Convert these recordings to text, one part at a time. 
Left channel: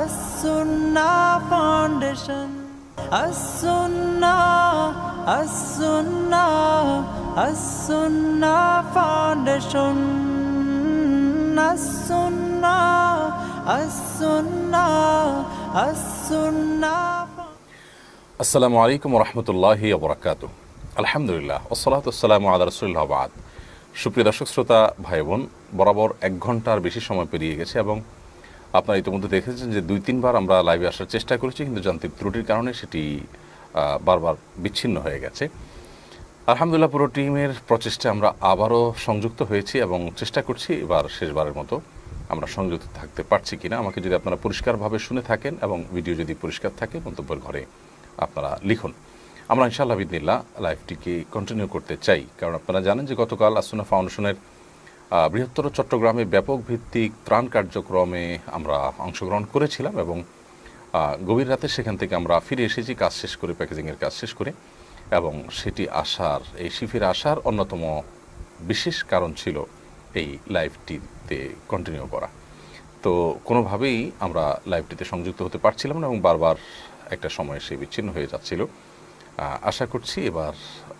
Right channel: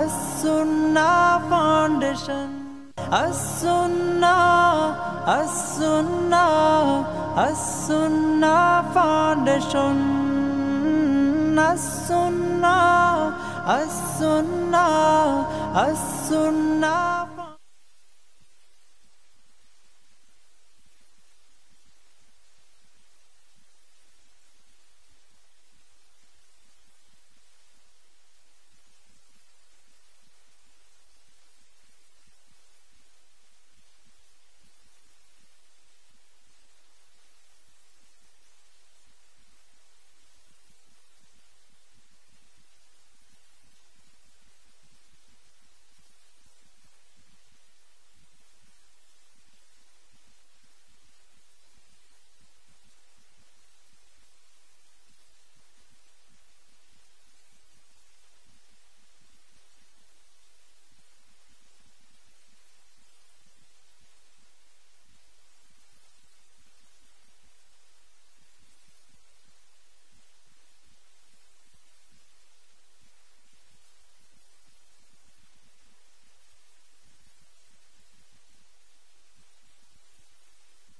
As-Sunnah Foundation. As-Sunnah, As-Sunnah, As-Sunnah Foundation. As-Sunnah, As-Sunnah, As-Sunnah. আসসালামু আলাইকুম ওয়া রাহমাতুল্লাহি ওয়া বারাকাতুহু। আলহামদুলিল্লাহ ওয়াসসালাতু ওয়াসসালামু আলা রাসূলিল্লাহ ওয়া বা'দ। সুপ্রিয় দর্শক শ্রোতা ভাই বোন, বরাবর 1 ঘন্টার বেশি সময় পেরিয়ে গেছে এবং আপনারা ইতিমধ্যে দেখেছেন যে 2-3 বার আমরা লাইভে আসার চেষ্টা করেছি, কিন্তু যান্ত্রিক ত্রুটির কারণে সেটি বারবার বিচ্ছিন্ন হয়ে গেছে। আলহামদুলিল্লাহ পুরো টিমের প্রচেষ্টায় আমরা আবারও সংযুক্ত হয়েছি এবং চেষ্টা করছি এবার শেষবারের মতো আমরা সংযুক্ত থাকতে পারছি কিনা। আমাকে যদি আপনারা পরিষ্কারভাবে শুনে থাকেন এবং ভিডিও যদি পরিষ্কার থাকে মন্তব্যের ঘরে আপনারা লিখুন। আমরা ইনশাআল্লাহ বিদিনিল্লাহ লাইভটিকে কন্টিনিউ করতে চাই, কারণ আপনারা জানেন যে গতকাল আস-সুন্নাহ ফাউন্ডেশনের বৃহত্তর চট্টগ্রামে ব্যাপক ভিত্তিক ত্রাণ কার্যক্রমে আমরা অংশগ্রহণ করেছিলাম এবং গভীর রাতে সেখান থেকে আমরা ফিরে এসেছি কাজ শেষ করে, প্যাকেজিংয়ের কাজ শেষ করে। এবং সেটি আসার, এই শিফির আসার অন্যতম বিশেষ কারণ ছিল এই লাইভটিতে কন্টিনিউ করা। তো কোনোভাবেই আমরা লাইভটিতে সংযুক্ত হতে পারছিলাম না এবং বারবার একটা সময় সে বিচ্ছিন্ন হয়ে যাচ্ছিল। আশা করছি এবার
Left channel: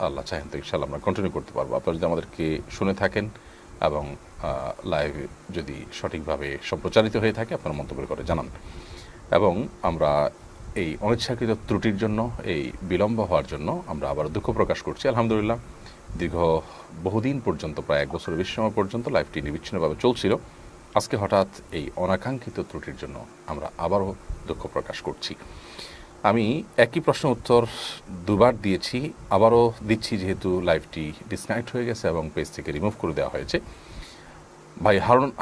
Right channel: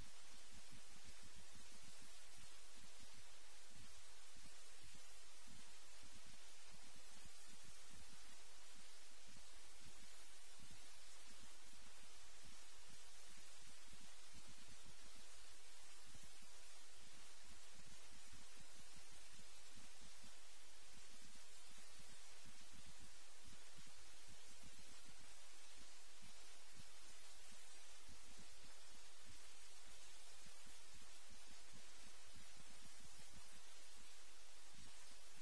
আল্লাহ চাহেন তো ইনশাআল্লাহ আমরা কন্টিনিউ করতে পারবো। আপনারা যদি আমাদেরকে শুনে থাকেন এবং লাইভ যদি সঠিকভাবে সম্প্রচারিত হয়ে থাকে আপনারা মন্তব্য করে জানান। এবং আমরা এই অনিচ্ছাকৃত ত্রুটির জন্য, এই বিলম্ব হওয়ার জন্য আমরা আবার দুঃখ প্রকাশ করছি। আলহামদুলিল্লাহ দীর্ঘ বহুদিন পর্যন্ত, প্রায় 1 বছরের বেশি সময় পর্যন্ত লাইভটি নিরবিচ্ছিন্নভাবে চলছিল। আজকে হঠাৎ এই অনাকাঙ্ক্ষিত ত্রুটির জন্য আমরা আবারও দুঃখ প্রকাশ করছি। আমি একই প্রশ্ন উত্তর 2 বার দিয়েছি, আবারও দিচ্ছি যেহেতু লাইভটি ডিসকানেক্ট হয়ে গেছে এবং পেজ থেকে রিমুভ করে দেওয়া হয়েছে। ভাই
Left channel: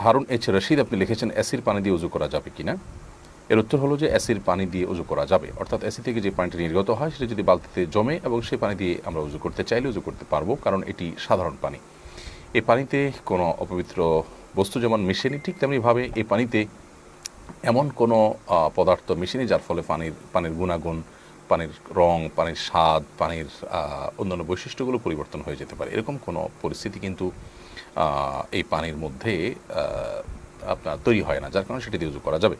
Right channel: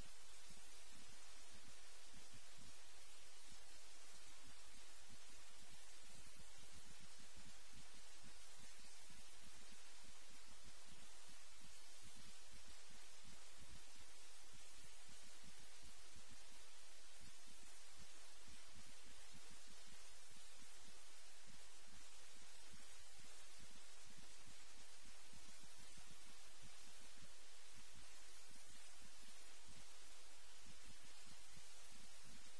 হারুন এইচ রশিদ আপনি লিখেছেন অ্যাসির পানি দিয়ে উজু করা যাবে কিনা। এর উত্তর হলো যে অ্যাসির পানি দিয়ে উজু করা যাবে, অর্থাৎ অ্যাসি থেকে যে পানিটি নির্গত হয় সেটা যদি বালতিতে জমে এবং সেই পানি দিয়ে আমরা উজু করতে চাইলে উজু করতে পারবো, কারণ এটি সাধারণ পানি। এই পানিতে কোনো অপবিত্র বস্তু যেমন মিশেনি, ঠিক তেমনিভাবে এই পানিতে এমন কোনো পদার্থ মিশেনি যার ফলে পানির গুণাগুণ, পানির রং, পানির স্বাদ, পানির অন্যান্য বৈশিষ্ট্যগুলো পরিবর্তন হয়ে যেতে পারে। এরকম কোনো পরিস্থিতি কিন্তু এই পানির মধ্যে আপনার তৈরি হয় না, যার কারণে সেটি দিয়ে উজু করা যাবে।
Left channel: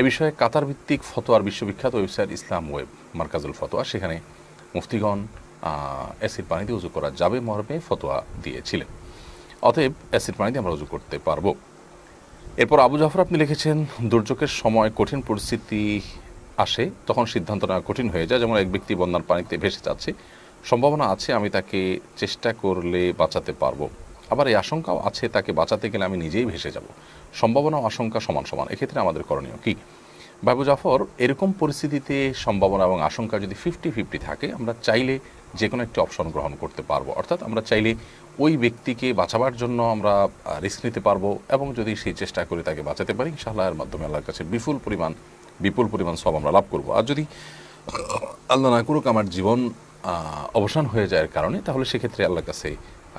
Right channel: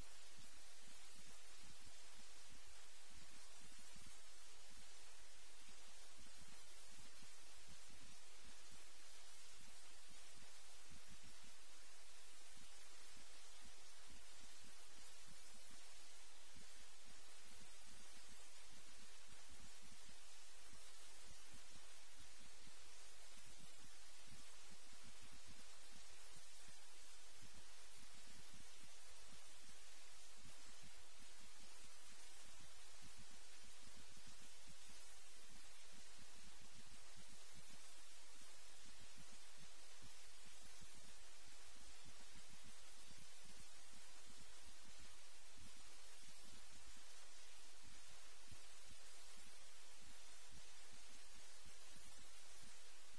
এ বিষয়ে কাতার ভিত্তিক ফতোয়ার বিশ্ববিখ্যাত ওয়েবসাইট ইসলাম ওয়েব মার্কাজুল ফতোয়া, সেখানে মুফতিগণ অ্যাসিড পানি দিয়ে উজু করা যাবে মর্মে ফতোয়া দিয়েছিলেন। অতএব অ্যাসিড পানি দিয়ে আমরা উজু করতে পারবো। এরপর আবু জাফর আপনি লিখেছেন দুর্যোগের সময় কঠিন পরিস্থিতি আসে, তখন সিদ্ধান্ত নেওয়া কঠিন হয়ে যায়। যেমন এক ব্যক্তি বন্যার পানিতে ভেসে যাচ্ছে, সম্ভাবনা আছে আমি তাকে চেষ্টা করলে বাঁচাতে পারবো, আবার এই আশঙ্কাও আছে তাকে বাঁচাতে গেলে আমি নিজেই ভেসে যাব। সম্ভাবনা ও আশঙ্কা সমান সমান, এক্ষেত্রে আমাদের করণীয় কি? আবু জাফর, এরকম পরিস্থিতিতে সম্ভাবনা এবং আশঙ্কা যদি 50-50 থাকে, আমরা চাইলে যে কোনো একটি অপশন গ্রহণ করতে পারবো। অর্থাৎ আমরা চাইলে ওই ব্যক্তিকে বাঁচাবার জন্য আমরা রিস্ক নিতে পারবো এবং যদি সেই চেষ্টা করে তাকে বাঁচাতে পারি ইনশাআল্লাহ এর মাধ্যমে আল্লাহর কাছে বিপুল পরিমাণ সওয়াব আমরা লাভ করব। আর যদি আল্লাহ না করুক আমার জীবন অবসান হয়ে যায় এর কারণে, তাহলে সেক্ষেত্রে আল্লাহর কাছে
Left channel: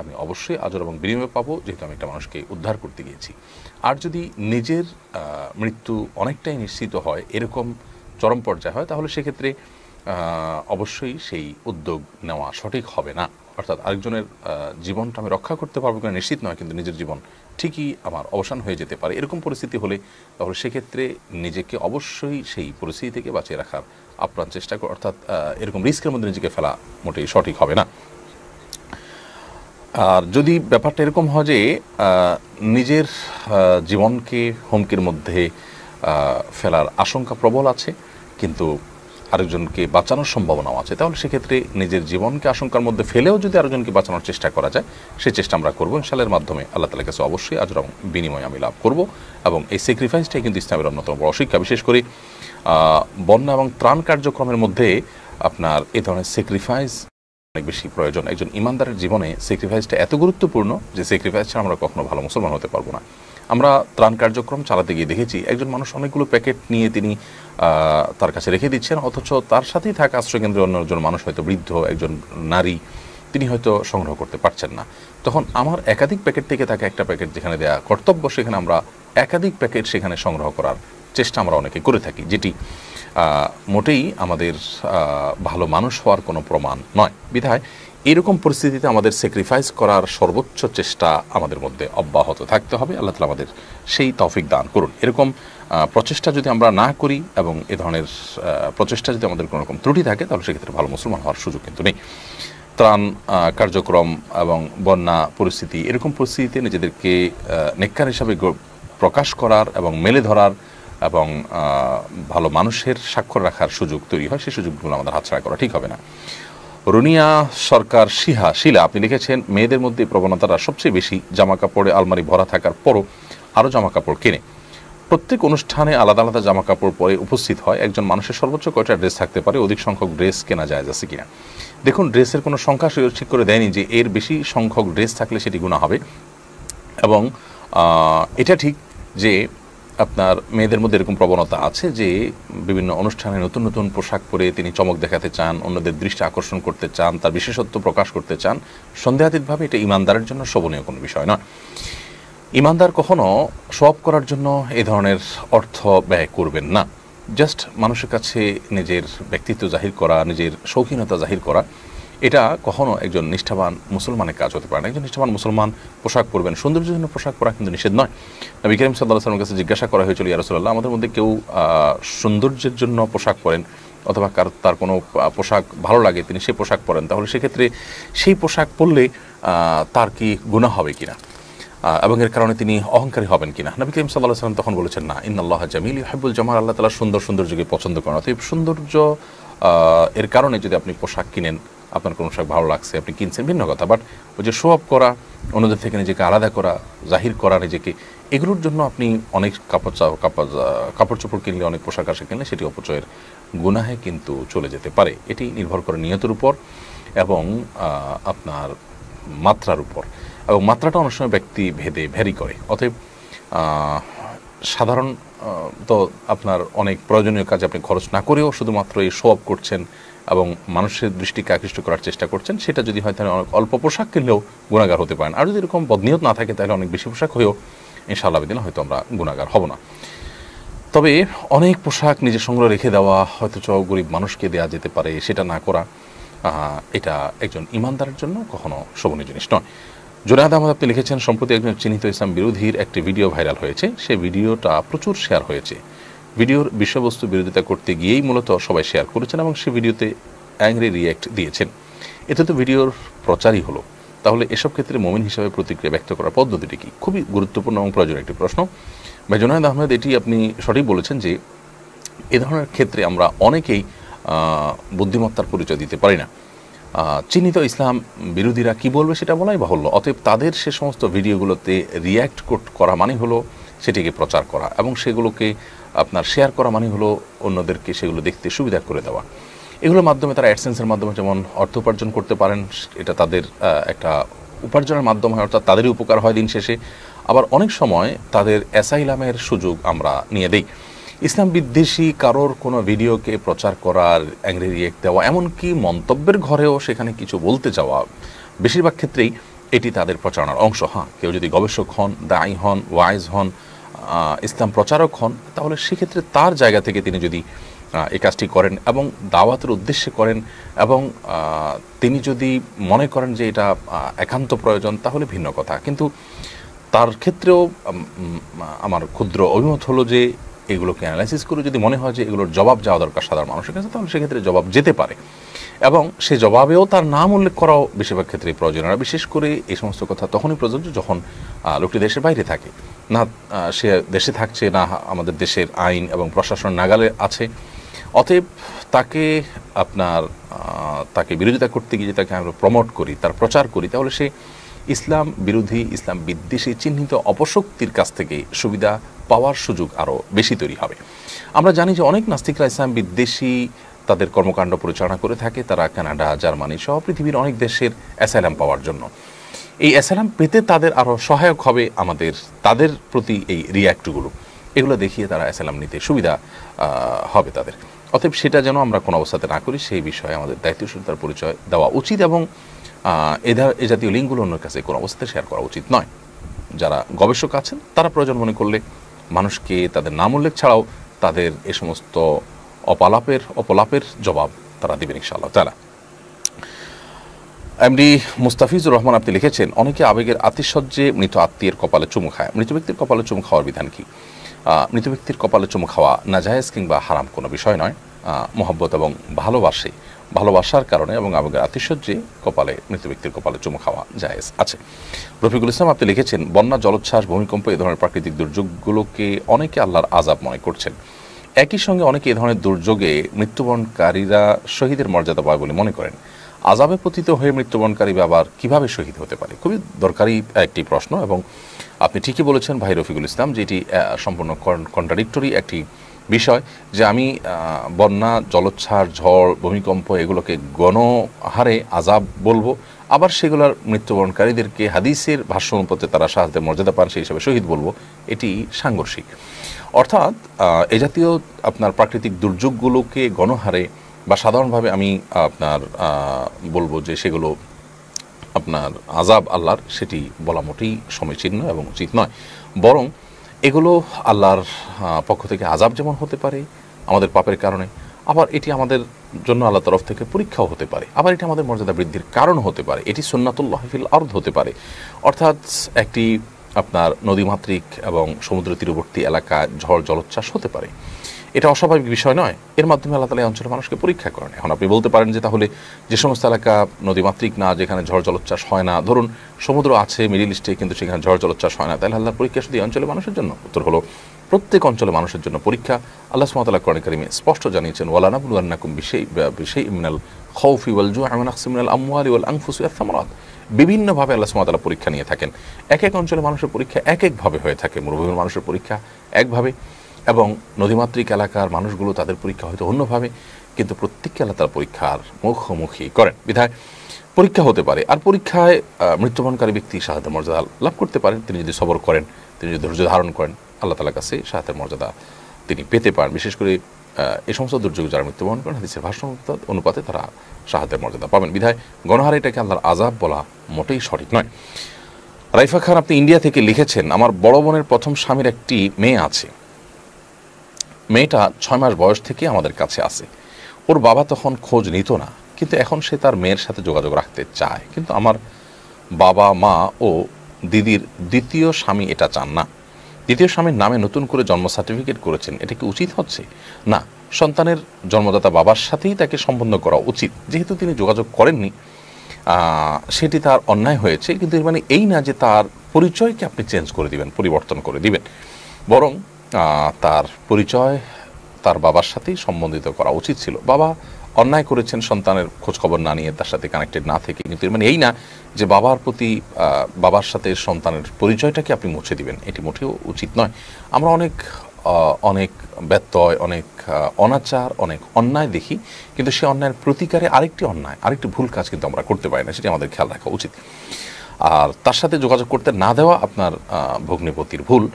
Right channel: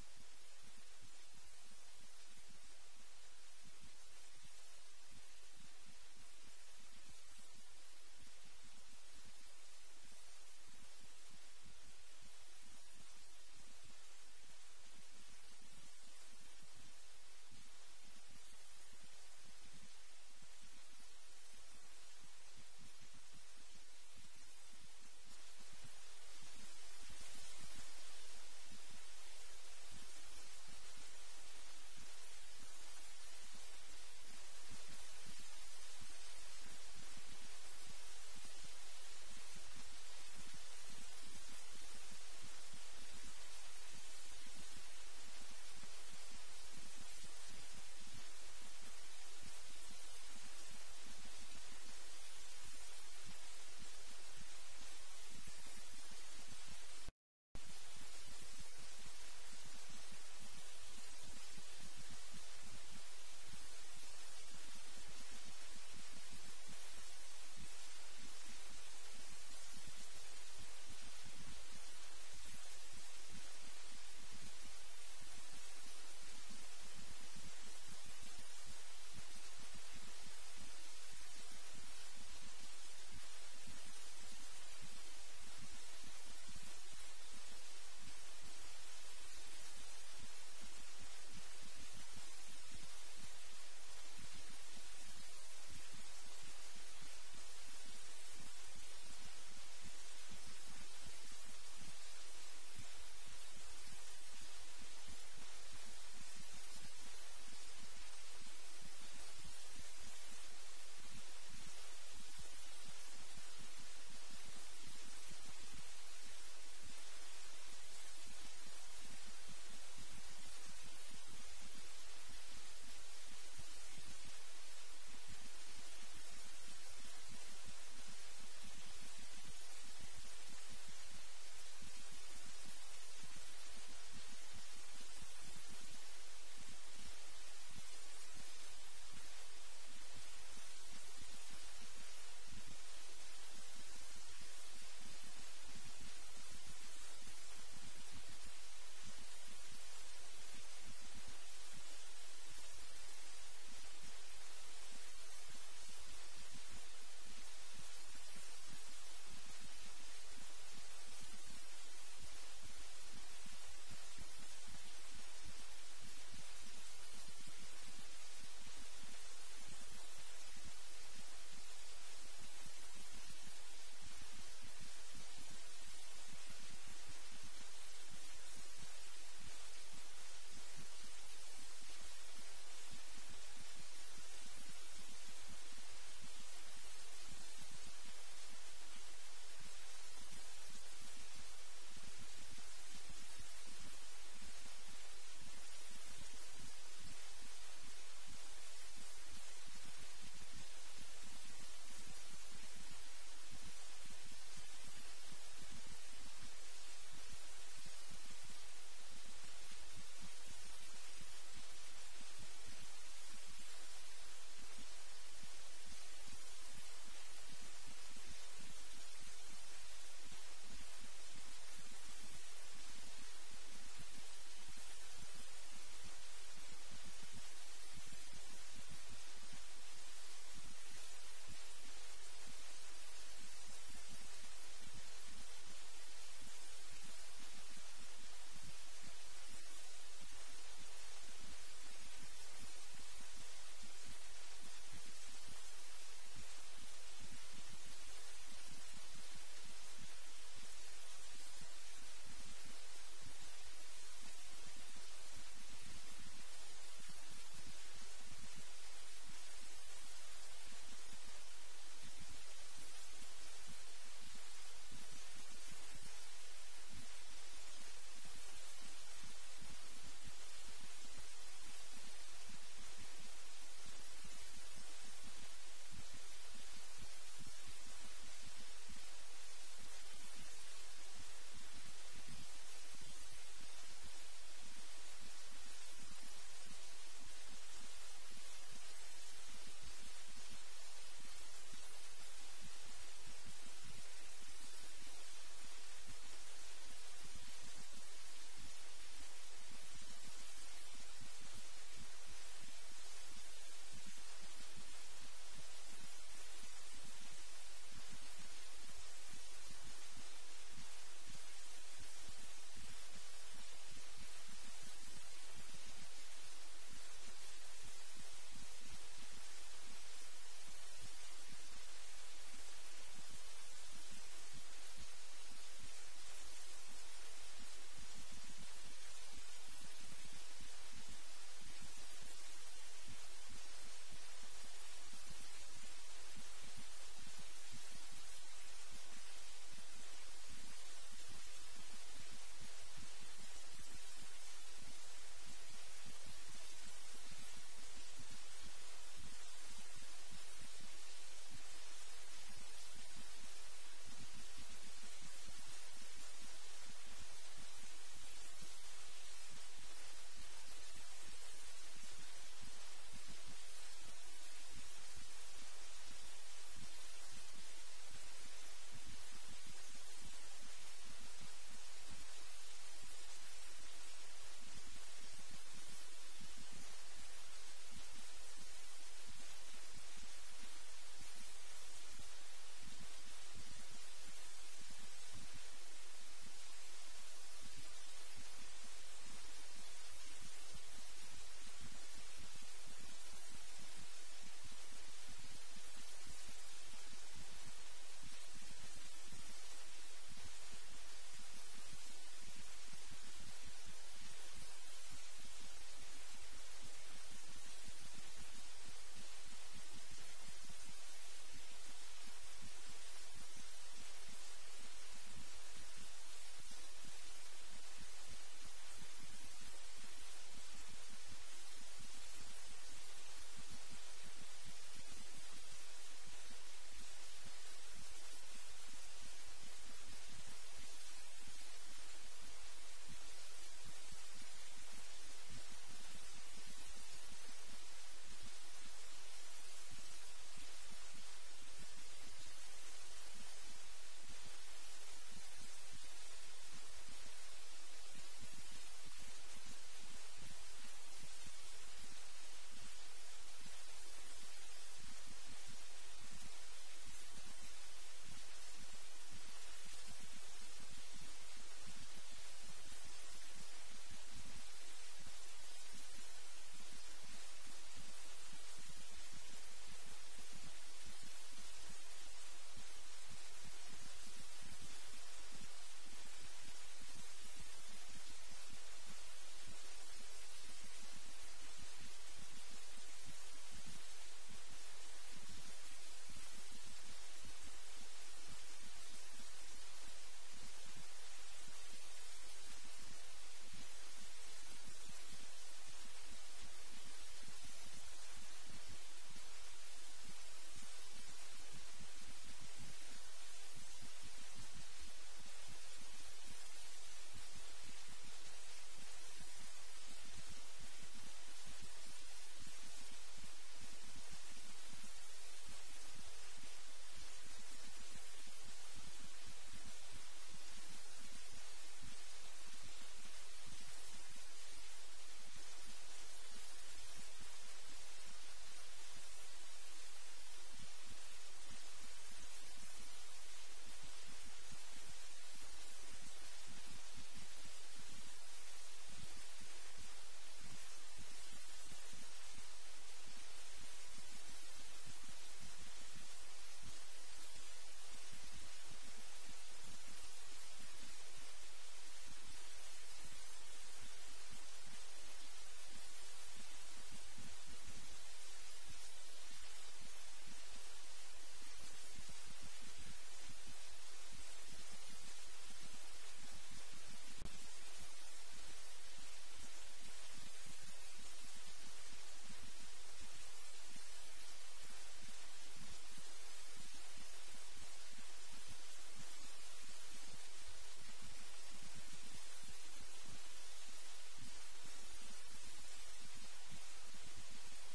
আমি অবশ্যই আজর এবং বিনিময় পাবো, যেহেতু আমি একটা মানুষকে উদ্ধার করতে গিয়েছি। আর যদি নিজের মৃত্যু অনেকটাই নিশ্চিত হয়, এরকম চরম পর্যায়ে হয়, তাহলে সেক্ষেত্রে অবশ্যই সেই উদ্যোগ নেওয়া সঠিক হবে না। অর্থাৎ আরেকজনের জীবনটা আমি রক্ষা করতে পারবো কিনা নিশ্চিত নয়, কিন্তু নিজের জীবন ঠিকই আমার অবসান হয়ে যেতে পারে। এরকম পরিস্থিতি হলে তাহলে সেক্ষেত্রে নিজেকে অবশ্যই সেই পরিস্থিতি থেকে বাঁচিয়ে রাখার আপ্রাণ চেষ্টা করে, অর্থাৎ এরকম রিস্কের মধ্যে নিজেকে ফেলা মোটেই সঠিক হবে না। আর যদি ব্যাপারটা এরকম হয় যে নিজের জীবনকে হুমকির মধ্যে ফেলার আশঙ্কা প্রবল আছে, কিন্তু আরেকজনকে বাঁচানোর সম্ভাবনাও আছে, তাহলে সেক্ষেত্রে নিজের জীবনকে আশঙ্কার মধ্যে ফেলেও যদি আরেকজনকে বাঁচানোর চেষ্টা করা যায়, সেই চেষ্টা আমরা করবো। ইনশাআল্লাহর মাধ্যমে আল্লাহ তাআলার কাছে অবশ্যই আজর এবং বিনিময় আমি লাভ করব। এবং এই স্যাক্রিফাইসটাই কিন্তু ইসলামের অন্যতম বড় শিক্ষা। বিশেষ করে বন্যা এবং ত্রাণ কার্যক্রমের মধ্যে আপনার এই ধরনের স্যাক্রিফাইস অনেক বেশি প্রয়োজন। একজন ইমানদারের জীবনে স্যাক্রিফাইসটা এত গুরুত্বপূর্ণ যে স্যাক্রিফাইস ছাড়া আমরা কখনো ভালো মুসলমান হতে পারবো না। আমরা ত্রাণ কার্যক্রম চালাতে গিয়ে দেখেছি একজন মানুষ অনেকগুলো প্যাকেট নিয়ে তিনি তার কাছে রেখে দিচ্ছেন, অথচ তার সাথেই থাকা আশ্রয়কেন্দ্রে অন্য একজন মানুষ, হয়তো বৃদ্ধ একজন নারী, তিনি হয়তো সংগ্রহ করতে পারছেন না। তখন আমার একাধিক প্যাকেট থেকে তাকে একটা প্যাকেট যেখানে দেওয়া কর্তব্য, সেখানে আমরা একাধিক প্যাকেট সেখানে সংগ্রহ করার চেষ্টা আমরা অনেকে করে থাকি, যেটি মোটেই আমাদের ভালো মানুষ হওয়ার কোনো প্রমাণ নয়। বিধায় এরকম পরিস্থিতিতে আমাদের স্যাক্রিফাইস করার সর্বোচ্চ চেষ্টা আমাদের মধ্যে অব্যাহত থাকতে হবে। আল্লাহ তাআলা আমাদের সেই তৌফিক দান করুন। এরকম প্রচেষ্টা যদি আমরা না করি এবং এ ধরনের প্রচেষ্টা যদি আমাদের কোনো রকম ত্রুটি থাকে, তাহলে সেক্ষেত্রে ভালো মুসলমান হওয়ার সুযোগ কিন্তু নেই। ত্রাণ কার্যক্রম এবং বন্যা পরিস্থিতি, এরকম পরিস্থিতিতে নিজেদেরকে নেককার হিসাবে প্রকাশ করার এবং মেলে ধরার এবং ভালো মানুষের স্বাক্ষর রাখার সুযোগ তৈরি হয়, সেই সুযোগগুলো আমাদের হাতছাড়া করা ঠিক হবে না। রুনিয়া সরকার শিলা আপনি লিখেছেন, মেয়েদের মধ্যে প্রবণতাটা সবচেয়ে বেশি, জামা কাপড়ে আলমারি ভরা থাকার পরও আরও জামা কাপড় কেনে, প্রত্যেক অনুষ্ঠানে আলাদা আলাদা জামা কাপড় পরে উপস্থিত হয়। একজন মানুষের সর্বোচ্চ কয়টা ড্রেস থাকতে পারে? অধিক সংখ্যক ড্রেস কেনা যায় আছে কিনা? দেখুন, ড্রেসের কোনো সংখ্যা ঠিক করে দেয়নি যে এর বেশি সংখ্যক ড্রেস থাকলে সেটি গুনাহ হবে। এবং এটা ঠিক যে আপনার মেয়েদের মধ্যে এরকম প্রবণতা আছে যে বিভিন্ন অনুষ্ঠানে নতুন নতুন পোশাক পরে তিনি চমক দেখাতে চান, অন্যদের দৃষ্টি আকর্ষণ করতে চান, তার বিশেষত্ব প্রকাশ করতে চান। সন্দেহাতীতভাবে এটা ইমানদারের জন্য শোভনীয় কোনো বিষয় নয়। ইমানদার কখনো শো অফ করার জন্য এই ধরনের অর্থ ব্যয় করবেন না। জাস্ট মানুষের কাছে নিজের ব্যক্তিত্ব জাহির করা, নিজের শৌখিনতা জাহির করা, এটা কখনো একজন নিষ্ঠাবান মুসলমানের কাজ হতে পারে না। একজন নিষ্ঠাবান মুসলমান পোশাক পরবেন, সৌন্দর্যের জন্য পোশাক পরা কিন্তু নিষেধ নয়। নবী করিম সাল্লাল্লাহু আলাইহি ওয়াসাল্লামের কাছে জিজ্ঞাসা করা হয়েছিল, ইয়া রাসূলুল্লাহ, আমাদের মধ্যে কেউ সৌন্দর্যের জন্য পোশাক পরেন অথবা তার কোনো পোশাক ভালো লাগে, তিনি সেই পোশাক পরেন, তাহলে সেক্ষেত্রে সেই পোশাক পরলে তার কি গুনাহ হবে কিনা এবং এর কারণে তিনি অহংকারী হবেন কিনা? নবী করিম সাল্লাল্লাহু আলাইহি ওয়াসাল্লাম তখন বলেছেন, না, ইন্নাল্লাহা জামিল ইউহিব্বুল জামাল, আল্লাহ তাআলা সৌন্দর্যকে পছন্দ করেন। অতএব সৌন্দর্য এর কারণে যদি আপনি পোশাক কিনেন, আপনার কোনো পোশাক ভালো লাগছে, আপনি কিনছেন, ভিন্ন কথা। বাট ওই যে শো অফ করা, অন্যদের থেকে নিজেকে আলাদা করা, জাহির করা নিজেকে, এগুলোর জন্য আপনি অনেক কাপড় চোপড় কিনলে, অনেক পোশাক আশাক কিনলে সেটি অপচয়ের গুনাহে কিন্তু চলে যেতে পারে। এটি নির্ভর করে নিয়তের উপর এবং আপনার মাত্রার উপর, এবং মাত্রাটা অনেক সময় ব্যক্তি ভেদে ভ্যারি করে। অতএব সাধারণ তো আপনার অনেক প্রয়োজনীয় কাজে আপনি খরচ না করেও শুধুমাত্র এই শো অফ করছেন এবং মানুষের দৃষ্টিকে আকৃষ্ট করার চেষ্টা করছেন, সেটা যদি হয় তাহলে অনেক অল্প পোশাক কিনলেও গুনাহগার হতে পারেন। আর যদি এরকম বদনিয়ত না থাকে তাহলে অনেক বেশি পোশাক হয়েও ইনশাআল্লাহ বিদিনা হয়তো আমরা গুনাহগার হব না। তবে অনেক পোশাক নিজের সংগ্রহ রেখে দেওয়া, হয়তো গরিব মানুষকে দেওয়া যেতে পারে, সেটা না করা, এটা একজন ইমানদারের জন্য কখনো শোভনীয় জিনিস নয়। জুনায়েদ আহমদ আপনি লিখেছেন, সম্প্রতি একজন চিহ্নিত ইসলাম বিরোধীর একটি ভিডিও ভাইরাল হয়েছে। সেই ভিডিওটা প্রচুর শেয়ার হয়েছে। ভিডিওর বিষয়বস্তু বিরোধিতা করতে গিয়েই মূলত সবাই শেয়ার করেছেন এবং সেই ভিডিওতে অ্যাংরি রিয়্যাক্ট দিয়েছেন। এতে তো ভিডিওর প্রচারই হলো। তাহলে এসব ক্ষেত্রে মুমিন হিসাবে প্রতিক্রিয়া ব্যক্ত করার পদ্ধতিটি কি? খুবই গুরুত্বপূর্ণ এবং প্রয়োজনীয় একটি প্রশ্ন। ভাই জুনায়েদ আহমেদ, এটি আপনি সঠিক বলেছেন যে এ ধরনের ক্ষেত্রে আমরা অনেকেই বুদ্ধিমত্তার পরিচয় দিতে পারি না। চিহ্নিত ইসলাম বিরোধীরা কি বলবে সেটা বলাই বাহুল্য। অতএব তাদের সে সমস্ত ভিডিওগুলোতে রিয়্যাক্ট করা মানে হলো সেটিকে প্রচার করা এবং সেগুলোকে আপনার শেয়ার করা মানে হলো অন্যদেরকে সেগুলো দেখতে সুবিধা করে দেওয়া। এগুলোর মাধ্যমে তারা অ্যাডসেন্সের মাধ্যমে যেমন অর্থ উপার্জন করতে পারেন, এটা তাদের একটা উপার্জনের মাধ্যম হয়, অর্থাৎ তাদেরই উপকার হয় দিন শেষে। আবার অনেক সময় তাদের অ্যাসাইলামের সুযোগ আমরা নিয়ে দেই। ইসলাম বিদ্বেষী কারোর কোনো ভিডিওকে প্রচার করার, অ্যাংরি রিয়েক্ট দেওয়া, এমনকি মন্তব্যের ঘরেও সেখানে কিছু বলতে যাওয়া, বেশিরভাগ ক্ষেত্রেই এটি তাদের প্রচারণার অংশ। হ্যাঁ, কেউ যদি গবেষক হন, দায়ী হন, ওয়াইজ হন, ইসলাম প্রচারক হন, তাহলে সেক্ষেত্রে তার জায়গা থেকে তিনি যদি এই কাজটি করেন এবং দাওয়াতের উদ্দেশ্যে করেন এবং তিনি যদি মনে করেন যে এটা একান্ত প্রয়োজন, তাহলে ভিন্ন কথা। কিন্তু তার ক্ষেত্রেও আমার ক্ষুদ্র অভিমত হলো যে এগুলোকে অ্যানালাইসিস করে যদি মনে হয় যে এগুলোর জবাব যাওয়া দরকার সাধারণ মানুষের কাছে, তাহলে সেক্ষেত্রে জবাব যেতে পারে এবং সে জবাবেও তার নাম উল্লেখ করাও বেশিরভাগ ক্ষেত্রে প্রয়োজন। আর বিশেষ করে এই সমস্ত কথা তখনই প্রযোজ্য যখন লোকটি দেশের বাইরে থাকে, না সে দেশে থাকছে, না আমাদের দেশের আইন এবং প্রশাসন নাগালে আছে। অতএব তাকে বিরোধিতা করতে গিয়ে তাকে আমরা প্রমোট করি, তার প্রচার করি, তাহলে সে ইসলাম বিরোধী, ইসলাম বিদ্বেষী চিহ্নিত অপশক্তির কাছ থেকে সুবিধা পাওয়ার সুযোগ আরও বেশি তৈরি হবে। আমরা জানি যে অনেক নাস্তিকরা ইসলাম বিদ্বেষী তাদের কর্মকাণ্ড পরিচালনা করে থাকে। তারা কানাডা, জার্মানি সহ পৃথিবীর অনেক দেশের অ্যাসাইলাম পাওয়ার জন্য, এই অ্যাসাইলাম পেতে তাদের আরও সহায়ক হবে তাদের প্রতি এই রিয়্যাক্টগুলো, এগুলো দেখিয়ে তারা অ্যাসাইলাম নিতে সুবিধা হবে তাদের। অতএব সেটা যেন আমরা কোনো অবস্থাতে না করি, সেই বিষয়ে আমাদের দায়িত্বশীলতার পরিচয় দেওয়া উচিত এবং এ জাতীয় লিঙ্কগুলো অন্যের কাছে কোনো অবস্থাতে শেয়ার করা উচিত নয়। যারা গবেষক আছেন তারা প্রয়োজন মনে করলে মানুষকে তাদের নাম উল্লেখ ছাড়াও তাদের এ সমস্ত অপলাপের জবাব তারা দেবেন ইনশাআল্লাহ তাআলা। এমডি মুস্তাফিজুর রহমান আপনি লিখেছেন, অনেকে আবেগের আতিশয্যে মৃত আত্মীয়ের কপালে চুমু খায়। মৃত ব্যক্তির কপালে চুমু খাওয়ার বিধান কি? মৃত ব্যক্তির কপালে চুমু খাওয়া নাজায়েজ কিংবা হারাম কোনো বিষয় নয়। মহব্বত এবং ভালোবাসার কারণে এবং আবেগের আতিশয্যে কপালে মৃত ব্যক্তির কপালে চুমু খাওয়া জায়েজ আছে। রফিকুল ইসলাম আপনি লিখেছেন, বন্যা, জলোচ্ছ্বাস, ভূমিকম্প এ ধরনের প্রাকৃতিক দুর্যোগগুলোকে অনেকে আল্লাহর আযাব মনে করছেন। একই সঙ্গে অনেকে এ ধরনের দুর্যোগে মৃত্যুবরণকারীরা শহীদের মর্যাদা পায় বলে মনে করেন। আযাবে পতিত হয়ে মৃত্যুবরণকারী আবার কিভাবে শহীদ হতে পারে? খুবই দরকারি একটি প্রশ্ন, এবং আপনি ঠিকই বলেছেন ভাই রফিকুল ইসলাম যে এটি সম্পূর্ণ কন্ট্রাডিক্টরি একটি বিষয়, যে আমি বন্যা, জলোচ্ছ্বাস, ঝড়, ভূমিকম্প এগুলোকে গণহারে আযাব বলবো, আবার সেগুলোর মৃত্যুবরণকারীদেরকে হাদিসের ভাষ্য অনুপাতে তারা শাহাদাতের মর্যাদা পান সেই হিসাবে শহীদ বলবো। এটি সাংঘর্ষিক। অর্থাৎ এ জাতীয় আপনার প্রাকৃতিক দুর্যোগগুলোকে গণহারে বা সাধারণভাবে আমি আপনার বলবো যে সেগুলো আপনার আযাব আল্লাহর, সেটি বলা মোটেই সমীচীন এবং উচিত নয়। বরং এগুলো আল্লাহর পক্ষ থেকে আযাব যেমন হতে পারে আমাদের পাপের কারণে, আবার এটি আমাদের জন্য আল্লাহর তরফ থেকে পরীক্ষাও হতে পারে, আবার এটি আমাদের মর্যাদা বৃদ্ধির কারণ হতে পারে। এটি সুন্নাতুল্লাহি ফিল আরদ হতে পারে। অর্থাৎ একটি আপনার নদীমাতৃক এবং সমুদ্র তীরবর্তী এলাকায় ঝড়, জলোচ্ছ্বাস হতে পারে। এটা অস্বাভাবিক বিষয় নয়। এর মাধ্যমে আল্লাহ তাআলা এই অঞ্চলের মানুষকে পরীক্ষা করেন। এখন আপনি বলতে পারেন যে তাহলে যে সমস্ত এলাকা নদীমাতৃক না, যেখানে ঝড় জলোচ্ছ্বাস হয় না, ধরুন সমুদ্র আছে মিডল ইস্টে কিন্তু সেখানে ঝড় জলোচ্ছ্বাস হয় না, তাহলে আল্লাহর পরীক্ষা শুধু এই অঞ্চলের মানুষের জন্য? উত্তর হলো প্রত্যেক অঞ্চলের মানুষের জন্য পরীক্ষা। আল্লাহ সুবহানাহু ওয়া তাআলা কোরআন কারীমে স্পষ্ট জানিয়েছেন, ওয়ালা নাবলুওয়ান্নাকুম বিশাইইম মিনাল খাউফি ওয়াল জু'i ওয়া নাকসিম মিনাল আমওয়ালি ওয়াল আনফুসি ওয়াস সামারাত। বিভিন্নভাবে আল্লাহ সুবহানাহু ওয়া তাআলা পরীক্ষা নিয়ে থাকেন। এক এক অঞ্চলের মানুষের পরীক্ষা এক একভাবে হয়ে থাকে। মরুভূমির মানুষের পরীক্ষা একভাবে, এবং নদীমাতৃক এলাকার মানুষগুলো তাদের পরীক্ষা হয়তো অন্যভাবে, কিন্তু প্রত্যেককে আল্লাহ তার পরীক্ষার মুখোমুখি করেন। বিধায় পরীক্ষা হতে পারে। আর পরীক্ষায় মৃত্যুবরণকারী ব্যক্তি শাহাদাতের মর্যাদা লাভ করতে পারেন। তিনি যদি সবর করেন, তিনি যদি ধৈর্য ধারণ করেন, আল্লাহ তাআলার কাছে শাহাদাতের মর্যাদা তিনি পেতে পারেন। বিশেষ করে এই সমস্ত দুর্যোগে যারা মৃত্যুবরণ করেন, হাদিসের ভাষ্য অনুপাতে তারা শাহাদাতের মর্যাদা পাবেন। বিধায় গণহারে এটাকে আল্লাহর আযাব বলা মোটেই সঠিক নয়। রাইফা খান আপনি ইন্ডিয়া থেকে লিখেছেন, আমার বড় বোনের প্রথম স্বামীর একটি মেয়ে আছে। মেয়েটা 6 মাস বয়স থেকে আমাদের কাছে আছে। ওর বাবা তখন খোঁজ নিত না, কিন্তু এখন সে তার মেয়ের সাথে যোগাযোগ রাখতে চায়। কিন্তু আমার বাবা, মা ও দিদির দ্বিতীয় স্বামী এটা চান না। দ্বিতীয় স্বামীর নামে নতুন করে জন্ম সার্টিফিকেট করেছেন, এটা কি উচিত হচ্ছে? না, সন্তানের জন্মদাতা বাবার সাথেই তাকে সম্বন্ধ করা উচিত। যেহেতু তিনি যোগাযোগ করেননি, সেটি তার অন্যায় হয়েছে, কিন্তু এর মানে এই না যে তার পরিচয়কে আপনি চেঞ্জ করে দিবেন, পরিবর্তন করে দিবেন। বরং তার পরিচয় তার বাবার সাথেই সম্বন্ধিত করা উচিত ছিল। বাবা অন্যায় করেছেন সন্তানের খোঁজখবর না নিয়ে, তার সাথে কানেক্টেড না থেকে, কিন্তু এর মানে এই না যে বাবার সাথে সন্তানের পরিচয়টাকে আপনি মুছে দিবেন। এটি মোটেও উচিত নয়। আমরা অনেক ব্যত্যয়, অনেক অনাচার, অনেক অন্যায় দেখি, কিন্তু সে অন্যায়ের প্রতিকারে আরেকটি ভুল কাজ কিন্তু আমরা করতে পারি না, সেটি আমাদের খেয়াল রাখা উচিত। আর তার সাথে যোগাযোগ করতে না দেওয়া আপনার ভগ্নিপতির ভুল।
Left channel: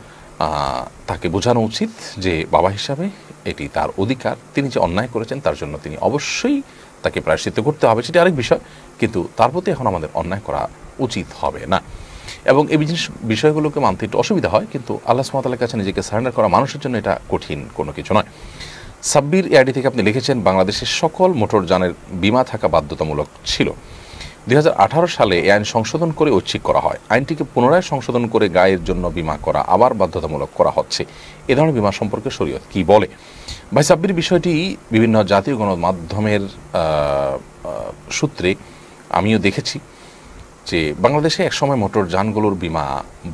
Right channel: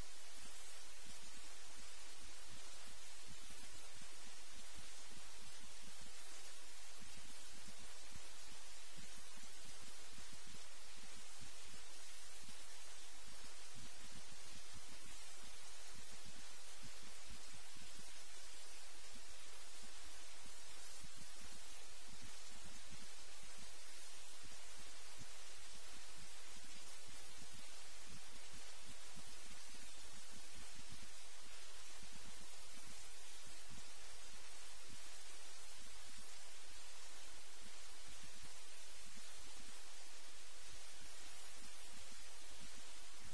তাকে বোঝানো উচিত যে বাবা হিসাবে এটি তার অধিকার, তিনি যে অন্যায় করেছেন তার জন্য তিনি অবশ্যই তাকে প্রায়শ্চিত্ত করতে হবে, সেটি আরেক বিষয়, কিন্তু তার প্রতি এখন আমাদের অন্যায় করা উচিত হবে না। এবং এই বিষয়গুলোকে মানতে একটু অসুবিধা হয়, কিন্তু আল্লাহ সুবহানাহু ওয়া তাআলার কাছে নিজেকে সারেন্ডার করা মানুষের জন্য এটা কঠিন কোনো কিছু নয়। সাব্বির এআইডি থেকে আপনি লিখেছেন, বাংলাদেশের সকল মোটরযানের বীমা থাকা বাধ্যতামূলক ছিল। 2018 সালে এই আইন সংশোধন করে ঐচ্ছিক করা হয়। আইনটিকে পুনরায় সংশোধন করে গায়ের জন্য বীমা করা আবার বাধ্যতামূলক করা হচ্ছে। এ ধরনের বীমা সম্পর্কে শরীয়ত কি বলে? ভাই সাব্বির, বিষয়টি বিভিন্ন জাতীয় গণমাধ্যমের সূত্রে আমিও দেখেছি যে বাংলাদেশে একসময় মোটরযানগুলোর বীমা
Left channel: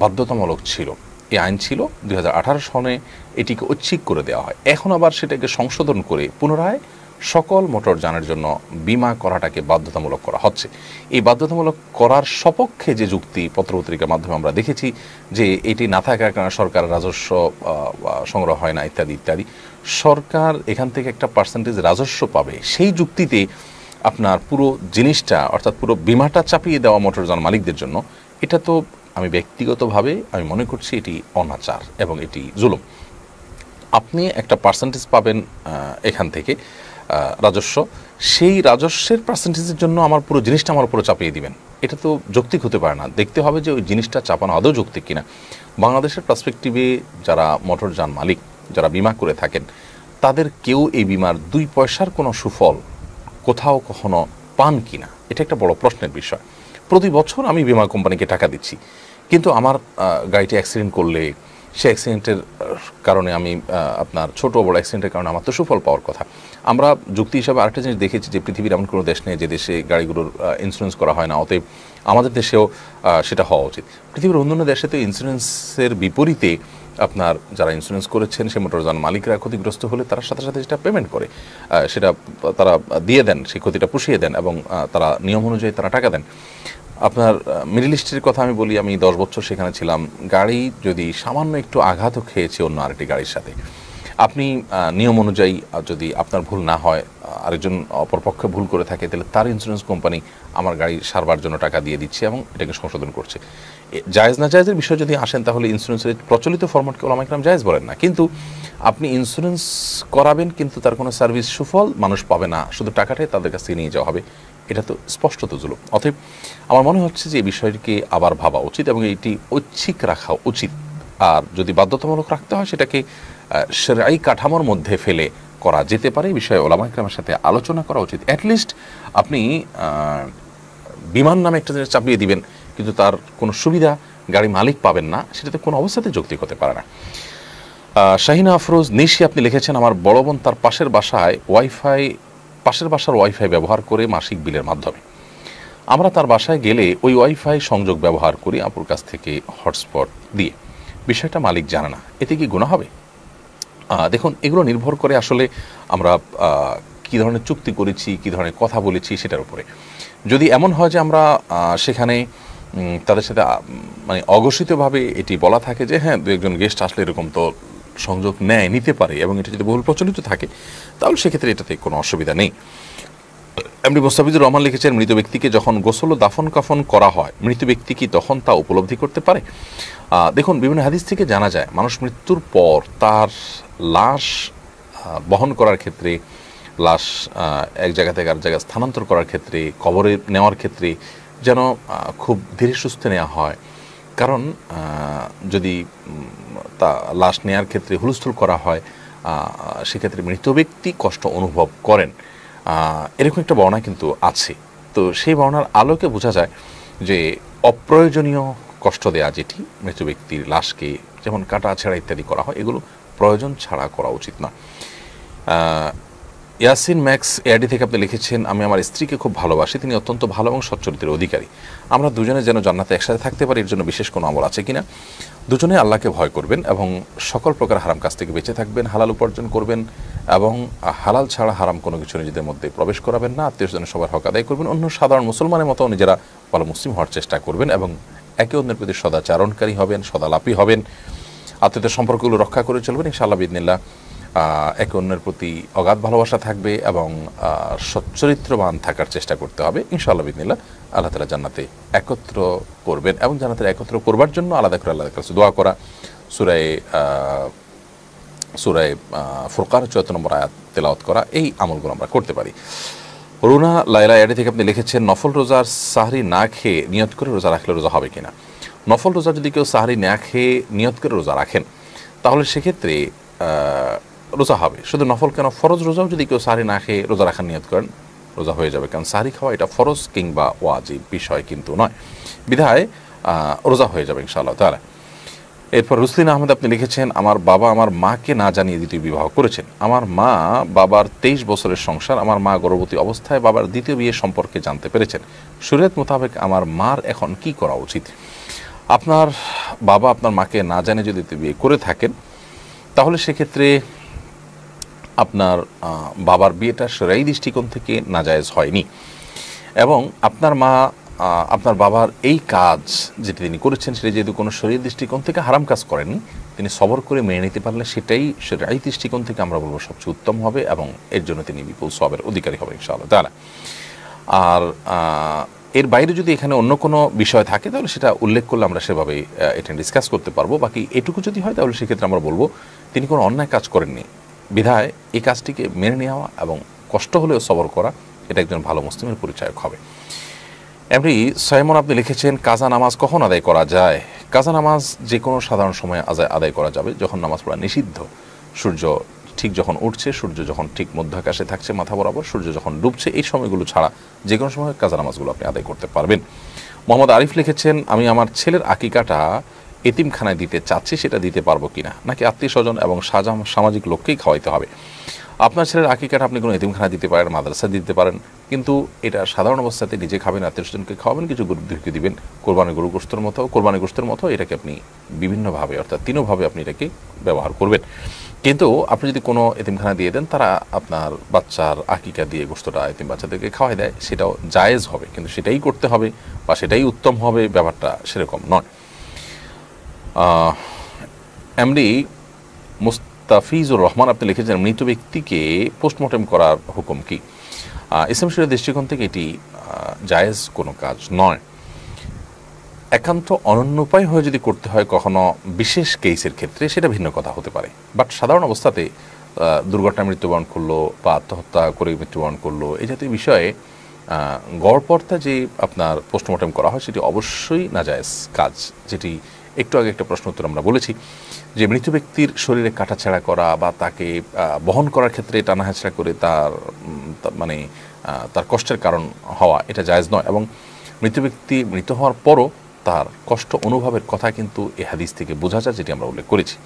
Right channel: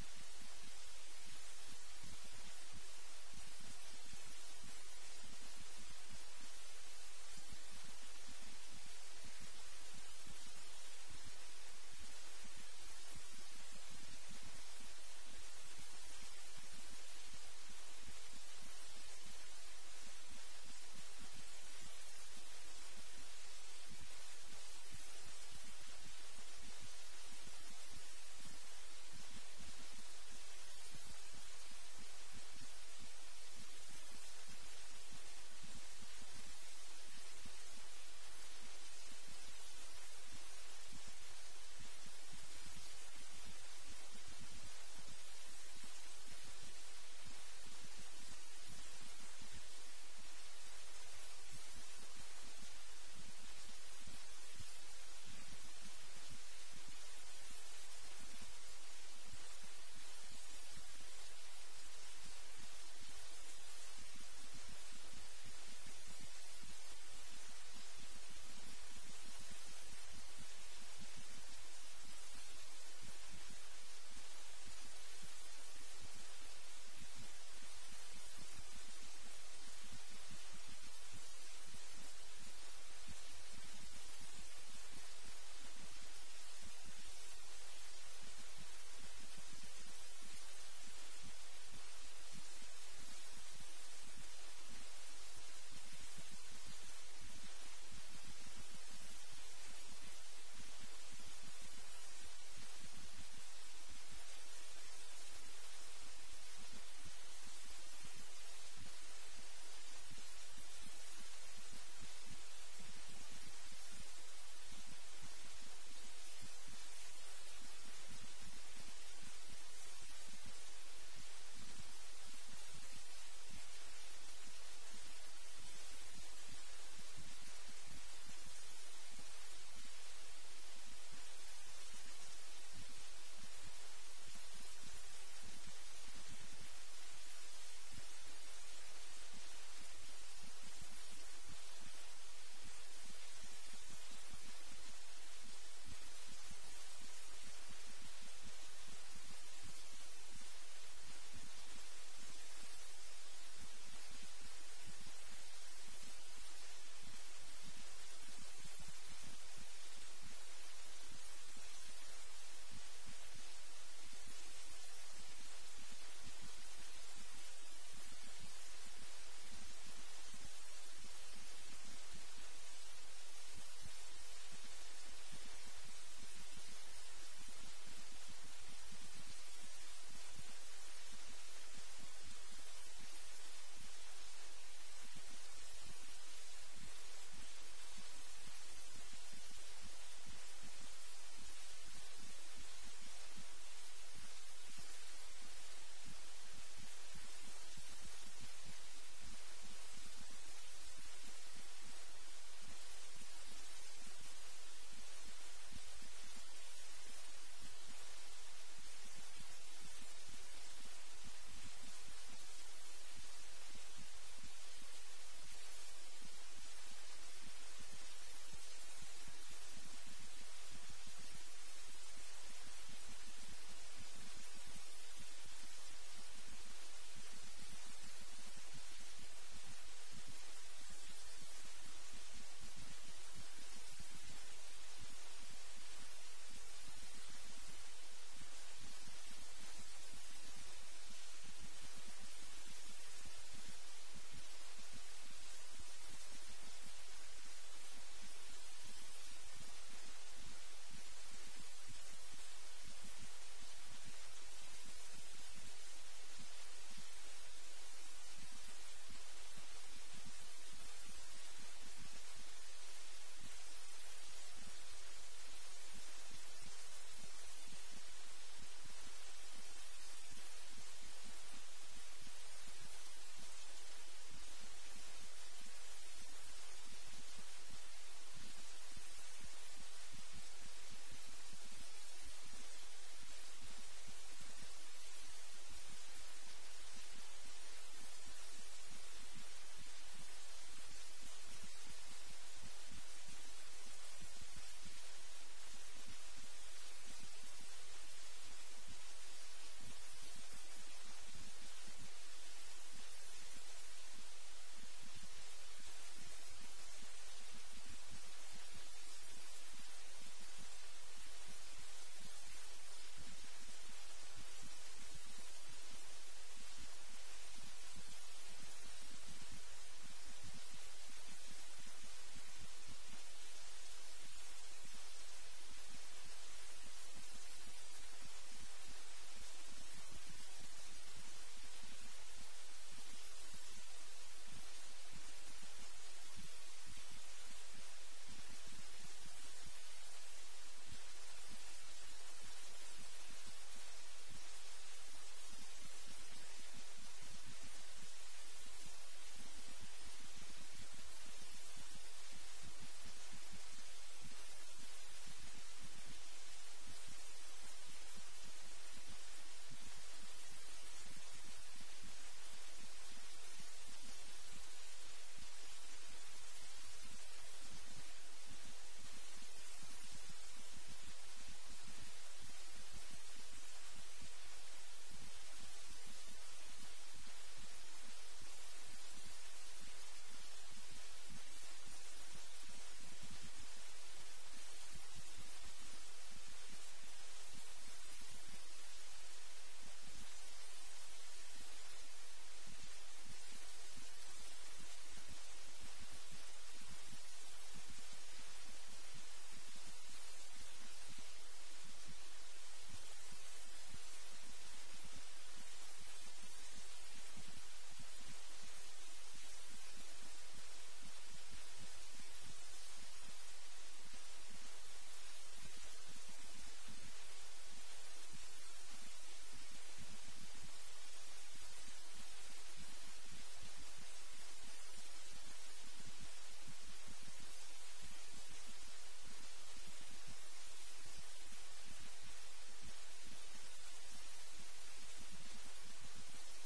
বাধ্যতামূলক ছিল। এই আইন ছিল 2018 সনে, এটিকে ঐচ্ছিক করে দেওয়া হয়। এখন আবার সেটাকে সংশোধন করে পুনরায় সকল মোটরযানের জন্য বীমা করাটাকে বাধ্যতামূলক করা হচ্ছে। এই বাধ্যতামূলক করার সপক্ষে যে যুক্তি পত্রপত্রিকার মাধ্যমে আমরা দেখেছি যে এটি না থাকার কারণে সরকার রাজস্ব সংগ্রহ হয় না ইত্যাদি ইত্যাদি, সরকার এখান থেকে একটা পার্সেন্টেজ রাজস্ব পাবে, সেই যুক্তিতে আপনার পুরো জিনিসটা অর্থাৎ পুরো বীমাটা চাপিয়ে দেওয়া মোটরযান মালিকদের জন্য, এটা তো আমি ব্যক্তিগতভাবে আমি মনে করছি এটি অনাচার এবং এটি জুলুম। আপনি একটা পার্সেন্টেজ পাবেন এখান থেকে রাজস্ব, সেই রাজস্বের পার্সেন্টেজের জন্য আমার পুরো জিনিসটা আমার উপরে চাপিয়ে দিবেন, এটা তো যৌক্তিক হতে পারে না। দেখতে হবে যে ওই জিনিসটা চাপানো আদৌ যৌক্তিক কিনা। বাংলাদেশের পার্সপেক্টিভে যারা মোটরযান মালিক, যারা বিমা করে থাকেন, তাদের কেউ এই বিমার 2 পয়সার কোনো সুফল কোথাও কখনো পান কিনা, এটা একটা বড় প্রশ্নের বিষয়। প্রতি বছর আমি বিমা কোম্পানিকে টাকা দিচ্ছি, কিন্তু আমার গাড়িটি অ্যাক্সিডেন্ট করলে সে অ্যাক্সিডেন্টের কারণে আমি আপনার ছোট বড় অ্যাক্সিডেন্টের কারণে আমার তো সুফল পাওয়ার কথা। আমরা যুক্তি হিসাবে আরেকটা জিনিস দেখেছি যে পৃথিবীর এমন কোনো দেশ নেই যে দেশে গাড়িগুলোর ইন্স্যুরেন্স করা হয় না, অতএব আমাদের দেশেও সেটা হওয়া উচিত। পৃথিবীর অন্যান্য দেশে তো ইন্স্যুরেন্সের বিপরীতে আপনার যারা ইন্স্যুরেন্স করেছেন সে মোটরযান মালিকরা ক্ষতিগ্রস্ত হলে তার সাথে সাথে সেটা পেমেন্ট করে, সেটা তারা দিয়ে দেন, সেই ক্ষতিটা পুষিয়ে দেন এবং তারা নিয়ম অনুযায়ী তারা টাকা দেন। আপনার মিডল ইস্টের কথা আমি বলি, আমি 10 বছর সেখানে ছিলাম। গাড়ি যদি সামান্য একটু আঘাতও খেয়েছে অন্য আরেকটি গাড়ির সাথে, আপনি নিয়ম অনুযায়ী যদি আপনার ভুল না হয়, আরেকজন অপরপক্ষে ভুল করে থাকে, তাহলে তার ইন্স্যুরেন্স কোম্পানি আমার গাড়ি সারবার জন্য টাকা দিয়ে দিচ্ছে এবং এটাকে সংশোধন করছে। জায়েজ না জায়েজের বিষয় যদি আসেন, তাহলে ইন্স্যুরেন্সের প্রচলিত ফরম্যাটকে ওলামা ইকরাম জায়েজ বলেন না, কিন্তু আপনি ইন্স্যুরেন্স করাবেন কিন্তু তার কোনো সার্ভিস সুফল মানুষ পাবে না, শুধু টাকাটাই তাদের কাছ থেকে নিয়ে যাওয়া হবে, এটা তো স্পষ্টত জুলুম। অতএব আমার মনে হচ্ছে যে এই বিষয়টিকে আবার ভাবা উচিত এবং এটি ঐচ্ছিক রাখা উচিত। আর যদি বাধ্যতামূলক রাখতে হয়, সেটাকে শরঈ কাঠামোর মধ্যে ফেলে করা যেতে পারে। এই বিষয়ে ওলামা ইকরামের সাথে আলোচনা করা উচিত। অ্যাটলিস্ট আপনি বিমান নামে একটা জিনিস চাপিয়ে দিবেন, কিন্তু তার কোনো সুবিধা গাড়ি মালিক পাবেন না, সেটাতে কোনো অবস্থাতে যৌক্তিক হতে পারে না। শাহিনা আফরোজ নিশি আপনি লিখেছেন, আমার বড় বোন তার পাশের বাসার ওয়াইফাই ব্যবহার করে মাসিক বিলের মাধ্যমে। আমরা তার বাসায় গেলে ওই ওয়াইফাই সংযোগ ব্যবহার করি আপুর কাছ থেকে হটস্পট দিয়ে। বিষয়টা মালিক জানে না, এতে কি গুনাহ হবে? দেখুন, এগুলো নির্ভর করে আসলে আমরা কী ধরনের চুক্তি করেছি, কী ধরনের কথা বলেছি সেটার উপরে। যদি এমন হয় যে আমরা সেখানে তাদের সাথে মানে অঘোষিতভাবে এটি বলা থাকে যে হ্যাঁ, দু একজন গেস্ট আসলে এরকম তো সংযোগ নিতে পারে এবং এটা যদি বহুল প্রচলিত থাকে, তাহলে সেক্ষেত্রে এটাতে কোনো অসুবিধা নেই। এমনি মোস্তাফিজুর রহমান লিখেছেন, মৃত ব্যক্তিকে যখন গোসল ও দাফন কাফন করা হয়, মৃত ব্যক্তি কি তখন তা উপলব্ধি করতে পারে? দেখুন, বিভিন্ন হাদিস থেকে জানা যায় মানুষ মৃত্যুর পর তার লাশ বহন করার ক্ষেত্রে, লাশ এক জায়গা থেকে আর জায়গায় স্থানান্তর করার ক্ষেত্রে, কবরে নেওয়ার ক্ষেত্রে যেন খুব ধীরে সুস্থে নেওয়া হয়। কারণ যদি তা লাশ নেওয়ার ক্ষেত্রে হুলস্থুল করা হয়, সেক্ষেত্রে মৃত ব্যক্তি কষ্ট অনুভব করেন, এরকম একটা বর্ণনা কিন্তু আছে। তো সেই বর্ণনার আলোকে বোঝা যায় যে অপ্রয়োজনীয় কষ্ট দেয়া যেটি মৃত ব্যক্তির লাশকে, যেমন কাটা ছেঁড়া ইত্যাদি করা হয়, এগুলো প্রয়োজন ছাড়া করা উচিত না। ইয়াসিন ম্যাক্স এআডি থেকে আপনি লিখেছেন, আমি আমার স্ত্রীকে খুব ভালোবাসি, তিনি অত্যন্ত ভালো এবং সচ্চরিত্রের অধিকারী। আমরা দুজনে যেন জান্নাতে একসাথে থাকতে পারি, এর জন্য বিশেষ কোনো আমল আছে কিনা? দুজনে আল্লাহকে ভয় করবেন এবং সকল প্রকার হারাম কাজ থেকে বেঁচে থাকবেন, হালাল উপার্জন করবেন এবং হালাল ছাড়া হারাম কোনো কিছু নিজেদের মধ্যে প্রবেশ করাবেন না, আত্মীয় স্বজন সবার হক আদায় করবেন, অন্য সাধারণ মুসলমানের মতো নিজেরা ভালো মুসলিম হওয়ার চেষ্টা করবেন এবং একে অন্যের প্রতি সদাচারণকারী হবেন, সদালাপী হবেন, আত্মীয়তার সম্পর্কগুলো রক্ষা করে চলবেন। ইনশাআল্লাহ বিইذনিল্লাহ একে অন্যের প্রতি অগাধ ভালোবাসা থাকবে এবং সচ্চরিত্রবান থাকার চেষ্টা করতে হবে। ইনশাআল্লাহ বিইذনিল্লাহ আল্লাহ তাআলা জান্নাতে একত্র করবেন এবং জান্নাতে একত্র করবার জন্য আলাদা করে আল্লাহর কাছে দোয়া করা, সূরা ফুরকান ৭৪ নম্বর আয়াত তেলাওয়াত করা, এই আমলগুলো আমরা করতে পারি। রুনা লাইলা এডি থেকে আপনি লিখেছেন, নফল রোজার সাহরি না খেয়ে নিয়ত করে রোজা রাখলে রোজা হবে কিনা? নফল রোজা যদি কেউ সাহরি না খেয়ে নিয়ত করে রোজা রাখেন, তাহলে সেক্ষেত্রে রোজা হবে। শুধু নফল কেন, ফরজ রোজাও যদি কেউ সাহরি না খেয়ে রোজা রাখার নিয়ত করেন, রোজা হয়ে যাবে। কারণ সাহরি খাওয়া এটা ফরজ কিংবা ওয়াজিব বিষয় কিন্তু নয়, বিধায় রোজা হয়ে যাবে ইনশাআল্লাহ তাআলা। এরপর রুসলিন আহমেদ আপনি লিখেছেন, আমার বাবা আমার মাকে না জানিয়ে দ্বিতীয় বিবাহ করেছেন। আমার মা বাবার 23 বছরের সংসার, আমার মা গর্ভবতী অবস্থায় বাবার দ্বিতীয় বিয়ে সম্পর্কে জানতে পেরেছেন। শরীয়ত মোতাবেক আমার মার এখন কি করা উচিত? আপনার বাবা আপনার মাকে না জানিয়ে যদি দ্বিতীয় বিয়ে করে থাকেন, তাহলে সেক্ষেত্রে আপনার বাবার বিয়েটা শরঈ দৃষ্টিকোণ থেকে নাজায়েজ হয়নি এবং আপনার মা আপনার বাবার এই কাজ যেটি তিনি করেছেন সেটা যেহেতু কোনো শরীর দৃষ্টিকোণ থেকে হারাম কাজ করেননি, তিনি সবর করে মেনে নিতে পারলে সেটাই শরঈ দৃষ্টিকোণ থেকে আমরা বলবো সবচেয়ে উত্তম হবে এবং এর জন্য তিনি বিপুল সওয়াবের অধিকারী হবে ইনশাআল্লাহ তাআলা। আর এর বাইরে যদি এখানে অন্য কোনো বিষয় থাকে তাহলে সেটা উল্লেখ করলে আমরা সেভাবে এটা ডিসকাস করতে পারবো। বাকি এটুকু যদি হয় তাহলে সেক্ষেত্রে আমরা বলবো তিনি কোনো অন্যায় কাজ করেননি, বিধায় এই কাজটিকে মেনে নেওয়া এবং কষ্ট হলেও সবর করা, এটা একজন ভালো মুসলিমের পরিচায়ক হবে। এমনি সাইমন আপনি লিখেছেন, কাজা নামাজ কখন আদায় করা যায়? কাজা নামাজ যে কোনো সাধারণ সময়ে আদায় করা যাবে, যখন নামাজ পড়া নিষিদ্ধ, সূর্য ঠিক যখন উঠছে, সূর্য যখন ঠিক মধ্য আকাশে থাকছে মাথা বরাবর, সূর্য যখন ডুবছে, এই সময়গুলো ছাড়া যে কোনো সময় কাজা নামাজগুলো আপনি আদায় করতে পারবেন। মোহাম্মদ আরিফ লিখেছেন, আমি আমার ছেলের আকিকাটা এতিমখানায় দিতে চাচ্ছি, সেটা দিতে পারবো কিনা, নাকি আত্মীয় স্বজন এবং সামাজিক লোককেই খাওয়াইতে হবে? আপনার ছেলের আকিকাটা আপনি কোনো এতিমখানা দিতে পারেন, মাদ্রাসা দিতে পারেন, কিন্তু এটা সাধারণ অবস্থাতে নিজে খাবেন, আত্মীয় স্বজনকে খাওয়াবেন, কিছু গরুদেরকে দিবেন, কোরবানি গোশতের মতো এটাকে আপনি বিভিন্নভাবে অর্থাৎ তিনভাবে আপনি এটাকে ব্যবহার করবেন। কিন্তু আপনি যদি কোনো এতিমখানা দিয়ে দেন, তারা আপনার বাচ্চার আকিকা দিয়ে গোশতটা এতিম বাচ্চাদেরকে খাওয়াই দেয়, সেটাও জায়েজ হবে, কিন্তু সেটাই করতে হবে বা সেটাই উত্তম হবে, ব্যাপারটা সেরকম নয়। এমডি মুস্তাফিজুর রহমান আপনি লিখেছেন, মৃত ব্যক্তিকে পোস্টমর্টেম করার হুকুম কি? ইসলাম শরীয়তের দৃষ্টিকোণ থেকে এটি জায়েজ কোনো কাজ নয়। একান্ত অনন্য উপায় হয়ে যদি করতে হয় কখনো বিশেষ কেসের ক্ষেত্রে, সেটা ভিন্ন কথা হতে পারে। বাট সাধারণ অবস্থাতে দুর্ঘটনায় মৃত্যুবরণ করলো বা আত্মহত্যা করে মৃত্যুবরণ করলো, এই জাতীয় বিষয়ে গড়পড়তা যে আপনার পোস্টমর্টেম করা হয়, সেটি অবশ্যই নাজায়েজ কাজ। যেটি একটু আগে একটা প্রশ্ন উত্তর আমরা বলেছি যে মৃত ব্যক্তির শরীরে কাটাছেঁড়া করা বা তাকে বহন করার ক্ষেত্রে টানাহেঁচড়া করে তার কষ্টের কারণ হওয়া, এটা জায়েজ নয়। এবং মৃত ব্যক্তি মৃত হওয়ার পরও তার কষ্ট অনুভবের কথা কিন্তু এ হাদিস থেকে বোঝা যায়, যেটি আমরা উল্লেখ করেছি।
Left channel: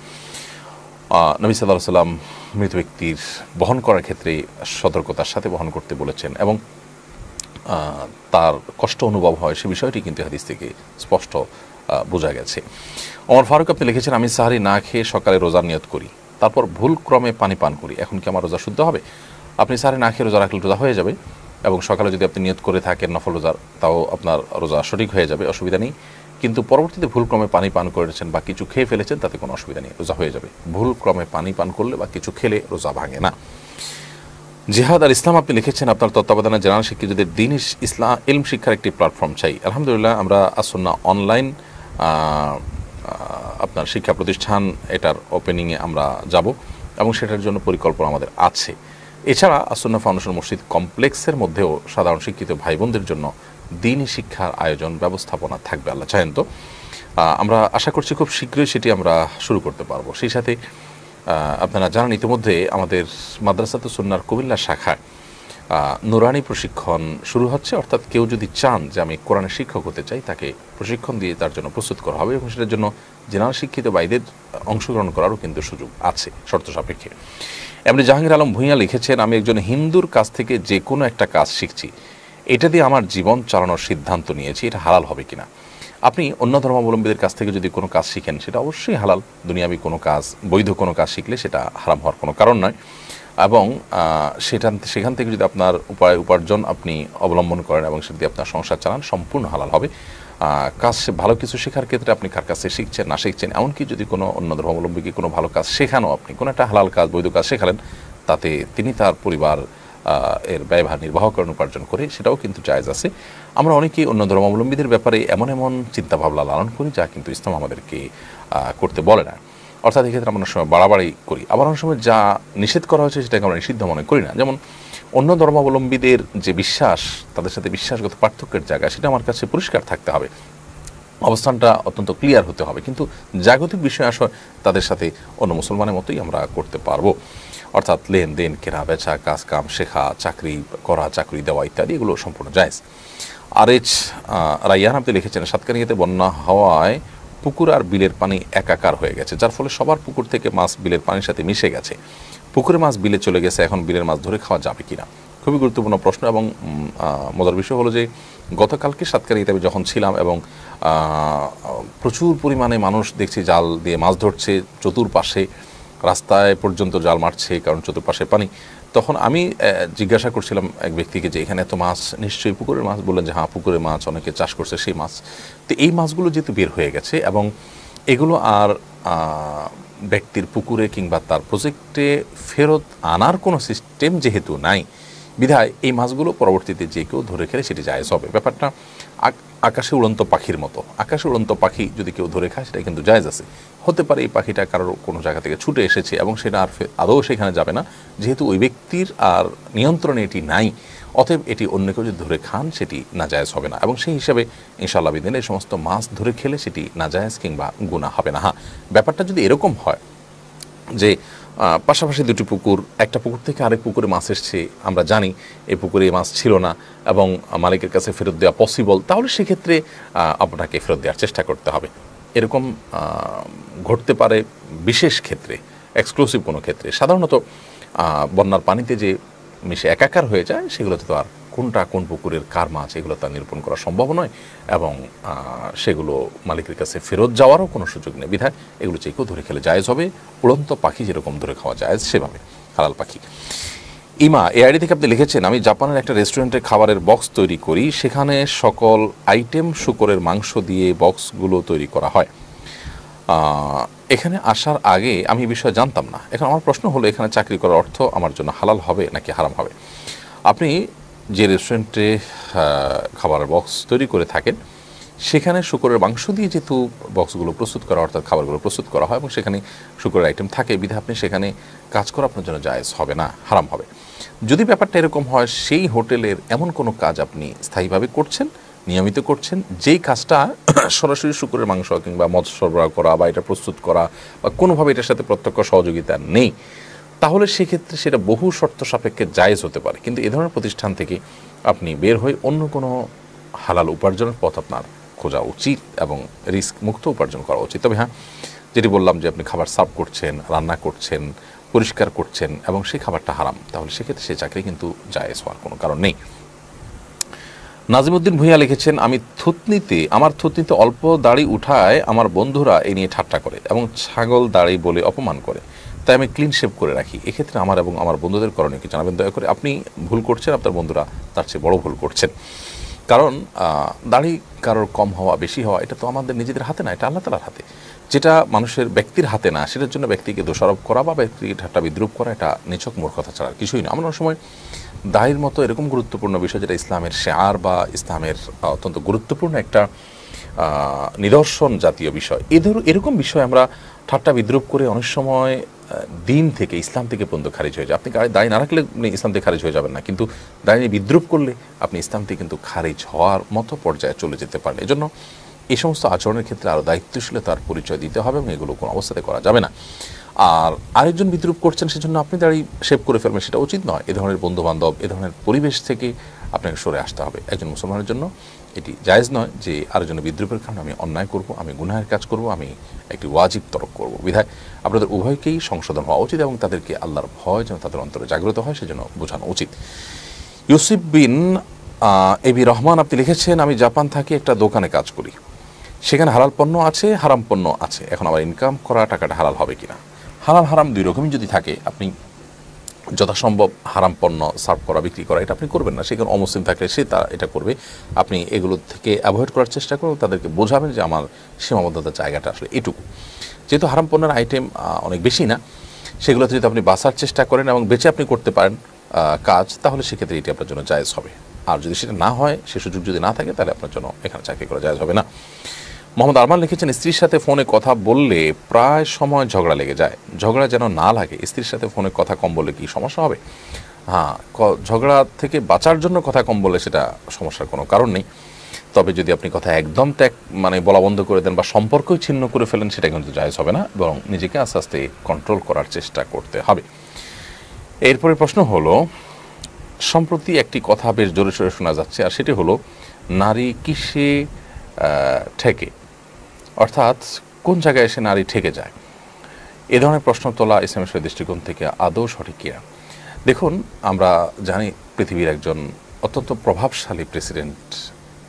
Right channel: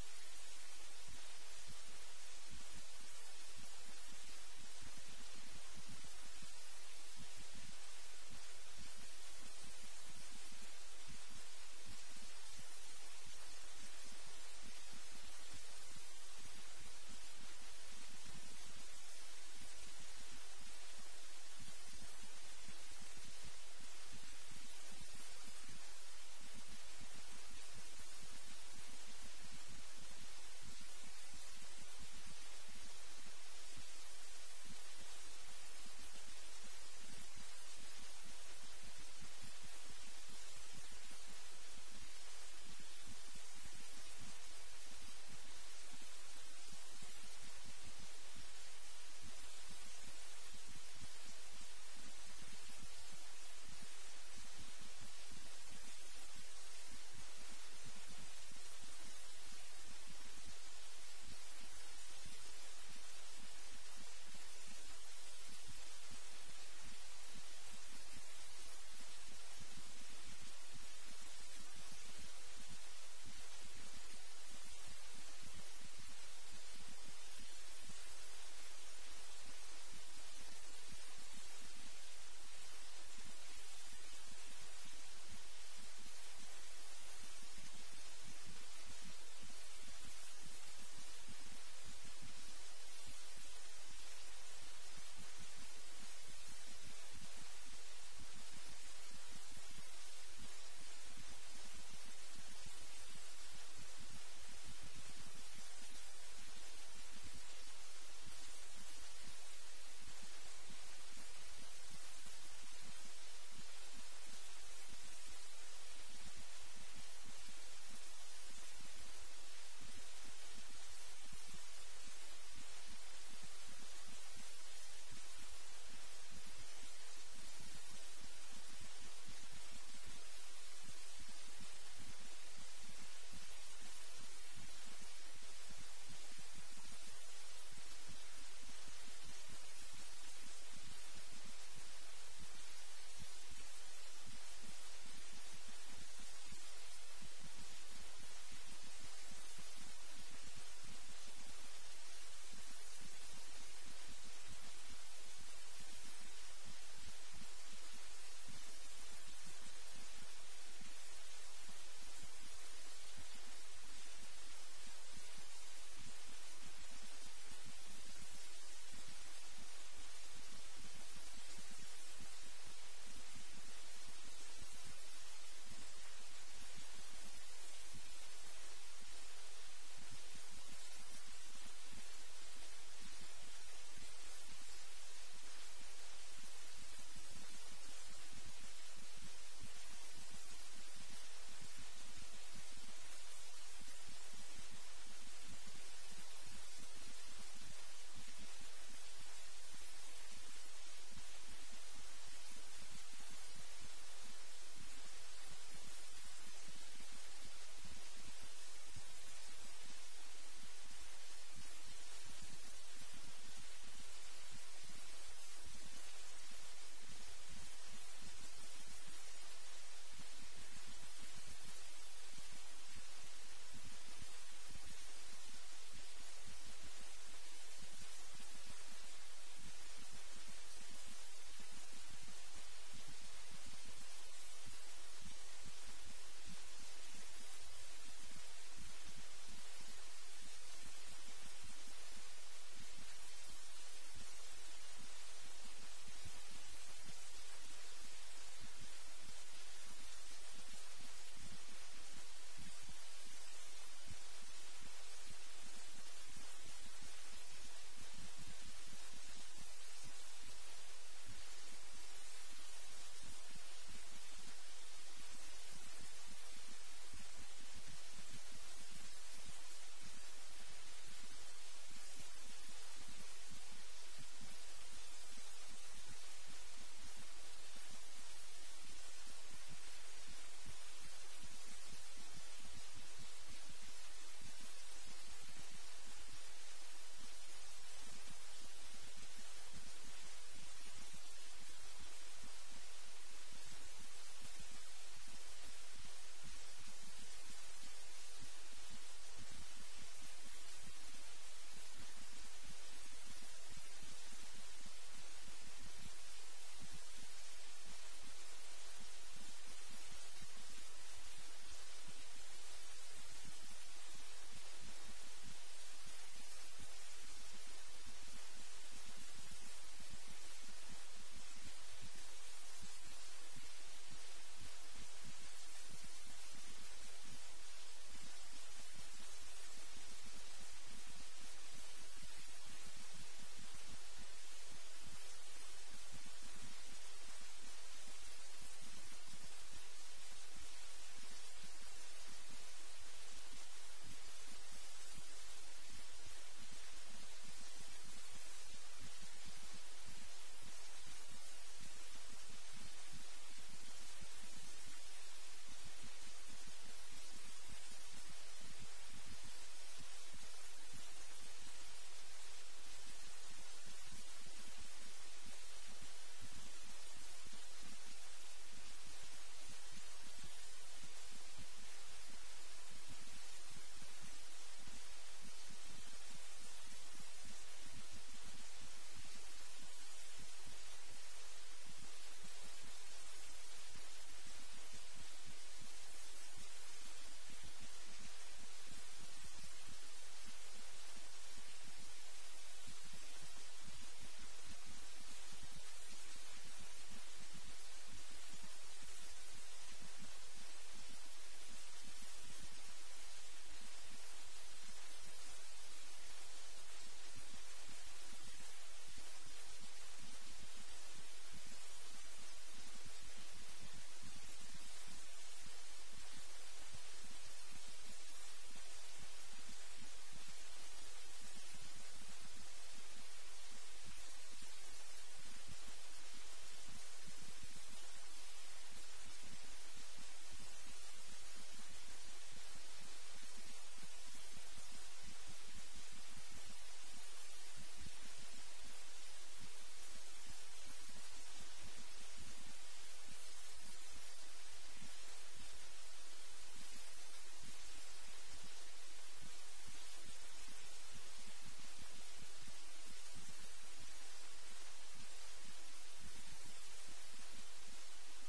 নবী সাল্লাল্লাহু আলাইহি ওয়াসাল্লাম মৃত ব্যক্তির বহন করার ক্ষেত্রে সতর্কতার সাথে বহন করতে বলেছেন এবং তার কষ্ট অনুভব হয়, সে বিষয়টি কিন্তু হাদিস থেকে স্পষ্ট বোঝা গেছে। ওমর ফারুক আপনি লিখেছেন, আমি সাহারি না খেয়ে সকালে রোজার নিয়ত করি, তারপর ভুল ক্রমে পানি পান করি, এখন কি আমার রোজা শুদ্ধ হবে? আপনি সাহারি না খেয়ে রোজা রাখলে রোজা হয়ে যাবে, এবং সকালে যদি আপনি নিয়ত করে থাকেন নফল রোজার, তাও আপনার রোজা সঠিক হয়ে যাবে, অসুবিধা নেই। কিন্তু পরবর্তীতে ভুল ক্রমে পানি পান করেছেন বা কিছু খেয়ে ফেলেছেন, তাতে কোনো অসুবিধা নেই, রোজা হয়ে যাবে। ভুল ক্রমে পানি পান করলে বা কিছু খেলে রোজা ভাঙে না। জিহাদ আর ইসলাম আপনি লিখেছেন, আপনার তত্ত্বাবধানে জেনারেল শিক্ষিতদের দ্বীন ইলম শিক্ষার একটি প্ল্যাটফর্ম চাই। আলহামদুলিল্লাহ, আমরা আসুন্নাহ অনলাইন আপনার শিক্ষা প্রতিষ্ঠান, এটার ওপেনিংয়ে আমরা যাব এবং সেটার জন্য পরিকল্পনা আমাদের আছে। এছাড়া আসুন্নাহ ফাউন্ডেশন মসজিদ কমপ্লেক্সের মধ্যেও সাধারণ শিক্ষিত ভাই বোনদের জন্য দ্বীনি শিক্ষার আয়োজন ব্যবস্থাপনা থাকবে, আল্লাহ চাহেন তো। আমরা আশা করছি খুব শীঘ্রই সেটি আমরা শুরু করতে পারবো। সেই সাথে আপনারা জানেন, ইতিমধ্যে আমাদের মাদ্রাসাতুস সুন্নাহর কুমিল্লা শাখায় নুরানি প্রশিক্ষণ শুরু হচ্ছে। অর্থাৎ কেউ যদি চান যে আমি কোরআনের শিক্ষক হতে চাই, তাকে প্রশিক্ষণ দিয়ে তার জন্য প্রস্তুত করা হবে এবং সেটার জন্য জেনারেল শিক্ষিত ভাইদের অংশগ্রহণ করারও কিন্তু সুযোগ আছে শর্ত সাপেক্ষে। এমনি জাহাঙ্গীর আলম ভূঁইয়া লিখেছেন, আমি একজন হিন্দুর কাছ থেকে যে কোনো একটা কাজ শিখছি, এটা দিয়ে আমার জীবন চালানোর সিদ্ধান্ত নিয়েছি, এটা হালাল হবে কিনা? আপনি অন্য ধর্মাবলম্বীদের কাছ থেকে যদি কোনো কাজ শিখেন, সেটা অবশ্যই হালাল। দুনিয়াবি কোনো কাজ, বৈধ কোনো কাজ শিখলে সেটা হারাম হওয়ার কোনো কারণ নয়। এবং সেখান থেকে যদি আপনার উপার্জন আপনি অবলম্বন করেন এবং সেটা দিয়ে আপনার সংসার চালান, সম্পূর্ণ হালাল হবে। কাজ ভালো কিছু শেখার ক্ষেত্রে আপনি কার কাছে শিখছেন না শিখছেন, এমনকি যদি কোনো অন্য ধর্মাবলম্বীকে কোনো ভালো কাজ শেখানো, আপনি কোনো একটা হালাল কাজ, বৈধ কাজ শেখালেন, তাতে তিনি তার পরিবার এর ব্যয়ভার নির্বাহ করেন, উপার্জন করে, সেটাও কিন্তু জায়েজ আছে। আমরা অনেকেই অন্য ধর্মাবলম্বীদের ব্যাপারে এমন এমন চিন্তাভাবনা লালন করি যা কিন্তু ইসলাম আমাদেরকে করতে বলে না। অর্থাৎ এক্ষেত্রে আমরা অনেক সময় বাড়াবাড়ি করি, আবার অনেক সময় যা নিষেধ করা হয়েছে সেটাকে আমরা নিষিদ্ধ মনে করি না। যেমন অন্য ধর্মাবলম্বীদের যে বিশ্বাস, তাদের সাথে বিশ্বাসগত পার্থক্যের জায়গা, সেটা আমার কাছে পরিষ্কার থাকতে হবে, অবস্থানটা অত্যন্ত ক্লিয়ার হতে হবে। কিন্তু জাগতিক বিষয় আসলে তাদের সাথে অন্য মুসলমানের মতোই আমরা করতে পারবো। অর্থাৎ লেনদেন, কেনা বেচা, কাজ কাম শেখা, চাকরি করা, চাকরি দেওয়া ইত্যাদি, এগুলো সম্পূর্ণ জায়েজ। আরএচ রাইয়ান আপনি লিখেছেন, সাতকানিয়াতে বন্যা হওয়ায় পুকুর আর বিলের পানি একাকার হয়ে গেছে, যার ফলে সবার পুকুর থেকে মাছ বিলের পানির সাথে মিশে গেছে। পুকুরে মাছ বিলে চলে গেছে, এখন বিলের মাছ ধরে খাওয়া যাবে কিনা? খুবই গুরুত্বপূর্ণ প্রশ্ন। এবং মজার বিষয় হলো যে গতকালকে সাতকানিয়াতে আমি যখন ছিলাম এবং প্রচুর পরিমাণে মানুষ দেখছি জাল দিয়ে মাছ ধরছে, চতুর্পাশে রাস্তায় পর্যন্ত জাল মারছে, কারণ চতুর্পাশে পানি। তখন আমি জিজ্ঞাসা করছিলাম এক ব্যক্তিকে যে এখানে এত মাছ, নিশ্চয়ই পুকুরের মাছ? বললেন যে হ্যাঁ, পুকুরের মাছ, অনেকে চাষ করছে সেই মাছ। তো এই মাছগুলো যেহেতু বের হয়ে গেছে এবং এগুলো আর ব্যক্তির পুকুরে কিংবা তার প্রজেক্টে ফেরত আনার কোনো সিস্টেম যেহেতু নাই, বিধায় এই মাছগুলো পরবর্তীতে যে কেউ ধরে খেলে সেটি জায়েজ হবে। ব্যাপারটা আকাশে উড়ন্ত পাখির মতো। আকাশে উড়ন্ত পাখি যদি কেউ ধরে খায়, সেটা কিন্তু জায়েজ আছে। হতে পারে এই পাখিটা কারোর কোনো জায়গা থেকে ছুটে এসেছে এবং সেটা আর আদৌ সেখানে যাবে না, যেহেতু ওই ব্যক্তির আর নিয়ন্ত্রণে এটি নাই, অতএব এটি অন্য কেউ যদি ধরে খান সেটি নাজায়েজ হবে না। এবং সেই হিসাবে ইনশাআল্লাহ বিদিনে এই সমস্ত মাছ ধরে খেলে সেটি নাজায়েজ কিংবা গুনাহ হবে না। হ্যাঁ, ব্যাপারটা যদি এরকম হয় যে পাশাপাশি দুটি পুকুর, একটা পুকুর থেকে আরেক পুকুরে মাছ এসছে, আমরা জানি এই পুকুরে মাছ ছিল না এবং মালিকের কাছে ফেরত দেওয়া পসিবল, তাহলে সেক্ষেত্রে আপনাকে ফেরত দেওয়ার চেষ্টা করতে হবে। এরকম ঘটতে পারে বিশেষ ক্ষেত্রে, এক্সক্লুসিভ কোনো ক্ষেত্রে। সাধারণত বন্যার পানিতে যে মিশে একাকার হয়ে যায় সেগুলোতে তো আর কোনটা কোন পুকুরের কার মাছ এগুলো তার নিরূপণ করা সম্ভব নয় এবং সেগুলো মালিকের কাছে ফেরত যাওয়ারও কোনো সুযোগ নেই। বিধায় এগুলো যে কেউ ধরে খেলে জায়েজ হবে, উড়ন্ত পাখি যেরকম ধরে খাওয়া জায়েজ সেভাবে হালাল পাখি। ইমা এআইডি থেকে আপনি লিখেছেন, আমি জাপানের একটা রেস্টুরেন্টে খাবারের বক্স তৈরি করি, সেখানে সকল আইটেম শূকরের মাংস দিয়ে বক্সগুলো তৈরি করা হয়। এখানে আসার আগে আমি এই বিষয়ে জানতাম না। এখন আমার প্রশ্ন হলো, এখানে চাকরি করার অর্থ আমার জন্য হালাল হবে নাকি হারাম হবে? আপনি যে রেস্টুরেন্টে খাবারের বক্স তৈরি করে থাকেন সেখানে শূকরের মাংস দিয়ে যেহেতু বক্সগুলো প্রস্তুত করা অর্থাৎ খাবারগুলো প্রস্তুত করা হয় এবং সেখানে শূকরের আইটেম থাকে, বিধায় আপনি সেখানে কাজ করা আপনার জন্য জায়েজ হবে না, হারাম হবে। যদি ব্যাপারটা এরকম হয় সেই হোটেলের এমন কোনো কাজ আপনি স্থায়ীভাবে করছেন, নিয়মিত করছেন, যেই কাজটা সরাসরি শূকরের মাংস কিংবা মৎস্য সরবরাহ করা বা এটা প্রস্তুত করা বা কোনোভাবে এটার সাথে প্রত্যক্ষ সহযোগিতা নেই, তাহলে সেক্ষেত্রে সেটা বহু শর্ত সাপেক্ষে জায়েজ হতে পারে। কিন্তু এ ধরনের প্রতিষ্ঠান থেকে আপনি বের হয়ে অন্য কোনো হালাল উপার্জনের পথ আপনার খোঁজা উচিত এবং রিস্ক মুক্ত উপার্জন করা উচিত। তবে হ্যাঁ, যেটি বললাম যে আপনি খাবার সার্ভ করছেন, রান্না করছেন, পরিষ্কার করছেন এবং সেই খাবারটা হারাম, তাহলে সেক্ষেত্রে সেই চাকরি কিন্তু জায়েজ হওয়ার কোনো কারণ নেই। নাজিমুদ্দিন ভূঁইয়া লিখেছেন, আমার থুতনিতে অল্প দাড়ি উঠায় আমার বন্ধুরা এই নিয়ে ঠাট্টা করে এবং ছাগল দাড়ি বলে অপমান করে, তাই আমি ক্লিন শেভ করে রাখি। এক্ষেত্রে আমার এবং আমার বন্ধুদের করণীয় কি জানাবেন দয়া করে? আপনি ভুল করছেন, আপনার বন্ধুরা তার চেয়ে বড় ভুল করছেন। কারণ দাড়ি কারোর কম হওয়া বেশি হওয়া এটা তো আমাদের নিজেদের হাতে না, এটা আল্লাহ তাআলার হাতে। যেটা মানুষের ব্যক্তির হাতে না, সেটার জন্য ব্যক্তিকে দোষারোপ করা বা ব্যক্তিকে ঠাট্টা বিদ্রুপ করা এটা নিছক মূর্খতা ছাড়া কিছুই না। আমরা অনেক সময় দাড়ির মতো এরকম গুরুত্বপূর্ণ বিষয়, যেটা ইসলামের শেয়ার বা ইসলামের অত্যন্ত গুরুত্বপূর্ণ একটা নিদর্শন জাতীয় বিষয়, এরকম বিষয় আমরা ঠাট্টা বিদ্রুপ করে অনেক সময় দিন থেকে, ইসলাম থেকে পর্যন্ত খারিজ হয়ে যায়। আপনি দাড়ি না রাখলে ইসলাম থেকে খারিজ হয়ে যাবেন না, কিন্তু দাড়ি নিয়ে বিদ্রুপ করলে আপনি ইসলাম থেকে কিন্তু খারিজ হওয়ার মতো পর্যায়ে চলে যেতে পারেন। এজন্য এই সমস্ত আচরণের ক্ষেত্রে আরও দায়িত্বশীলতার পরিচয় দিতে হবে এবং এগুলো কোনো অবস্থাতে করা যাবে না। আর আরেকজন বিদ্রুপ করছেন সেজন্য আপনি দাড়ি শেভ করে ফেলবেন, সেটা উচিত নয়। এ ধরনের বন্ধুবান্ধব, এ ধরনের পরিবেশ থেকে আপনাকে সরে আসতে হবে। একজন মুসলমানের জন্য এটি জায়েজ নয় যে আরেকজনের বিদ্রুপের কারণে আমি অন্যায় করব, আমি গুনাহের কাজ করব, আমি একটি ওয়াজিব তরক করব। বিধায় আপনাদের উভয়কেই সংশোধন হওয়া উচিত এবং তাদেরকে আল্লাহর ভয় যেন তাদের অন্তরে জাগ্রত হয় সেজন্য বোঝানো উচিত। ইউসুফ বিন এবি রহমান আপনি লিখেছেন, আমি জাপান থাকি, একটা দোকানে কাজ করি, সেখানে হালাল পণ্য আছে, হারাম পণ্য আছে। এখন আবার ইনকাম করা টাকাটা হালাল হবে কিনা? হালাল হারাম দুই রকমই যদি থাকে, আপনি যথাসম্ভব হারাম পণ্য সার্ভ করা, বিক্রি করা এটা আপনি করবেন না। সেখানে অমুসলিম থাকলে সে তা এটা করবে, আপনি এগুলো থেকে অ্যাভয়েড করার চেষ্টা করুন, তাদেরকে বোঝাবেন যে আমার সীমাবদ্ধতার জায়গাটা আসলে এটুকু। যেহেতু হারাম পণ্যের আইটেম অনেক বেশি না, সেগুলোতে যদি আপনি বাঁচার চেষ্টা করেন এবং বেঁচে আপনি করতে পারেন কাজ, তাহলে সেক্ষেত্রে এটি আপনার জন্য জায়েজ হবে। আর যদি সেটা না হয়, সে সুযোগ যদি না থাকে, তাহলে আপনার জন্য এখানে চাকরি করা জায়েজ হবে না। মোহাম্মদ আরমান লিখেছেন, স্ত্রীর সাথে ফোনে কথা বললে প্রায় সময় ঝগড়া লেগে যায়, ঝগড়া যেন না লাগে। স্ত্রীর সাথে ফোনে কথা কম বললে কি সমস্যা হবে? হ্যাঁ, ঝগড়া থেকে বাঁচার জন্য কথা কম বললে সেটা সমস্যার কোনো কারণ নেই। তবে যদি আপনি কথা একদম বলা বন্ধ করে দেন বা সম্পর্কই ছিন্ন করে ফেলেন, সেটা কিন্তু জায়েজ হবে না, বরং নিজেকে আস্তে আস্তে কন্ট্রোল করার চেষ্টা করতে হবে। এরপরে প্রশ্ন হলো, সম্প্রতি একটি কথা বেশ জোরে সোরে শোনা যাচ্ছে, আর সেটি হলো নারী কিসে ঠেকে, অর্থাৎ কোন জায়গায় এসে নারী ঠেকে যায়। এ ধরনের প্রশ্ন তোলা ইসলামের দৃষ্টিকোণ থেকে আদৌ সঠিক কিনা? দেখুন, আমরা জানি পৃথিবীর একজন অত্যন্ত প্রভাবশালী প্রেসিডেন্ট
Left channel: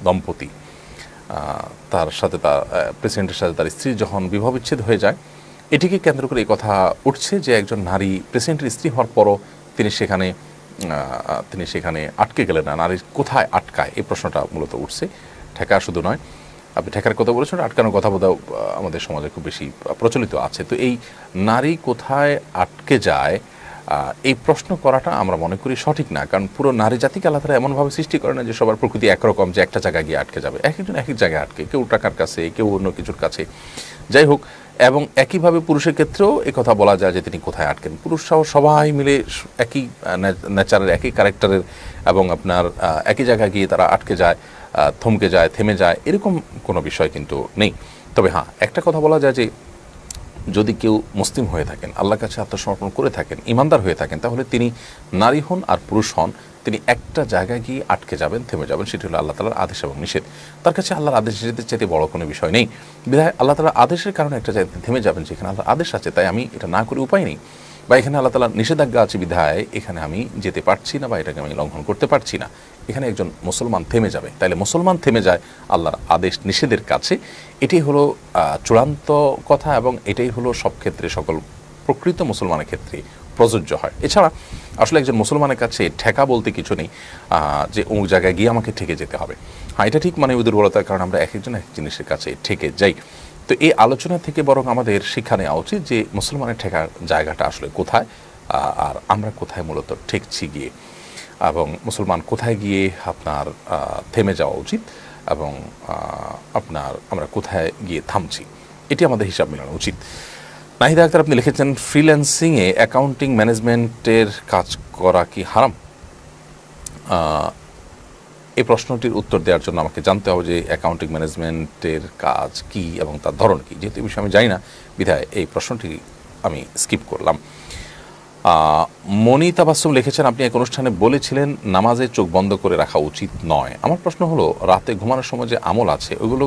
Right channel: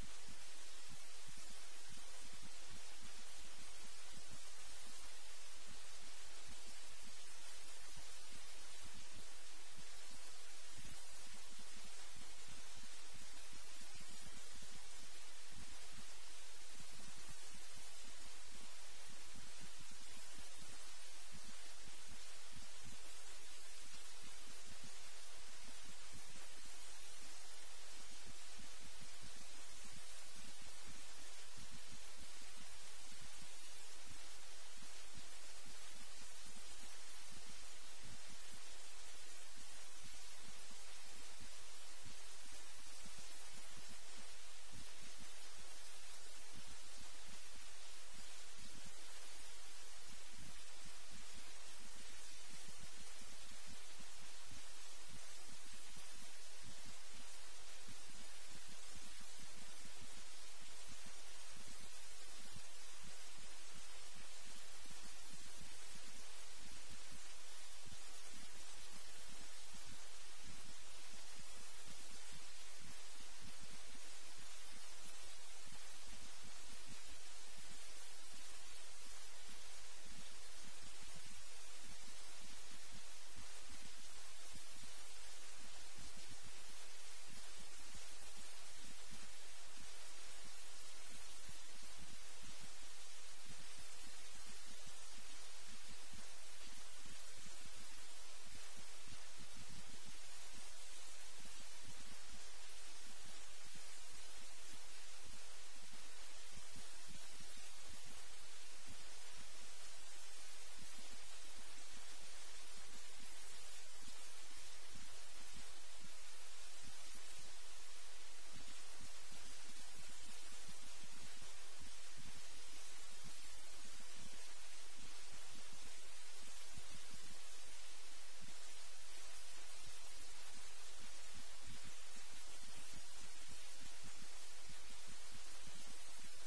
দম্পতি, তার সাথে প্রেসিডেন্টের সাথে তার স্ত্রী যখন বিবাহ বিচ্ছেদ হয়ে যায়, এটিকে কেন্দ্র করে এই কথা উঠছে যে একজন নারী প্রেসিডেন্টের স্ত্রী হওয়ার পরও তিনি সেখানে আটকে গেলেন না, নারী কোথায় আটকায়, এই প্রশ্নটা মূলত উঠছে। ঠেকা শুধু নয়, আপনি ঠেকার কথা বলেছেন, আটকানোর কথা বোধহয় আমাদের সমাজে খুব বেশি প্রচলিত আছে। তো এই নারী কোথায় আটকে যায়, এই প্রশ্ন করাটা আমরা মনে করি সঠিক না। কারণ পুরো নারী জাতিকে আল্লাহ তাআলা এমনভাবে সৃষ্টি করে না যে সবার প্রকৃতি একরকম, যে একটা জায়গায় গিয়ে আটকে যাবে। এক একজন এক এক জায়গায় আটকে, কেউ টাকার কাছে, কেউ অন্য কিছুর কাছে, যাই হোক। এবং একইভাবে পুরুষের ক্ষেত্রেও এই কথা বলা যায় যে তিনি কোথায় আটকেন। পুরুষ সহ সবাই মিলে একই নেচারের, একই ক্যারেক্টারের এবং আপনার একই জায়গায় গিয়ে তারা আটকে যায়, থমকে যায়, থেমে যায়, এরকম কোনো বিষয় কিন্তু নেই। তবে হ্যাঁ, একটা কথা বলা যায় যে যদি কেউ মুসলিম হয়ে থাকেন, আল্লাহর কাছে আত্মসমর্পণ করে থাকেন, ইমানদার হয়ে থাকেন, তাহলে তিনি নারী হন আর পুরুষ হন, তিনি একটা জায়গায় গিয়ে আটকে যাবেন, থেমে যাবেন। সেটি হলো আল্লাহ তাআলার আদেশ এবং নিষেধ। তার কাছে আল্লাহর আদেশ নিষেধের চাইতে বড় কোনো বিষয় নেই। বিধায় আল্লাহ তাআলার আদেশের কারণে একটা জায়গায় থেমে যাবেন, যেখানে আল্লাহর আদেশ আছে, তাই আমি এটা না করে উপায় নেই, বা এখানে আল্লাহ তাআলার নিষেধাজ্ঞা আছে বিধায় এখানে আমি যেতে পারছি না, বা এটাকে আমি লঙ্ঘন করতে পারছি না। এখানে একজন মুসলমান থেমে যাবে। তাইলে মুসলমান থেমে যায় আল্লাহর আদেশ নিষেধের কাছে। এটাই হলো চূড়ান্ত কথা, এবং এটাই হলো সব ক্ষেত্রে, সকল প্রকৃত মুসলমানের ক্ষেত্রে প্রযোজ্য হয়। এছাড়া আসলে একজন মুসলমানের কাছে ঠেকা বলতে কিছু নেই, যে অমুক জায়গায় গিয়ে আমাকে ঠেকে যেতে হবে। হ্যাঁ, এটা ঠিক, মানে দুর্বলতার কারণে আমরা এক একজন এক জিনিসের কাছে ঠেকে যাই। তো এই আলোচনা থেকে বরং আমাদের শিক্ষা নেওয়া উচিত যে মুসলমানের ঠেকার জায়গাটা আসলে কোথায়, আর আমরা কোথায় মূলত ঠেকছি গিয়ে, এবং মুসলমান কোথায় গিয়ে আপনার থেমে যাওয়া উচিত, এবং আমরা কোথায় গিয়ে থামছি, এটি আমাদের হিসাব মেলানো উচিত। নাহিদা আক্তার, আপনি লিখেছেন ফ্রিল্যান্সিংয়ে অ্যাকাউন্টিং ম্যানেজমেন্টের কাজ করা কি হারাম? এই প্রশ্নটির উত্তর দেওয়ার জন্য আমাকে জানতে হবে যে অ্যাকাউন্টিং ম্যানেজমেন্টের কাজ কি এবং তার ধরন কি। যেহেতু এই বিষয়ে আমি জানি না, বিধায় এই প্রশ্নটি আমি স্কিপ করলাম। মনি তাবাসসুম লিখেছেন, আপনি এক অনুষ্ঠানে বলেছিলেন নামাজে চোখ বন্ধ করে রাখা উচিত নয়। আমার প্রশ্ন হলো, রাতে ঘুমানোর সময় যে আমল আছে ওইগুলো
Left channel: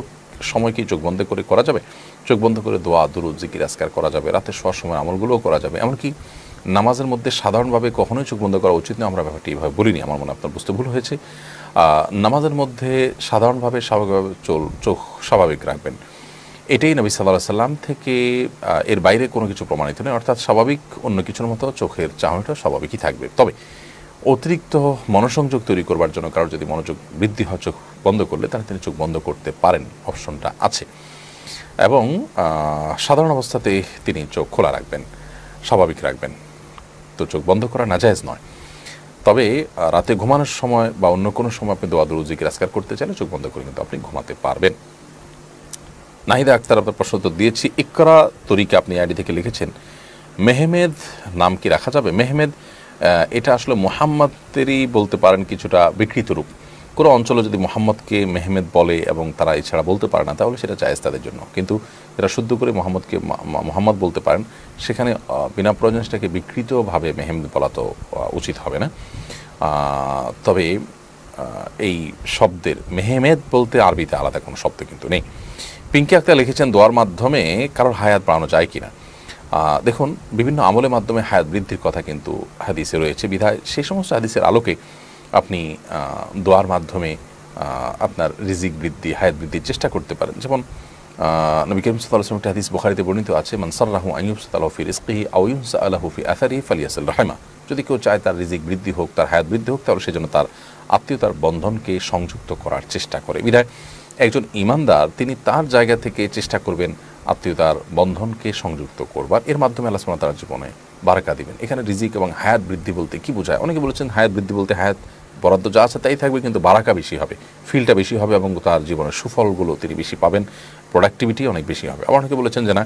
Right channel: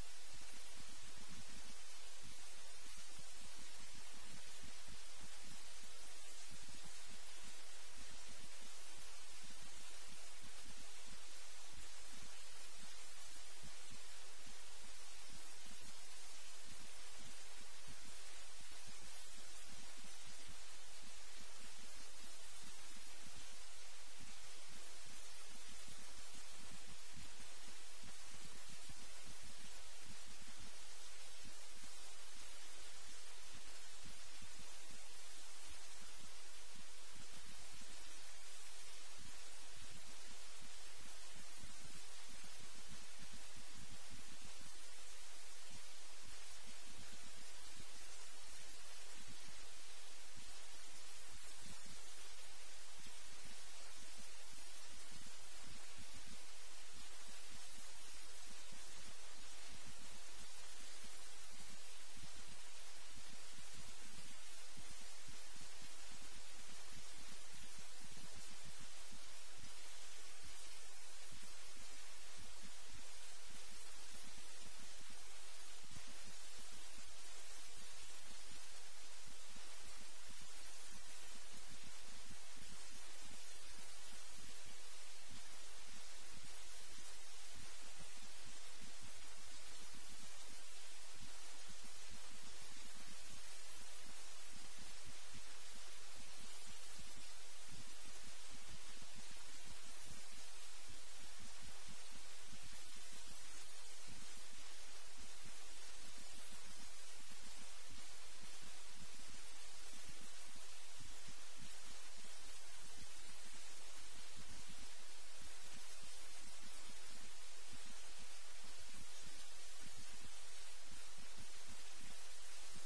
সময় কি চোখ বন্ধ করে করা যাবে? চোখ বন্ধ করে দোয়া, দুরূদ, জিকির, আজকার করা যাবে, রাতে শোয়ার সময় আমলগুলোও করা যাবে। এমনকি নামাজের মধ্যে সাধারণভাবে কখনোই চোখ বন্ধ করা উচিত নয়, আমরা ব্যাপারটি এইভাবে বলিনি। আমার মনে আপনার বুঝতে ভুল হয়েছে। নামাজের মধ্যে সাধারণভাবে স্বাভাবিকভাবে চোখ স্বাভাবিক রাখবেন, এটাই নবী সাল্লাল্লাহু আলাইহি সাল্লাম থেকে এর বাইরে কোনো কিছু প্রমাণিত নয়। অর্থাৎ স্বাভাবিক অন্য কিছুর মতো চোখের চাহনিটা স্বাভাবিকই থাকবে। তবে অতিরিক্ত মনোসংযোগ তৈরি করবার জন্য কারোর যদি মনোযোগ বৃদ্ধি হয় চোখ বন্ধ করলে, তাহলে তিনি চোখ বন্ধ করতে পারেন, অপশনটা আছে। এবং সাধারণ অবস্থাতে তিনি চোখ খোলা রাখবেন, স্বাভাবিক রাখবেন। তো চোখ বন্ধ করা নাজায়েজ নয়। তবে রাতে ঘুমানোর সময় বা অন্য কোনো সময় আপনি দোয়া, দুরূদ, জিকির, আজকার করতে চাইলে চোখ বন্ধ করে কিন্তু আপনি ঘুমাতে পারবেন। নাহিদা আক্তার, আপনার প্রশ্ন উত্তর দিয়েছি। ইকরা তরিকা, আপনি আইডি থেকে লিখেছেন, মেহমেদ নাম কি রাখা যাবে? মেহমেদ এটা আসলে মোহাম্মদেরই বলতে পারেন কিছুটা বিকৃত রূপ। কোনো অঞ্চলে যদি মোহাম্মদকে মেহমেদ বলে এবং তারা এছাড়া বলতে পারে না, তাহলে সেটা জায়েজ তাদের জন্য। কিন্তু এরা শুদ্ধ করে মোহাম্মদকে মোহাম্মদ বলতে পারেন, সেখানে বিনা প্রয়োজনে সেটাকে বিকৃতভাবে মেহমেদ বলা তো উচিত হবে না। তবে এই শব্দের মেহমেদ বলতে আরবিতে আলাদা কোনো শব্দ কিন্তু নেই। পিঙ্কি আক্তার লিখেছেন, দোয়ার মাধ্যমে কারোর হায়াত বাড়ানো যায় কিনা? দেখুন, বিভিন্ন আমলের মাধ্যমে হায়াত বৃদ্ধির কথা কিন্তু হাদিসে রয়েছে, বিধায় সেই সমস্ত হাদিসের আলোকে আপনি দোয়ার মাধ্যমে আপনার রিজিক বৃদ্ধি, হায়াত বৃদ্ধির চেষ্টা করতে পারেন। যেমন নবী করিম সাল্লাল্লাহু আলাইহি ওয়াসাল্লাম একটা হাদিস বুখারীতে বর্ণিত আছে, মান সাররাহু আন ইউবসাতাহু ফি রিজকিহি আও ইউনসাআলাহু ফি আসারিহি ফালিয়াসিল রাহিমা। যদি কেউ চায় তার রিজিক বৃদ্ধি হোক, তার হায়াত বৃদ্ধি হোক, তাহলে সেজন্য তার আত্মীয়তার বন্ধনকে সংযুক্ত করার চেষ্টা করে। বিধায় একজন ঈমানদার তিনি তার জায়গা থেকে চেষ্টা করবেন আত্মীয়তার বন্ধনকে সংযুক্ত করবার। এর মাধ্যমে আল্লাহ সুবহানাহু ওয়া তাআলা জীবনে বারাকা দিবেন। এখানে রিজিক এবং হায়াত বৃদ্ধি বলতে কি বোঝায়? অনেকে বলেছেন হায়াত বৃদ্ধি বলতে হায়াত বরাদ্দ যা আছে তাই থাকবে, কিন্তু বারাকা বেশি হবে, ফিলটা বেশি হবে, এবং তার জীবনের সুফলগুলো তিনি বেশি পাবেন, প্রোডাক্টিভিটি অনেক বেশি হবে। আবার অনেকে বলেছেন যে না,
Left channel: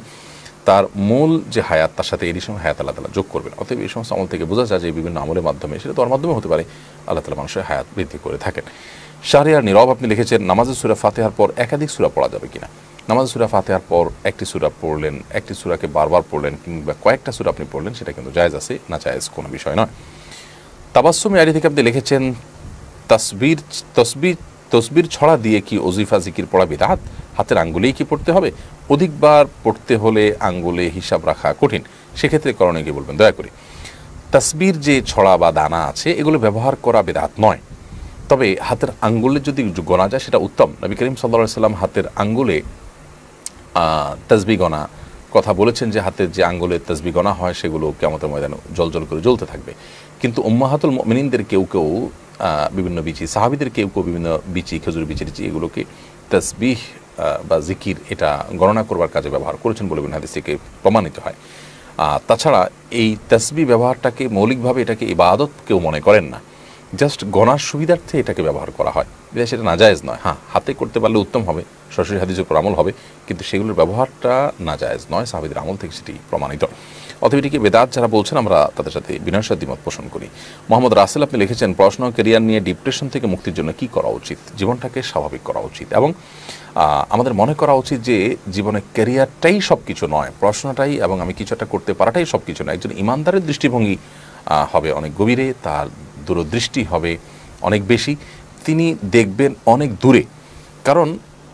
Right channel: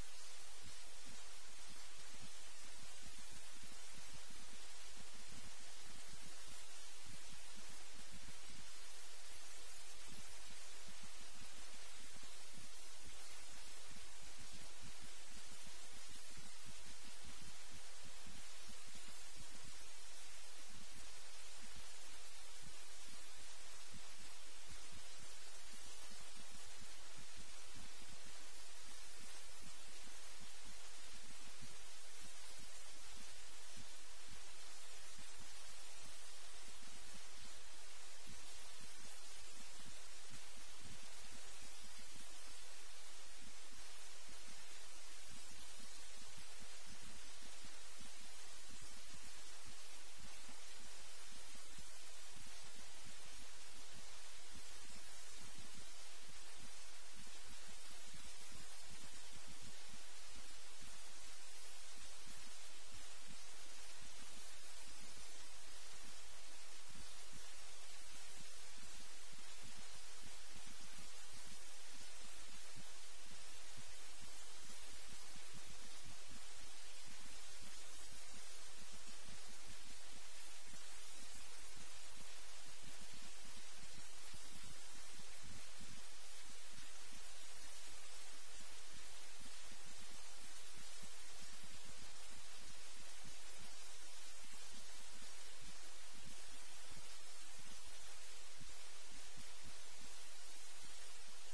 তার মূল যে হায়াত তার সাথে এডিশনাল হায়াত আল্লাহ তাআলা যোগ করবেন। অতএব এই সমস্ত আমল থেকে বোঝা যায় যে বিভিন্ন আমলের মাধ্যমে, সেটা তোর মাধ্যমে হতে পারে, আল্লাহ তাআলা মানুষের হায়াত বৃদ্ধি করে থাকেন। শাহরিয়ার নীরব, আপনি লিখেছেন, নামাজে সূরা ফাতিহার পর একাধিক সূরা পড়া যাবে কিনা? নামাজে সূরা ফাতিহার পর একটি সূরা পড়লেন, একটি সূরাকে বারবার পড়লেন, কিংবা কয়েকটা সূরা আপনি পড়লেন, সেটা কিন্তু জায়েজ আছে, না জায়েজ কোনো বিষয় নয়। তাবাসসুম আইডি থেকে আপনি লিখেছেন, তসবির ছড়া দিয়ে কি ওজিফা জিকির পড়া বিদআত? হাতের আঙ্গুলেই কি পড়তে হবে? অধিকবার পড়তে হলে আঙ্গুলে হিসাব রাখা কঠিন, সেক্ষেত্রে করণীয় কি বলবেন দয়া করে? তাসবির যে ছড়া বা দানা আছে এগুলো ব্যবহার করা বিদআত নয়, তবে হাতের আঙ্গুলে যদি গোনা যায় সেটা উত্তম। নবী করিম সাল্লাল্লাহু আলাইহি সাল্লাম হাতের আঙ্গুলে তাসবিহ গণা কথা বলেছেন, যে হাতের যে আঙ্গুলের তাসবিহ গণা হয় সেগুলো কিয়ামতের ময়দানে জ্বলজ্বল করে জ্বলতে থাকবে। কিন্তু উম্মাহাতুল মুমিনিনদের কেউ কেউ বিভিন্ন বিচি, সাহাবীদের কেউ কেউ বিভিন্ন বিচি, খেজুর বিচি এগুলোকে তাসবিহ বা জিকির এটা গণনা করবার কাজে ব্যবহার করেছেন বলে হাদিস থেকে প্রমাণিত হয়। তাছাড়া এই তাসবিহ ব্যবহারটাকে মৌলিকভাবে এটাকে ইবাদত কেউ মনে করেন না, জাস্ট গণার সুবিধার্থে এটাকে ব্যবহার করা হয়, সেটা নাজায়েজ নয়। হ্যাঁ, হাতে করতে পারলে উত্তম হবে, সরাসরি হাদিসের উপর আমল হবে, কিন্তু সেগুলোর ব্যবহারটা নাজায়েজ নয়, সাহাবীদের আমল থেকে সেটি প্রমাণিত। অতএব এটিকে বেদাত যারা বলছেন আমরা তাদের সাথে বিনয়ের সাথে দ্বিমত পোষণ করি। মোহাম্মদ রাসেল আপনি লিখেছেন, পড়াশোনা ক্যারিয়ার নিয়ে ডিপ্রেশন থেকে মুক্তির জন্য কি করা উচিত? জীবনটাকে স্বাভাবিক করা উচিত এবং আমাদের মনে করা উচিত যে জীবনে ক্যারিয়ারটাই সব কিছু নয়, পড়াশোনাটাই এবং আমি কিছু একটা করতে পারাটাই সব কিছু নয়। একজন ইমানদারের দৃষ্টিভঙ্গি হবে অনেক গভীরে, তার দূরদৃষ্টি হবে অনেক বেশি, তিনি দেখবেন অনেক দূরে। কারণ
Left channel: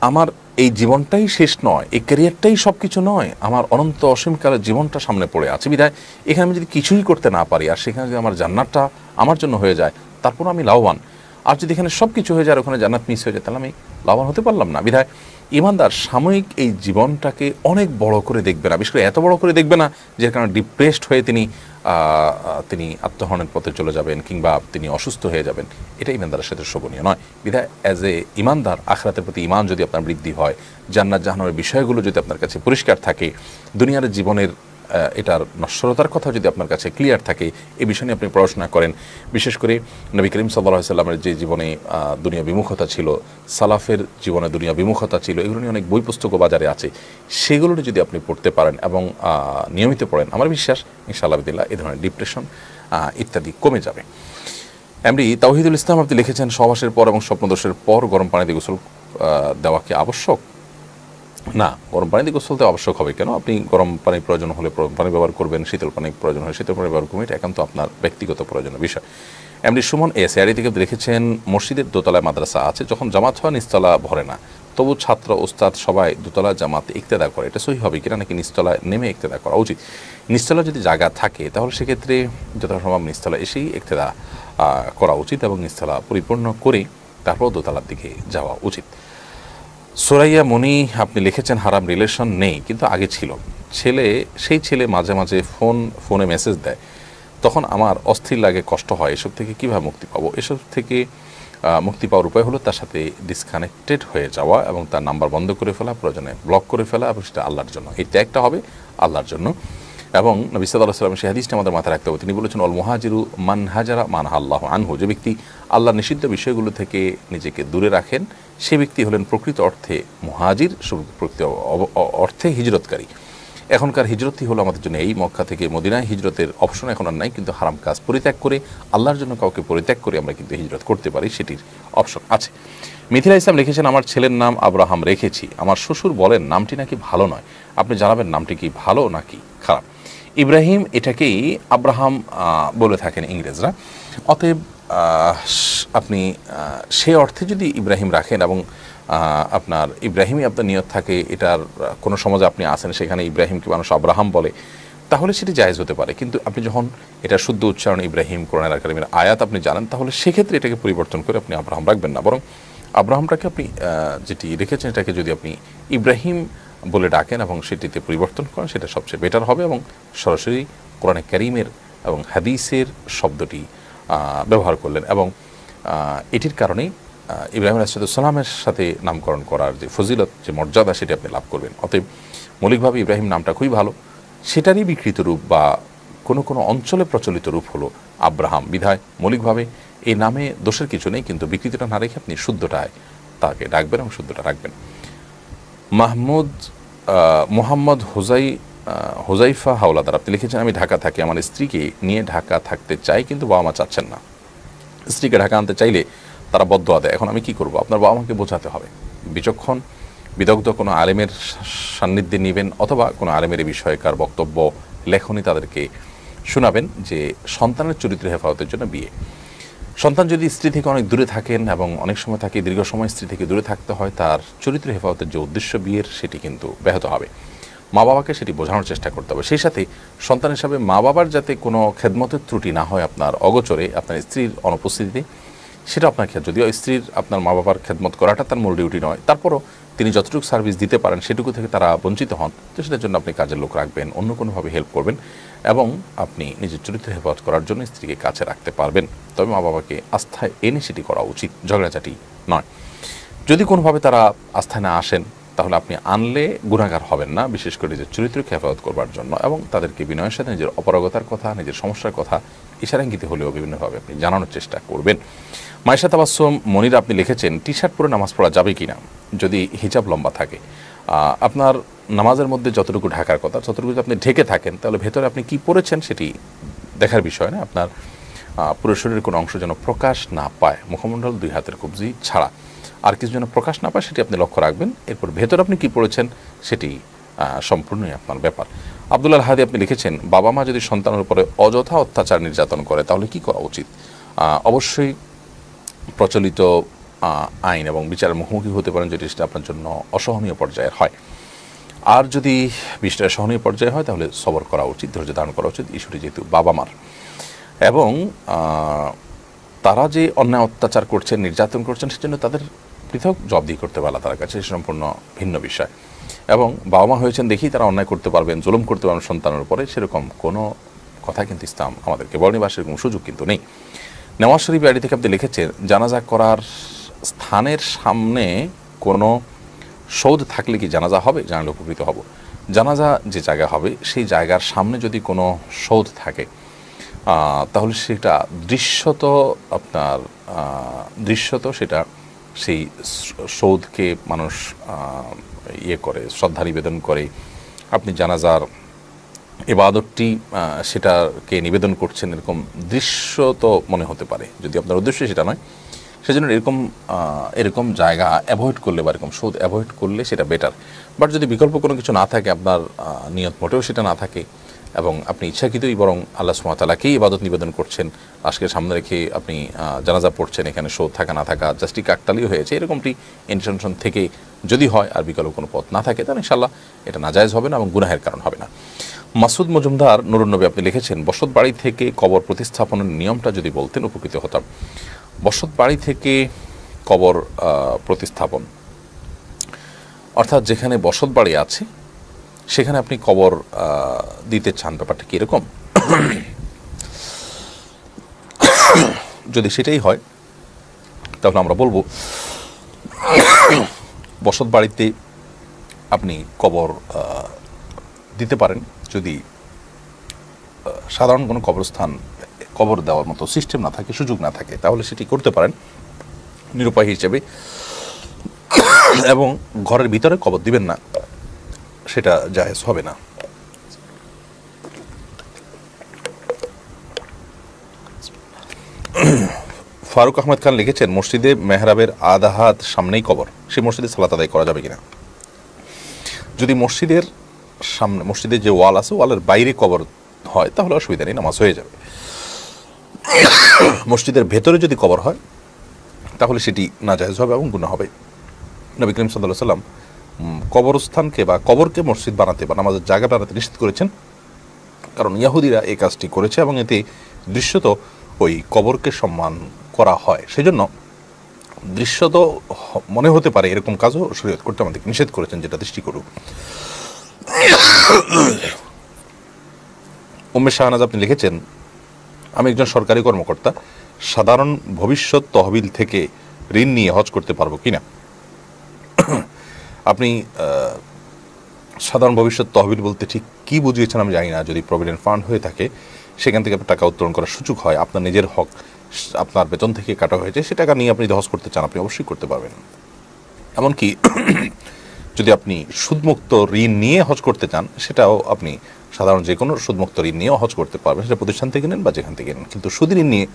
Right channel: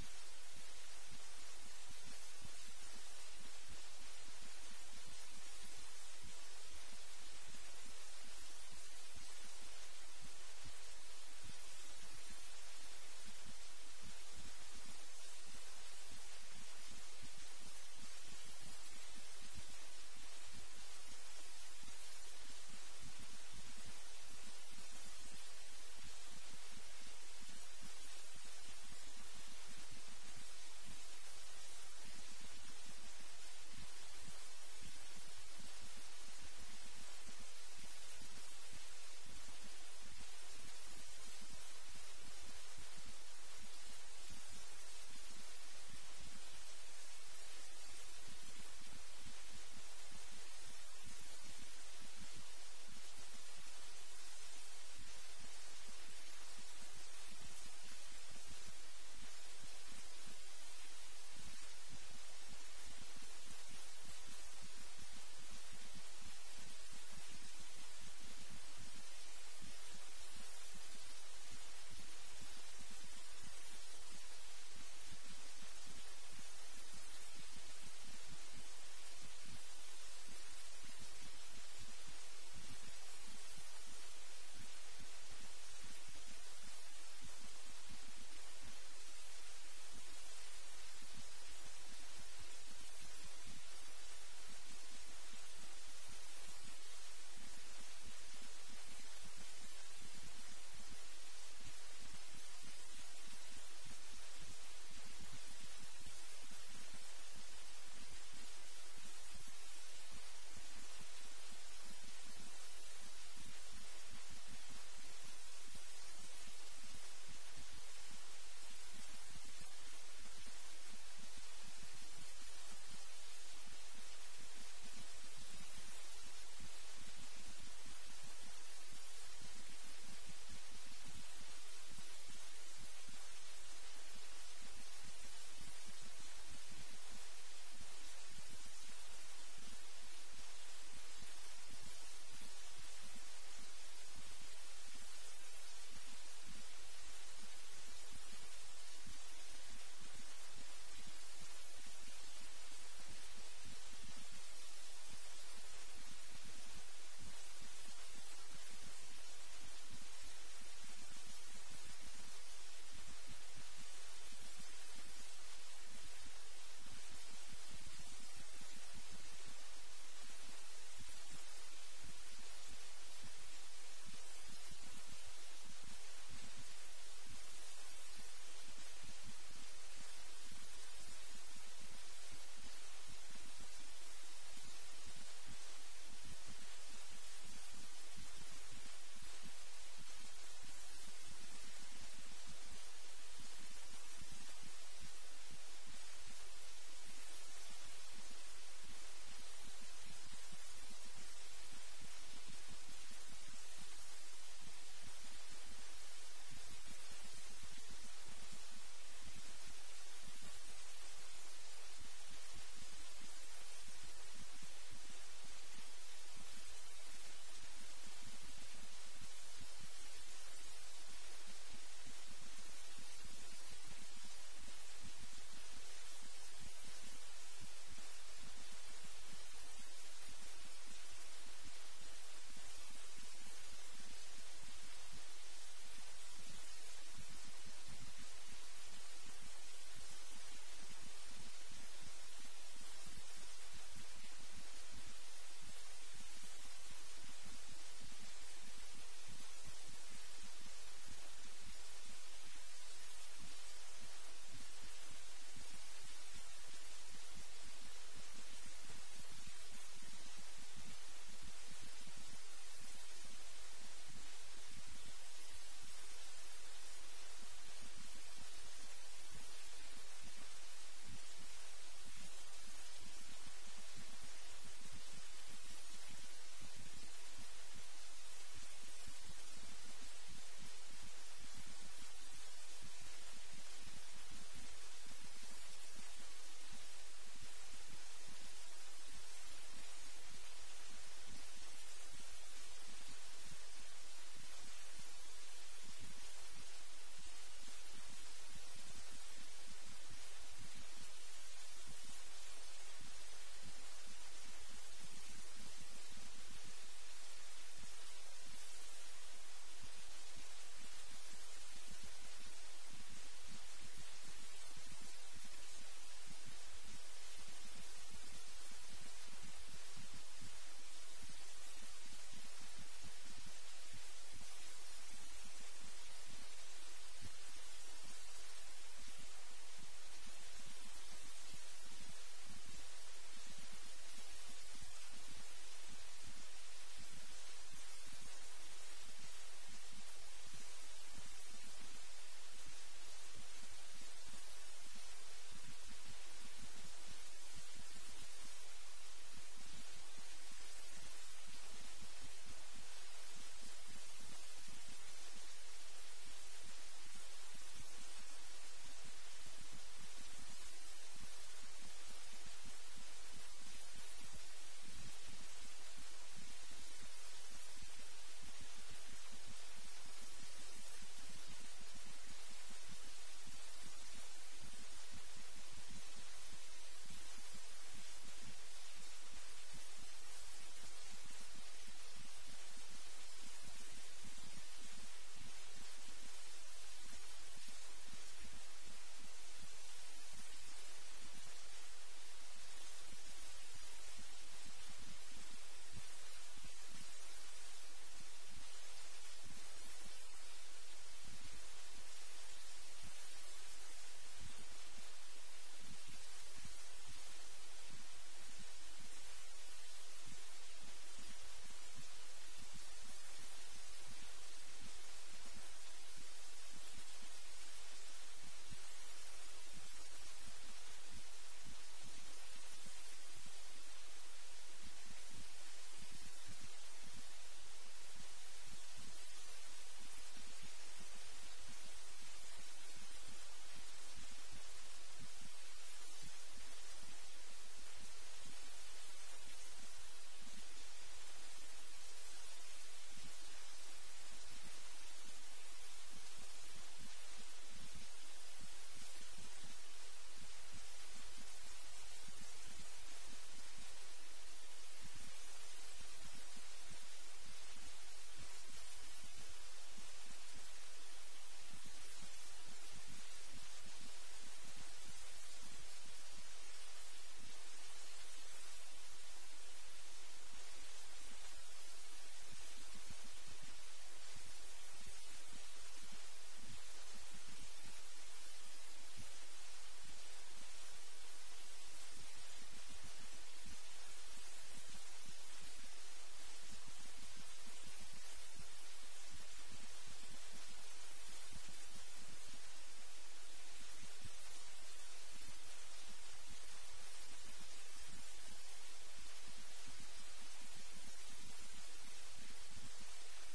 আমার এই জীবনটাই শেষ নয়, এই ক্যারিয়ারটাই সব কিছু নয়, আমার অনন্ত অসীমকালের জীবনটা সামনে পড়ে আছে। বিধায় এখানে আমি যদি কিছুই করতে না পারি আর সেখানে যদি আমার জান্নাতটা আমার জন্য হয়ে যায়, তারপর আমি লাভবান। আর যদি এখানে সব কিছু হয়ে যায় আর ওখানে জান্নাত মিস হয়ে যায়, তাহলে আমি লাভবান হতে পারলাম না। বিধায় ইমানদার সাময়িক এই জীবনটাকে অনেক বড় করে দেখবে না, বিশেষ করে এত বড় করে দেখবে না যে কারণে ডিপ্রেসড হয়ে তিনি আত্মহরণের পথে চলে যাবেন কিংবা তিনি অসুস্থ হয়ে যাবেন। এটা ইমানদারের সাথে শোভনীয় নয়। বিধায় অ্যাজ এ ইমানদার আখিরাতের প্রতি ইমান যদি আপনার বৃদ্ধি হয়, জান্নাত জাহান্নামের বিষয়গুলো যদি আপনার কাছে পরিষ্কার থাকে, দুনিয়ার জীবনের এটার নশ্বরতার কথা যদি আপনার কাছে ক্লিয়ার থাকে, এই বিষয় নিয়ে আপনি পড়াশোনা করেন। বিশেষ করে নবী করিম সাল্লাল্লাহু আলাইহি সাল্লামের যে জীবনে দুনিয়া বিমুখতা ছিল, সালাফের জীবনে দুনিয়া বিমুখতা ছিল, এগুলো নিয়ে অনেক বই পুস্তকও বাজারে আছে। সেগুলো যদি আপনি পড়তে পারেন এবং নিয়মিত পড়েন, আমার বিশ্বাস ইনশাআল্লাহ বিদিল্লাহ এই ধরনের ডিপ্রেশন ইত্যাদি কমে যাবে। এমডি তাওহিদুল ইসলাম আপনি লিখেছেন, সহবাসের পর এবং স্বপ্নদোষের পর গরম পানি দিয়ে গোসল দেওয়া কি আবশ্যক? না, গরম পানি দিয়ে গোসল দেওয়া আবশ্যক হবে কেন? আপনি গরম পানির প্রয়োজন হলে গরম পানি ব্যবহার করবেন, শীতল পানির প্রয়োজন হলে শীতল পানি ব্যবহার করবেন, এটা একান্ত আপনার ব্যক্তিগত প্রয়োজনীয় বিষয়। এমডি সুমন এসআরি থেকে লিখেছেন, মসজিদের দোতলায় মাদ্রাসা আছে, যখন জামাত হয় নিচতলা ভরে না, তবু ছাত্র ওস্তাদ সবাই দোতলা জামাতে ইক্তেদা করে, এটা সহি হবে কিনা, নাকি নিচতলায় নেমে ইক্তেদা করা উচিত? নিচতলা যদি জায়গা থাকে তাহলে সেক্ষেত্রে যতটা সম্ভব নিচতলা এসেই ইক্তেদা করা উচিত এবং নিচতলা পরিপূর্ণ করে তারপর দোতলার দিকে যাওয়া উচিত। সোরাইয়া মনি আপনি লিখেছেন, হারাম রিলেশন নেই কিন্তু আগে ছিল, সেই ছেলে মাঝে মাঝে ফোনে মেসেজ দেয়, তখন আমার অস্থির লাগে, কষ্ট হয়। এসব থেকে কীভাবে মুক্তি পাবো? এসব থেকে মুক্তি পাওয়ার উপায় হলো তার সাথে ডিসকানেক্টেড হয়ে যাওয়া এবং তার নাম্বার বন্ধ করে ফেলা, প্রয়োজনে ব্লক করে ফেলা, এবং সেটা আল্লাহর জন্য, এই ত্যাগটা হবে আল্লাহর জন্য। এবং নবী সাল্লাল্লাহু আলাইহি ওয়াসাল্লাম সেই হাদিসটা আমাদের মাথায় রাখতে হবে। তিনি বলেছেন, অল মুহাজিরু মান হাজারা মান আল্লাহু আনহু, যে ব্যক্তি আল্লাহর নিষিদ্ধ বিষয়গুলো থেকে নিজেকে দূরে রাখেন সে ব্যক্তি হলেন প্রকৃত অর্থে মুহাজির, প্রকৃত অর্থে হিজরতকারী। এখনকার হিজরতই হলো আমাদের জন্য এই মক্কা থেকে মদিনায় হিজরতের অপশন এখন আর নাই, কিন্তু হারাম কাজ পরিত্যাগ করে আল্লাহর জন্য কাউকে পরিত্যাগ করে আমরা কিন্তু হিজরত করতে পারি, সেটির অপশন আছে। মিথিলা ইসলাম লিখেছেন, আমার ছেলের নাম আব্রাহাম রেখেছি, আমার শ্বশুর বলেন নামটি নাকি ভালো নয়, আপনি জানাবেন নামটি কি ভালো নাকি খারাপ? ইব্রাহিম এটাকেই আব্রাহাম বলে থাকেন ইংরেজরা। অতএব আপনি সে অর্থে যদি ইব্রাহিম রাখেন এবং আপনার ইব্রাহিমই আপনার নিয়ত থাকে, এটার কোনো সমাজে আপনি আসেন সেখানে ইব্রাহিমকে মানুষ আব্রাহাম বলে, তাহলে সেটি জায়েজ হতে পারে। কিন্তু আপনি যখন এটা শুদ্ধ উচ্চারণ ইব্রাহিম কোরআন কারিমের আয়াত আপনি জানেন, তাহলে সেক্ষেত্রে এটাকে পরিবর্তন করে আপনি আব্রাহাম রাখবেন না, বরং আব্রাহামটাকে আপনি যেটি রেখেছেন এটাকে যদি আপনি ইব্রাহিম বলে ডাকেন এবং সেটিতে পরিবর্তন করেন, সেটা সবচেয়ে বেটার হবে এবং সরাসরি কোরআন কারিমের এবং হাদিসের শব্দটি ব্যবহার করলেন এবং এটির কারণেই ইব্রাহিম আলাইহিসসালামের সাথে নামকরণ করার যে ফজিলত, যে মর্যাদা, সেটি আপনি লাভ করবেন। অতএব মৌলিকভাবে ইব্রাহিম নামটা খুবই ভালো, সেটারই বিকৃত রূপ বা কোনো কোনো অঞ্চলে প্রচলিত রূপ হলো আব্রাহাম। বিধায় মৌলিকভাবে এই নামে দোষের কিছু নেই, কিন্তু বিকৃতিটা না রেখে আপনি শুদ্ধটায় তাকে ডাকবেন এবং শুদ্ধটা রাখবেন। মোহাম্মদ হোজাইফা হাওলাদার আপনি লিখেছেন, আমি ঢাকা থাকি, আমার স্ত্রীকে নিয়ে ঢাকা থাকতে চাই কিন্তু বাবা মা চাচ্ছেন না। স্ত্রীকে ঢাকা আনতে চাইলে তারা বদদোয়া দেয়, এখন আমি কি করব? আপনার বাবা মাকে বোঝাতে হবে, বিচক্ষণ বিদগ্ধ কোনো আলেমের সান্নিধ্যে নেবেন অথবা কোনো আলেমের এই বিষয়কার বক্তব্য লেখনী তাদেরকে শোনাবেন যে সন্তানের চরিত্র হেফাজতের জন্য বিয়ে। সন্তান যদি স্ত্রী থেকে অনেক দূরে থাকেন এবং অনেক সময় থাকে দীর্ঘ সময় স্ত্রী থেকে দূরে থাকতে হয়, তার চরিত্র হেফাজতের যে উদ্দেশ্য বিয়ের, সেটি কিন্তু ব্যাহত হবে। মা বাবাকে সেটি বোঝানোর চেষ্টা করতে হবে। সেই সাথে সন্তান হিসাবে মা বাবার যাতে কোনো খেদমতের ত্রুটি না হয় আপনার অগোচরে, আপনার স্ত্রীর অনুপস্থিতিতে, সেটা আপনার ক্ষেত্রে, যদিও স্ত্রীর আপনার মা বাবার খেদমত করাটা তার মূল ডিউটি নয়, তারপরও তিনি যতটুকু সার্ভিস দিতে পারেন সেটুকু থেকে তারা বঞ্চিত হন, তো সেটার জন্য আপনি কাজের লোক রাখবেন, অন্য কোনোভাবে হেল্প করবেন এবং আপনি নিজের চরিত্র হেফাজত করার জন্য স্ত্রীকে কাছে রাখতে পারবেন। তবে মা বাবাকে আস্থায় এনে সেটি করা উচিত, ঝগড়াঝাটি নয়। যদি কোনোভাবে তারা আস্থায় না আসেন, তাহলে আপনি আনলে গুনাহগার হবেন না, বিশেষ করে নিজের চরিত্রকে হেফাজত করবার জন্য, এবং তাদেরকে বিনয়ের সাথে নিজের অপারগতার কথা, নিজের সমস্যার কথা ইশারাঙ্গিতে হলেও বিভিন্নভাবে আপনি জানানোর চেষ্টা করবেন। মাইশা তাবাসসুম মনিরা আপনি লিখেছেন, টি শার্ট পরে নামাজ পড়া যাবে কিনা যদি হিজাব লম্বা থাকে? আপনার নামাজের মধ্যে যতটুকু ঢাকার কথা ততটুকু যদি আপনি ঢেকে থাকেন, তাহলে ভেতরে আপনি কি পড়েছেন সেটি দেখার বিষয় না। আপনার পুরো শরীরের কোনো অংশ যেন প্রকাশ না পায়, মুখমণ্ডল, দুই হাতের কবজি ছাড়া আর কিছু যেন প্রকাশ না পায়, সেটি আপনি লক্ষ্য রাখবেন। এরপর ভেতরে আপনি কি পড়েছেন সেটি সম্পূর্ণই আপনার ব্যাপার। আব্দুল্লাহ হাদি আপনি লিখেছেন, বাবা মা যদি সন্তানের উপরে অযথা অত্যাচার নির্যাতন করে তাহলে কি করা উচিত? অবশ্যই প্রচলিত আইন এবং বিচারের মুখোমুখি হতে পারেন যদি সেটা আপনার জন্য অসহনীয় পর্যায়ের হয়। আর যদি বিষয়টা সহনীয় পর্যায়ে হয় তাহলে সবর করা উচিত, ধৈর্য ধারণ করা উচিত। ইস্যুটি যেহেতু বাবা মার, এবং তারা যে অন্যায় অত্যাচার করছেন, নির্যাতন করছেন, সেজন্য তাদের পৃথক জবাবদিহি করতে পারা তার কাছে সম্পূর্ণ ভিন্ন বিষয়। এবং বাবা মা হয়েছেন দেখি তারা অন্যায় করতে পারবেন, জুলুম করতে পারবেন সন্তানের উপরে, সেরকম কোনো কথা কিন্তু ইসলাম আমাদেরকে বলেনি বা সেরকম সুযোগ কিন্তু নেই। নেওয়াজ শরীফ আইডি থেকে আপনি লিখেছেন, জানাজা করার স্থানের সামনে কোনো সৌধ থাকলে কি জানাজা হবে? জানালে উপকৃত হব। জানাজা যে জায়গা হবে সেই জায়গার সামনে যদি কোনো সৌধ থাকে তাহলে সেটা দৃশ্যত সেটা সেই সৌধকে মানুষ করে, শ্রদ্ধা নিবেদন করে। আপনি জানাজার ইবাদতটি সেটাকে নিবেদন করছেন, এরকম দৃশ্য তো মনে হতে পারে। যদি আপনার উদ্দেশ্য সেটা নয়, সেজন্য এরকম জায়গা অ্যাভয়েড করলে বা এরকম সৌধ অ্যাভয়েড করলে সেটা বেটার। বাট যদি বিকল্প কোনো কিছু না থাকে, আপনার নিয়ত মোটেও সেটা না থাকে, এবং আপনি ইচ্ছাকৃতই বরং আল্লাহ সুবহানাহু ওয়া তাআলাকেই ইবাদত নিবেদন করছেন, আজকে সামনে রেখে আপনি জানাজা পড়ছেন, এখানে সৌধ থাকা না থাকা জাস্টই কাকতালীয় হয়েছে, এরকমটি ইন্টেনশন থেকে যদি হয় আর বিকল্প কোনো পথ না থাকে, তাহলে ইনশাআল্লাহ এটা নাজায়েজ হবে না এবং গুনাহের কারণ হবে না। মাসুদ মজুমদার নুরুন নবী আপনি লিখেছেন, বসত বাড়ি থেকে কবর প্রতিস্থাপনের নিয়মটা যদি বলতেন উপকৃত হতাম। বসত বাড়ি থেকে কবর প্রতিস্থাপন অর্থাৎ যেখানে বসত বাড়ি আছে সেখানে আপনি কবর দিতে চান, ব্যাপারটা কি এরকম? যদি সেটাই হয় তাহলে আমরা বলবো বসত বাড়িতে আপনি কবর দিতে পারেন যদি সাধারণ কোনো কবরস্থান কবর দেওয়ার মতো সিস্টেম না থাকে, সুযোগ না থাকে, তাহলে সেটি করতে পারেন নিরুপায় হিসেবে। এবং ঘরের ভিতরে কবর দিবেন না, সেটা জায়েজ হবে না। ফারুক আহমেদ খান লিখেছেন, মসজিদে মেহরাবের আধা হাত সামনেই কবর, সেই মসজিদে সালাত আদায় করা যাবে কিনা? যদি মসজিদের সামনে, মসজিদের যে ওয়াল আছে ওয়ালের বাইরে কবর হয় তাহলে অসুবিধা নেই, নামাজ হয়ে যাবে। মসজিদের ভেতরে যদি কবর হয় তাহলে সেটি নাজায়েজ হবে এবং গুনাহ হবে। নবী করিম সাল্লাল্লাহু আলাইহি ওয়াসাল্লাম কবরস্থানকে বা কবরকে মসজিদ বানাতে বা নামাজের জায়গা বানাতে নিষেধ করেছেন, কারণ ইহুদিরা এই কাজটি করেছে এবং এতে দৃশ্যত ওই কবরকে সম্মান করা হয়। সেজন্য দৃশ্যত মনে হতে পারে এরকম কাজও শরীয়ত করতে আমাদেরকে নিষেধ করেছেন, যেটা দৃষ্টিকটু। উম্মে শাহনাজ আপনি লিখেছেন, আমি একজন সরকারি কর্মকর্তা, সাধারণ ভবিষ্যৎ তহবিল থেকে ঋণ নিয়ে হজ করতে পারবো কিনা? আপনি সাধারণ ভবিষ্যৎ তহবিল বলতে ঠিক কি বুঝিয়েছেন আমি জানি না। যদি প্রভিডেন্ট ফান্ড হয়ে থাকে সেখান থেকে টাকা উত্তোলন করার সুযোগ হয়, আপনার নিজের হক আপনার বেতন থেকে কাটা হয়েছে, সে টাকা নিয়ে আপনি যদি হজ করতে চান আপনি অবশ্যই করতে পারবেন। এমনকি যদি আপনি সুদমুক্ত ঋণ নিয়ে হজ করতে চান সেটাও আপনি সাধারণ যে কোনো সুদমুক্ত ঋণ নিয়েও হজ করতে পারবেন, সেটা প্রতিষ্ঠান থেকে নেন বা যেখান থেকে নেন। কিন্তু সুদ ঋণ নিয়ে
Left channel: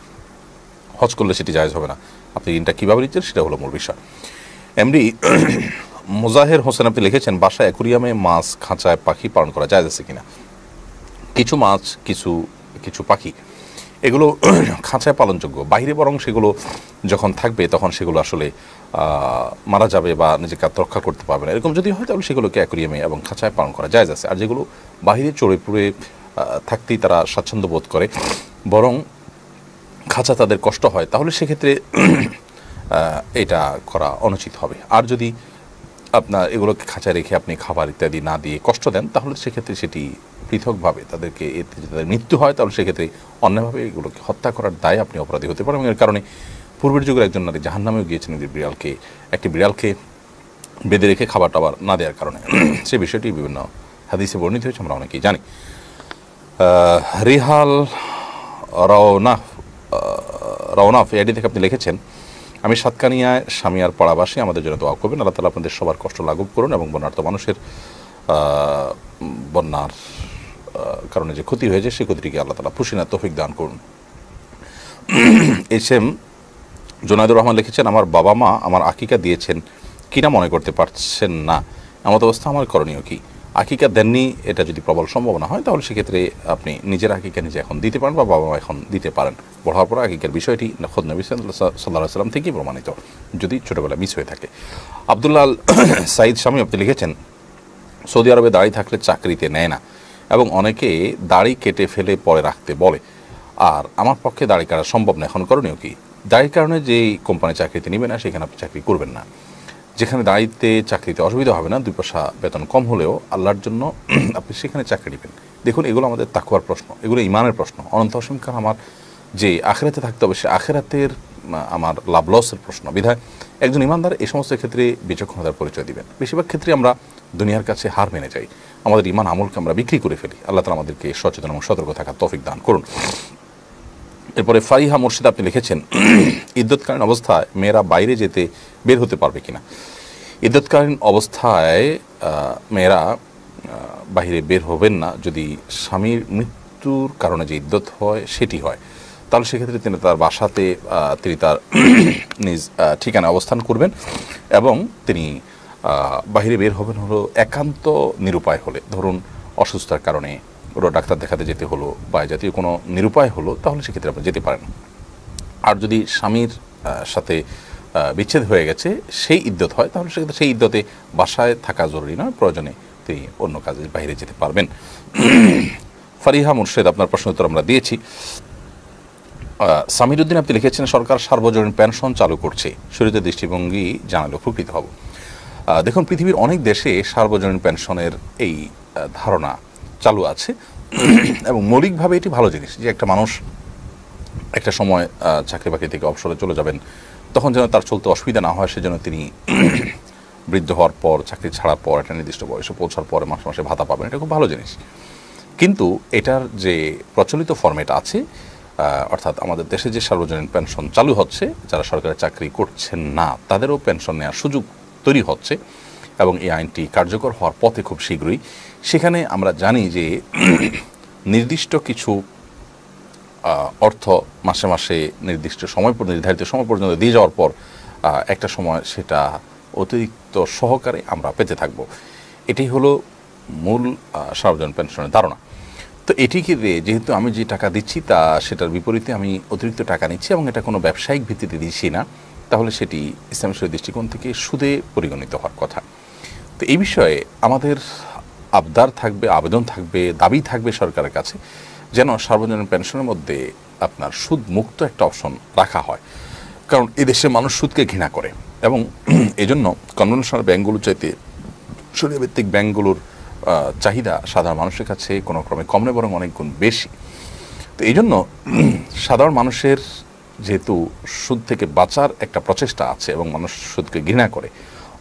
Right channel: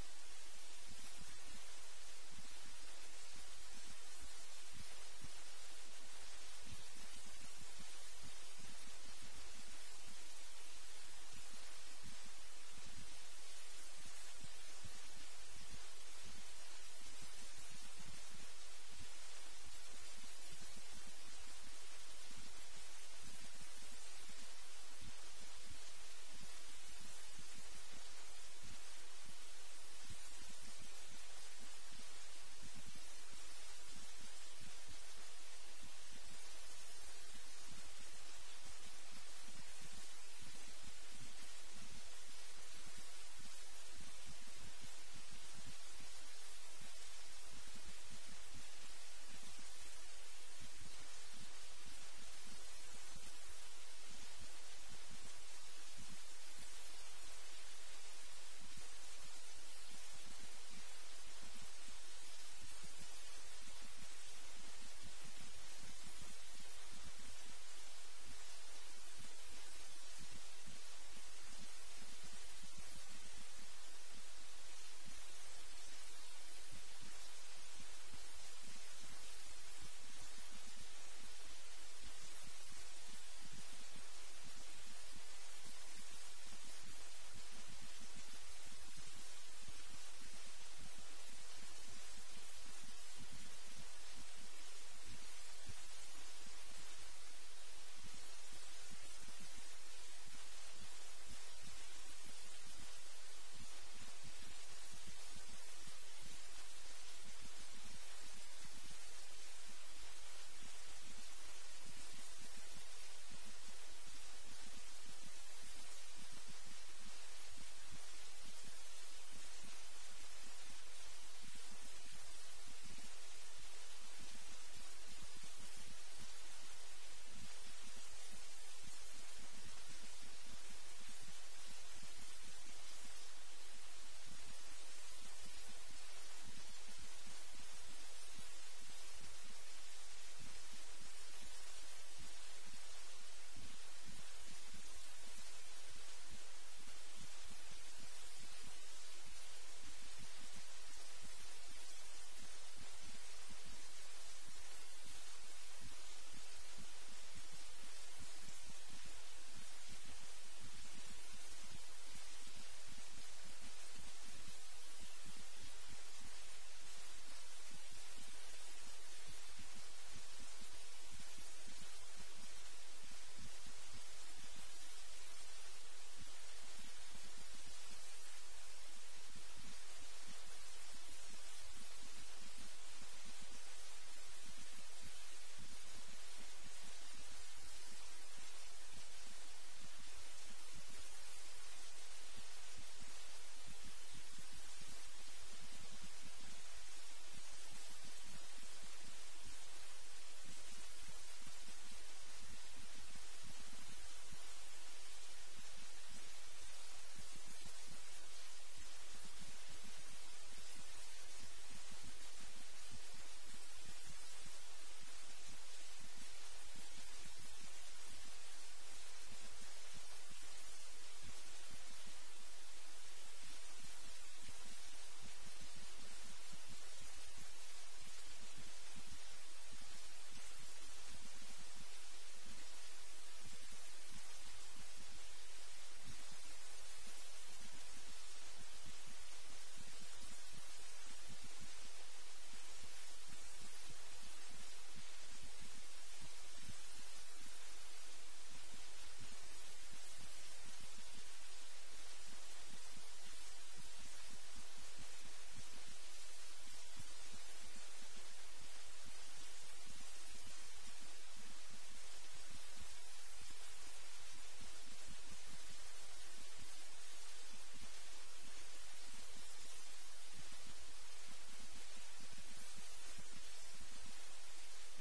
হজ করলে সেটি জায়েজ হবে না। আপনি ঋণটা কীভাবে নিচ্ছেন সেটা হলো মূল বিষয়। এমডি মুজাহের হোসেন আপনি লিখেছেন, বাসায় অ্যাকুরিয়ামে মাছ, খাঁচায় পাখি পালন করা জায়েজ আছে কিনা? কিছু মাছ, কিছু পাখি এগুলো খাঁচায় পালনযোগ্য, বাইরে বরং সেগুলো যখন থাকবে তখন সেগুলো আসলে মারা যাবে বা নিজেকে আত্মরক্ষা করতে পারবে না। এরকম যদি হয় তাহলে সেগুলোকে অ্যাকুরিয়ামে এবং খাঁচায় পালন করা জায়েজ আছে। আর যেগুলো বাইরে চড়ে পুড়ে থাকতেই তারা স্বাচ্ছন্দ্য বোধ করে, বরং খাঁচা তাদের কষ্ট হয়, তাহলে সেক্ষেত্রে এটা করা অনুচিত হবে। আর যদি আপনার এগুলোকে খাঁচায় রেখে আপনি খাবার ইত্যাদি না দিয়ে কষ্ট দেন তাহলে সেক্ষেত্রে সেটি পৃথকভাবে তাদেরকে, এতে যদি তাদের মৃত্যু হয় তাহলে সেক্ষেত্রে অন্যভাবে এগুলোকে হত্যা করার দায়ে আপনি অপরাধী হতে পারেন। এবং এর কারণে পূর্বের যুগের একজন নারী জাহান্নামেও গিয়েছেন একটি বিড়ালকে বেঁধে রেখে খাবার টাবার না দেওয়ার কারণে। সে বিষয়টি বিভিন্ন হাদিসে বর্ণিত হয়েছে, আমরা অনেকেই জানি। রিহাল রওনাফ এডি থেকে আপনি লিখেছেন, আমি সাতকানিয়ায় স্বামী আর পাড়াবাসী, আমাদের জন্য দোয়া করবেন, আল্লাহ তাআলা আপনাদের সবার কষ্ট লাঘব করুন এবং বন্যার্ত মানুষের বন্যার কারণে যে ক্ষতি হয়েছে সেই ক্ষতিটিকে আল্লাহ তাআলা পুষিনার তৌফিক দান করুন। এস এম জোনায়দুর রহমান লিখেছেন, আমার বাবা মা আমার আকিকা দিয়েছেন কিনা মনে করতে পারছেন না, এমত অবস্থা আমার করণীয় কি? আকিকা দেননি, এটা যদি প্রবল সম্ভাবনা হয় তাহলে সেক্ষেত্রে আপনি নিজের আকিকা নিজে এখন দিতে পারেন বা বাবা মা এখন দিতে পারেন। বড় হওয়ার পর আকিকার বিষয়টি খোদ নবী সাল্লাল্লাহু আলাইহি সাল্লাম থেকেই প্রমাণিত, যদি ছোটোবেলা মিস হয়ে থাকে। আব্দুল্লাহ সাইদ স্বামী আপনি লিখেছেন, সৌদি আরবে দাড়ি থাকলে চাকরিতে নেয় না এবং অনেকে দাড়ি কেটে ফেলে পরে রাখতে বলে, আর আমার পক্ষে দাড়ি কাটা সম্ভব না, এখন করণীয় কি? দাড়ির কারণে যেই কোম্পানি চাকরিতে নেবে না সেখানে আপনি চাকরি করবেন না। যেখানে দাঁড়িতে চাকরিতে অসুবিধা হবে না, 2 পয়সা বেতন কম হলেও আল্লাহর জন্য আপনি সেখানে চাকরি নেবেন। দেখুন, এগুলো আমাদের তাকওয়ার প্রশ্ন, এগুলো ইমানের প্রশ্ন। অনন্ত অসীম কাল আমার যে আখিরাতে থাকতে হবে, সে আখিরাতের আমার লাভ লসের প্রশ্ন। বিধায় একজন ইমানদার এই সমস্ত ক্ষেত্রে বিচক্ষণতার পরিচয় দিবেন। বেশিরভাগ ক্ষেত্রে আমরা দুনিয়ার কাছে হার মেনে যাই, আমাদের ইমান আমলকে আমরা বিক্রি করে ফেলি। আল্লাহ তাআলা আমাদেরকে সচেতন এবং সতর্ক থাকার তৌফিক দান করুন। এরপরে ফারিহা মুর্শিদ আপনি লিখেছেন, ইদ্যৎকালীন অবস্থায় মেয়েরা বাইরে যেতে বের হতে পারবে কিনা? ইদ্যৎকালীন অবস্থায় মেয়েরা বাহিরে বের হবেন না যদি স্বামীর মৃত্যুর কারণে যে ইদ্যৎ হয় সেটি হয়, তাহলে সেক্ষেত্রে তিনি তার বাসাতে তিনি তার নিজ ঠিকানায় অবস্থান করবেন এবং তিনি বাহিরে বের হবেন হলো একান্ত নিরুপায় হলে, ধরুন অসুস্থতার কারণে ওরা ডাক্তার দেখাতে যেতে হলো বা জাতীয় কোনো নিরুপায় হলো, তাহলে সেক্ষেত্রে আপনি যেতে পারেন। আর যদি স্বামীর সাথে বিচ্ছেদ হয়ে গেছে সেই ইদ্যত হয়, তাহলে সেক্ষেত্রে সেই ইদ্যতে বাসায় থাকা জরুরি নয়, প্রয়োজনে তিনি অন্য কাজে বাইরে যেতে পারবেন। ফারিহা মুর্শেদ আপনার প্রশ্ন উত্তর আমরা দিয়েছি। সামির উদ্দিন আপনি লিখেছেন, সরকার সার্বজনীন পেনশন চালু করছে, শরীয়তের দৃষ্টিভঙ্গি জানালে উপকৃত হব। দেখুন, পৃথিবীর অনেক দেশে সার্বজনীন পেনশনের এই ধারণা চালু আছে এবং মৌলিকভাবে এটি ভালো জিনিস যে একটা মানুষ একটা সময় চাকরি বাকরি থেকে অবসরে চলে যাবেন, তখন যেন তার চলতে অসুবিধা না হয়, সেজন্য তিনি বৃদ্ধ হওয়ার পর, চাকরি ছাড়ার পর, একটা নির্দিষ্ট বয়সে পৌঁছার পরে মাসে মাসে ভাতা পাবেন, এটা খুব ভালো জিনিস। কিন্তু এটার যে প্রচলিত ফরম্যাট আছে, অর্থাৎ আমাদের দেশে যে সার্বজনীন পেনশন চালু হচ্ছে, যারা সরকারি চাকরি করছেন না তাদেরও পেনশন নেওয়ার সুযোগ তৈরি হচ্ছে এবং এই আইনটি কার্যকর হওয়ার পথে খুব শীঘ্রই। সেখানে আমরা জানি যে নির্দিষ্ট কিছু অর্থ মাসে মাসে নির্দিষ্ট নির্ধারিত সময় পর্যন্ত দিয়ে যাওয়ার পর একটা সময় সেটা অতিরিক্ত সহকারে আমরা পেতে থাকব। এটাই হলো মূল সার্বজনীন পেনশনের ধারণা। তো এটিকে দিয়ে যেহেতু আমি যে টাকা দিচ্ছি তা সেটার বিপরীতে আমি অতিরিক্ত টাকা নিচ্ছি এবং এটা কোনো ব্যবসায়িক ভিত্তিতে দিচ্ছি না, তাহলে সেটি ইসলামের দৃষ্টিকোণ থেকে সুদে পরিগণিত হওয়ার কথা। তো এই বিষয়ে আমাদের আবদার থাকবে, আবেদন থাকবে, দাবি থাকবে সরকারের কাছে যেন সার্বজনীন পেনশনের মধ্যে আপনার সুদ মুক্ত একটা অপশন রাখা হয়, কারণ এদেশে মানুষ সুদকে ঘৃণা করে এবং এজন্য কনভেনশনাল ব্যাংকগুলো চাইতে শরীয়ভিত্তিক ব্যাংকগুলোর চাহিদা সাধারণ মানুষের কাছে কোনো ক্রমে কম নয়, বরং অনেক গুণ বেশি। তো এই জন্য সাধারণ মানুষের যেহেতু সুদ থেকে বাঁচার একটা প্রচেষ্টা আছে এবং মানুষ সুদকে ঘৃণা করে,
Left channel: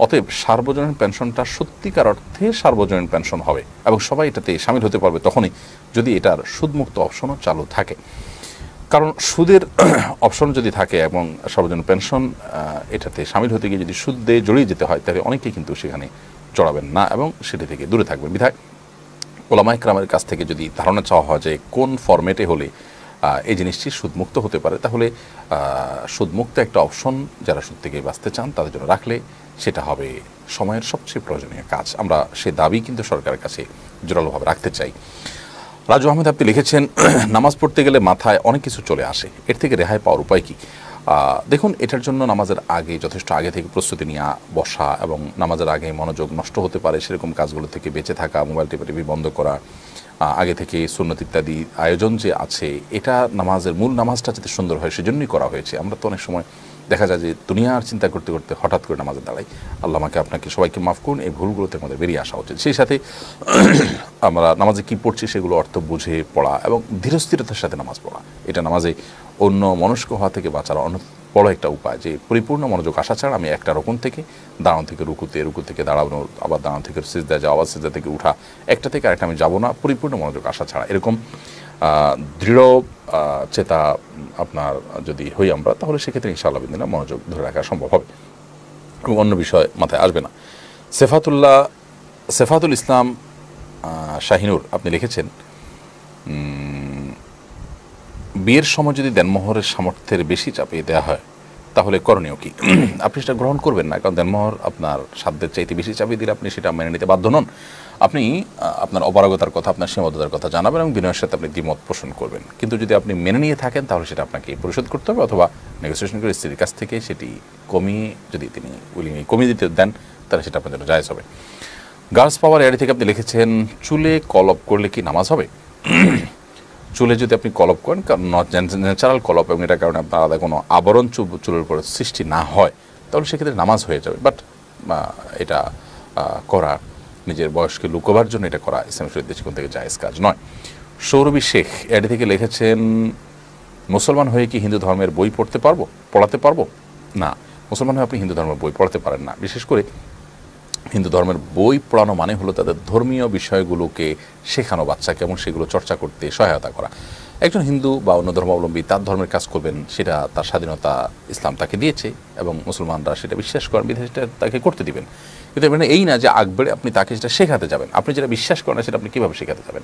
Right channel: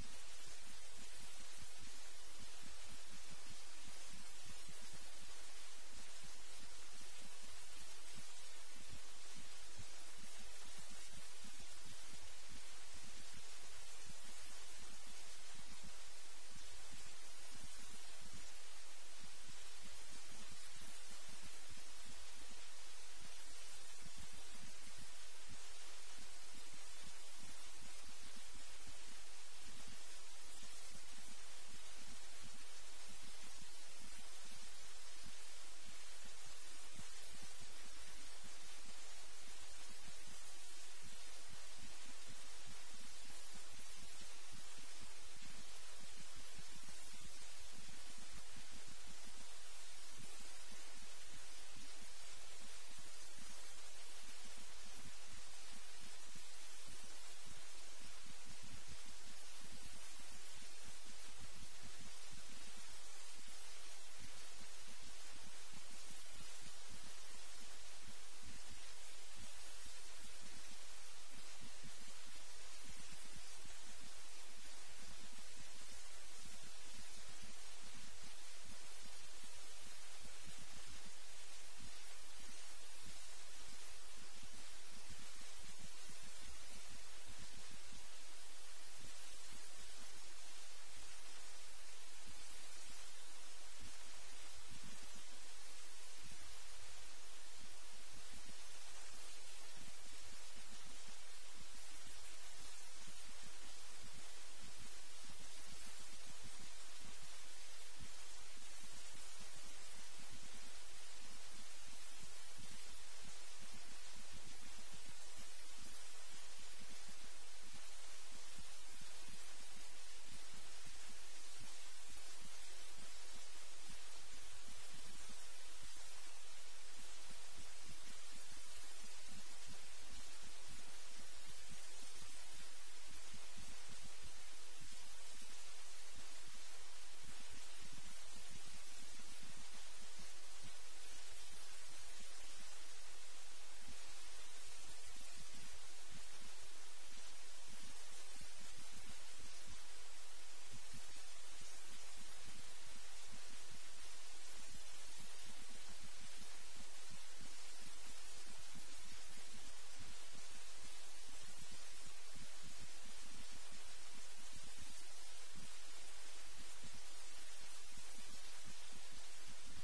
অতএব সার্বজনীন পেনশনটা সত্যিকার অর্থে সার্বজনীন পেনশন হবে এবং সবাই এটাতে সামিল হতে পারবে তখনই যদি এটার সুদমুক্ত অপশনও চালু থাকে। কারণ সুদের অপশন যদি থাকে এবং সার্বজনীন পেনশন এটাতে সামিল হতে গিয়ে যদি সুদে জড়িয়ে যেতে হয়, তাহলে অনেকেই কিন্তু সেখানে জড়াবেন না এবং সেটি থেকে দূরে থাকবেন। বিধায় ওলামায়ে কেরামের কাছ থেকে যদি ধারণা চাওয়া হয় যে কোন ফরম্যাটে হলে এই জিনিসটি সুদমুক্ত হতে পারে, তাহলে সুদমুক্ত একটা অপশন যারা সুদ থেকে বাঁচতে চান তাদের জন্য রাখলে সেটা হবে সময়ের সবচেয়ে প্রয়োজনীয় কাজ। আমরা সে দাবি কিন্তু সরকারের কাছে জোরালোভাবে রাখতে চাই। রাজু আহমেদ আপনি লিখেছেন, নামাজ পড়তে গেলে মাথায় অনেক কিছু চলে আসে, এর থেকে রেহাই পাওয়ার উপায় কী? দেখুন, এটার জন্য নামাজের আগে যথেষ্ট আগে থেকে প্রস্তুতি নিয়ে বসা এবং নামাজের আগে মনোযোগ নষ্ট হতে পারে সেরকম কাজগুলো থেকে বেঁচে থাকা, মোবাইল টিপি বন্ধ করা, আগে থেকে সুন্নত ইত্যাদি আয়োজন যে আছে, এটা নামাজের মূল নামাজটা যাতে সুন্দর হয় সেজন্যই করা হয়েছে। আমরা তো অনেক সময় দেখা যায় যে দুনিয়ার চিন্তা করতে করতে হঠাৎ করে নামাজে দাঁড়াই। আল্লাহ আমাকে আপনাকে সবাইকে মাফ করুন, এই ভুলগুলোতে আমাদের বেরিয়ে আসা উচিত। সেই সাথে আমরা নামাজে কী পড়ছি সেগুলো অর্থ বুঝে পড়া এবং ধীরস্থিরতার সাথে নামাজ পড়া, এটা নামাজে অন্য মনস্ক হওয়া থেকে বাঁচার অনেক বড় একটা উপায়, যে পরিপূর্ণ মনোযোগ আসা ছাড়া আমি একটা রকম থেকে দাঁড়ানো থেকে রুকুতে, রুকু থেকে দাঁড়ানো, আবার দাঁড়ানো থেকে সিজদা যাওয়া, আবার সিজদা থেকে উঠা, একটা থেকে আরেকটা আমি যাবো না পরিপূর্ণ মনোযোগ আসা ছাড়া। এরকম দৃঢ় চেতা আপনার যদি হই আমরা, তাহলে সেক্ষেত্রে ইনশাআল্লাহ বিদিনা মনোযোগ ধরে রাখা সম্ভব হবে এবং অন্য বিষয় মাথায় আসবে না। সেফাতুল ইসলাম শাহিনুর আপনি লিখেছেন, বিয়ের সময় যদি দেনমোহরের সামর্থ্যের বেশি চাপিয়ে দেওয়া হয় তাহলে করণীয় কি? আপনি সেটা গ্রহণ করবেন না, কারণ দেনমোহর আপনার সাধ্যের চাইতে বেশি চাপিয়ে দিলে আপনি সেটা মেনে নিতে বাধ্য নন। আপনি আপনার অপারগতার কথা, আপনার সীমাবদ্ধতার কথা জানাবেন এবং বিনয়ের সাথে আপনি দ্বিমত পোষণ করবেন। কিন্তু যদি আপনি মেনে নিয়ে থাকেন তাহলে সেটা আপনাকে পরিশোধ করতে হবে, অথবা নেগোসিয়েশন করে স্ত্রীর কাছ থেকে সেটি কমিয়ে, যদি তিনি উইলিংলি কমিয়ে দিতে দেন তাহলে সেটা আপনার জন্য জায়েজ হবে। গার্লস পাওয়ার এআইডি থেকে আপনি লিখেছেন, চুলে কলপ করলে কি নামাজ হবে? চুলে যদি আপনি কলপ করেন, ন্যাচারাল কলপ এবং এটার কারণে আপনার আলাদা কোনো আবরণ চুলের উপরে সৃষ্টি না হয়, তাহলে সেক্ষেত্রে নামাজ হয়ে যাবে। বাট এটা করা নিজের বয়সকে লুকোবার জন্য এটা করা ইসলামের শরীয়ত দৃষ্টিকোণ থেকে জায়েজ কাজ নয়। সৌরভী শেখ এআইডি থেকে লিখেছেন, মুসলমান হয়ে কি হিন্দু ধর্মের বই পড়াতে পারবো? না, মুসলমান হয়ে আপনি হিন্দু ধর্মের বই পড়াতে পারেন না। বিশেষ করে হিন্দু ধর্মের বই পড়ানো মানে হলো তাদের ধর্মীয় বিষয়গুলোকে শেখানো বাচ্চাকে এবং সেগুলো চর্চা করতে সহায়তা করা। একজন হিন্দু বা অন্য ধর্মাবলম্বী তার ধর্মের কাজ করবেন, সেটা তার স্বাধীনতা ইসলাম তাকে দিয়েছে এবং মুসলমানরা সেটা বিশ্বাস করেন, বিধায় সেটা তাকে করতে দিবেন। কিন্তু মানে এই না যে আকবরে আপনি তাকে সেটা শেখাতে যাবেন। আপনি যেটা বিশ্বাস করেন সেটা আপনি কীভাবে শেখাতে যাবেন?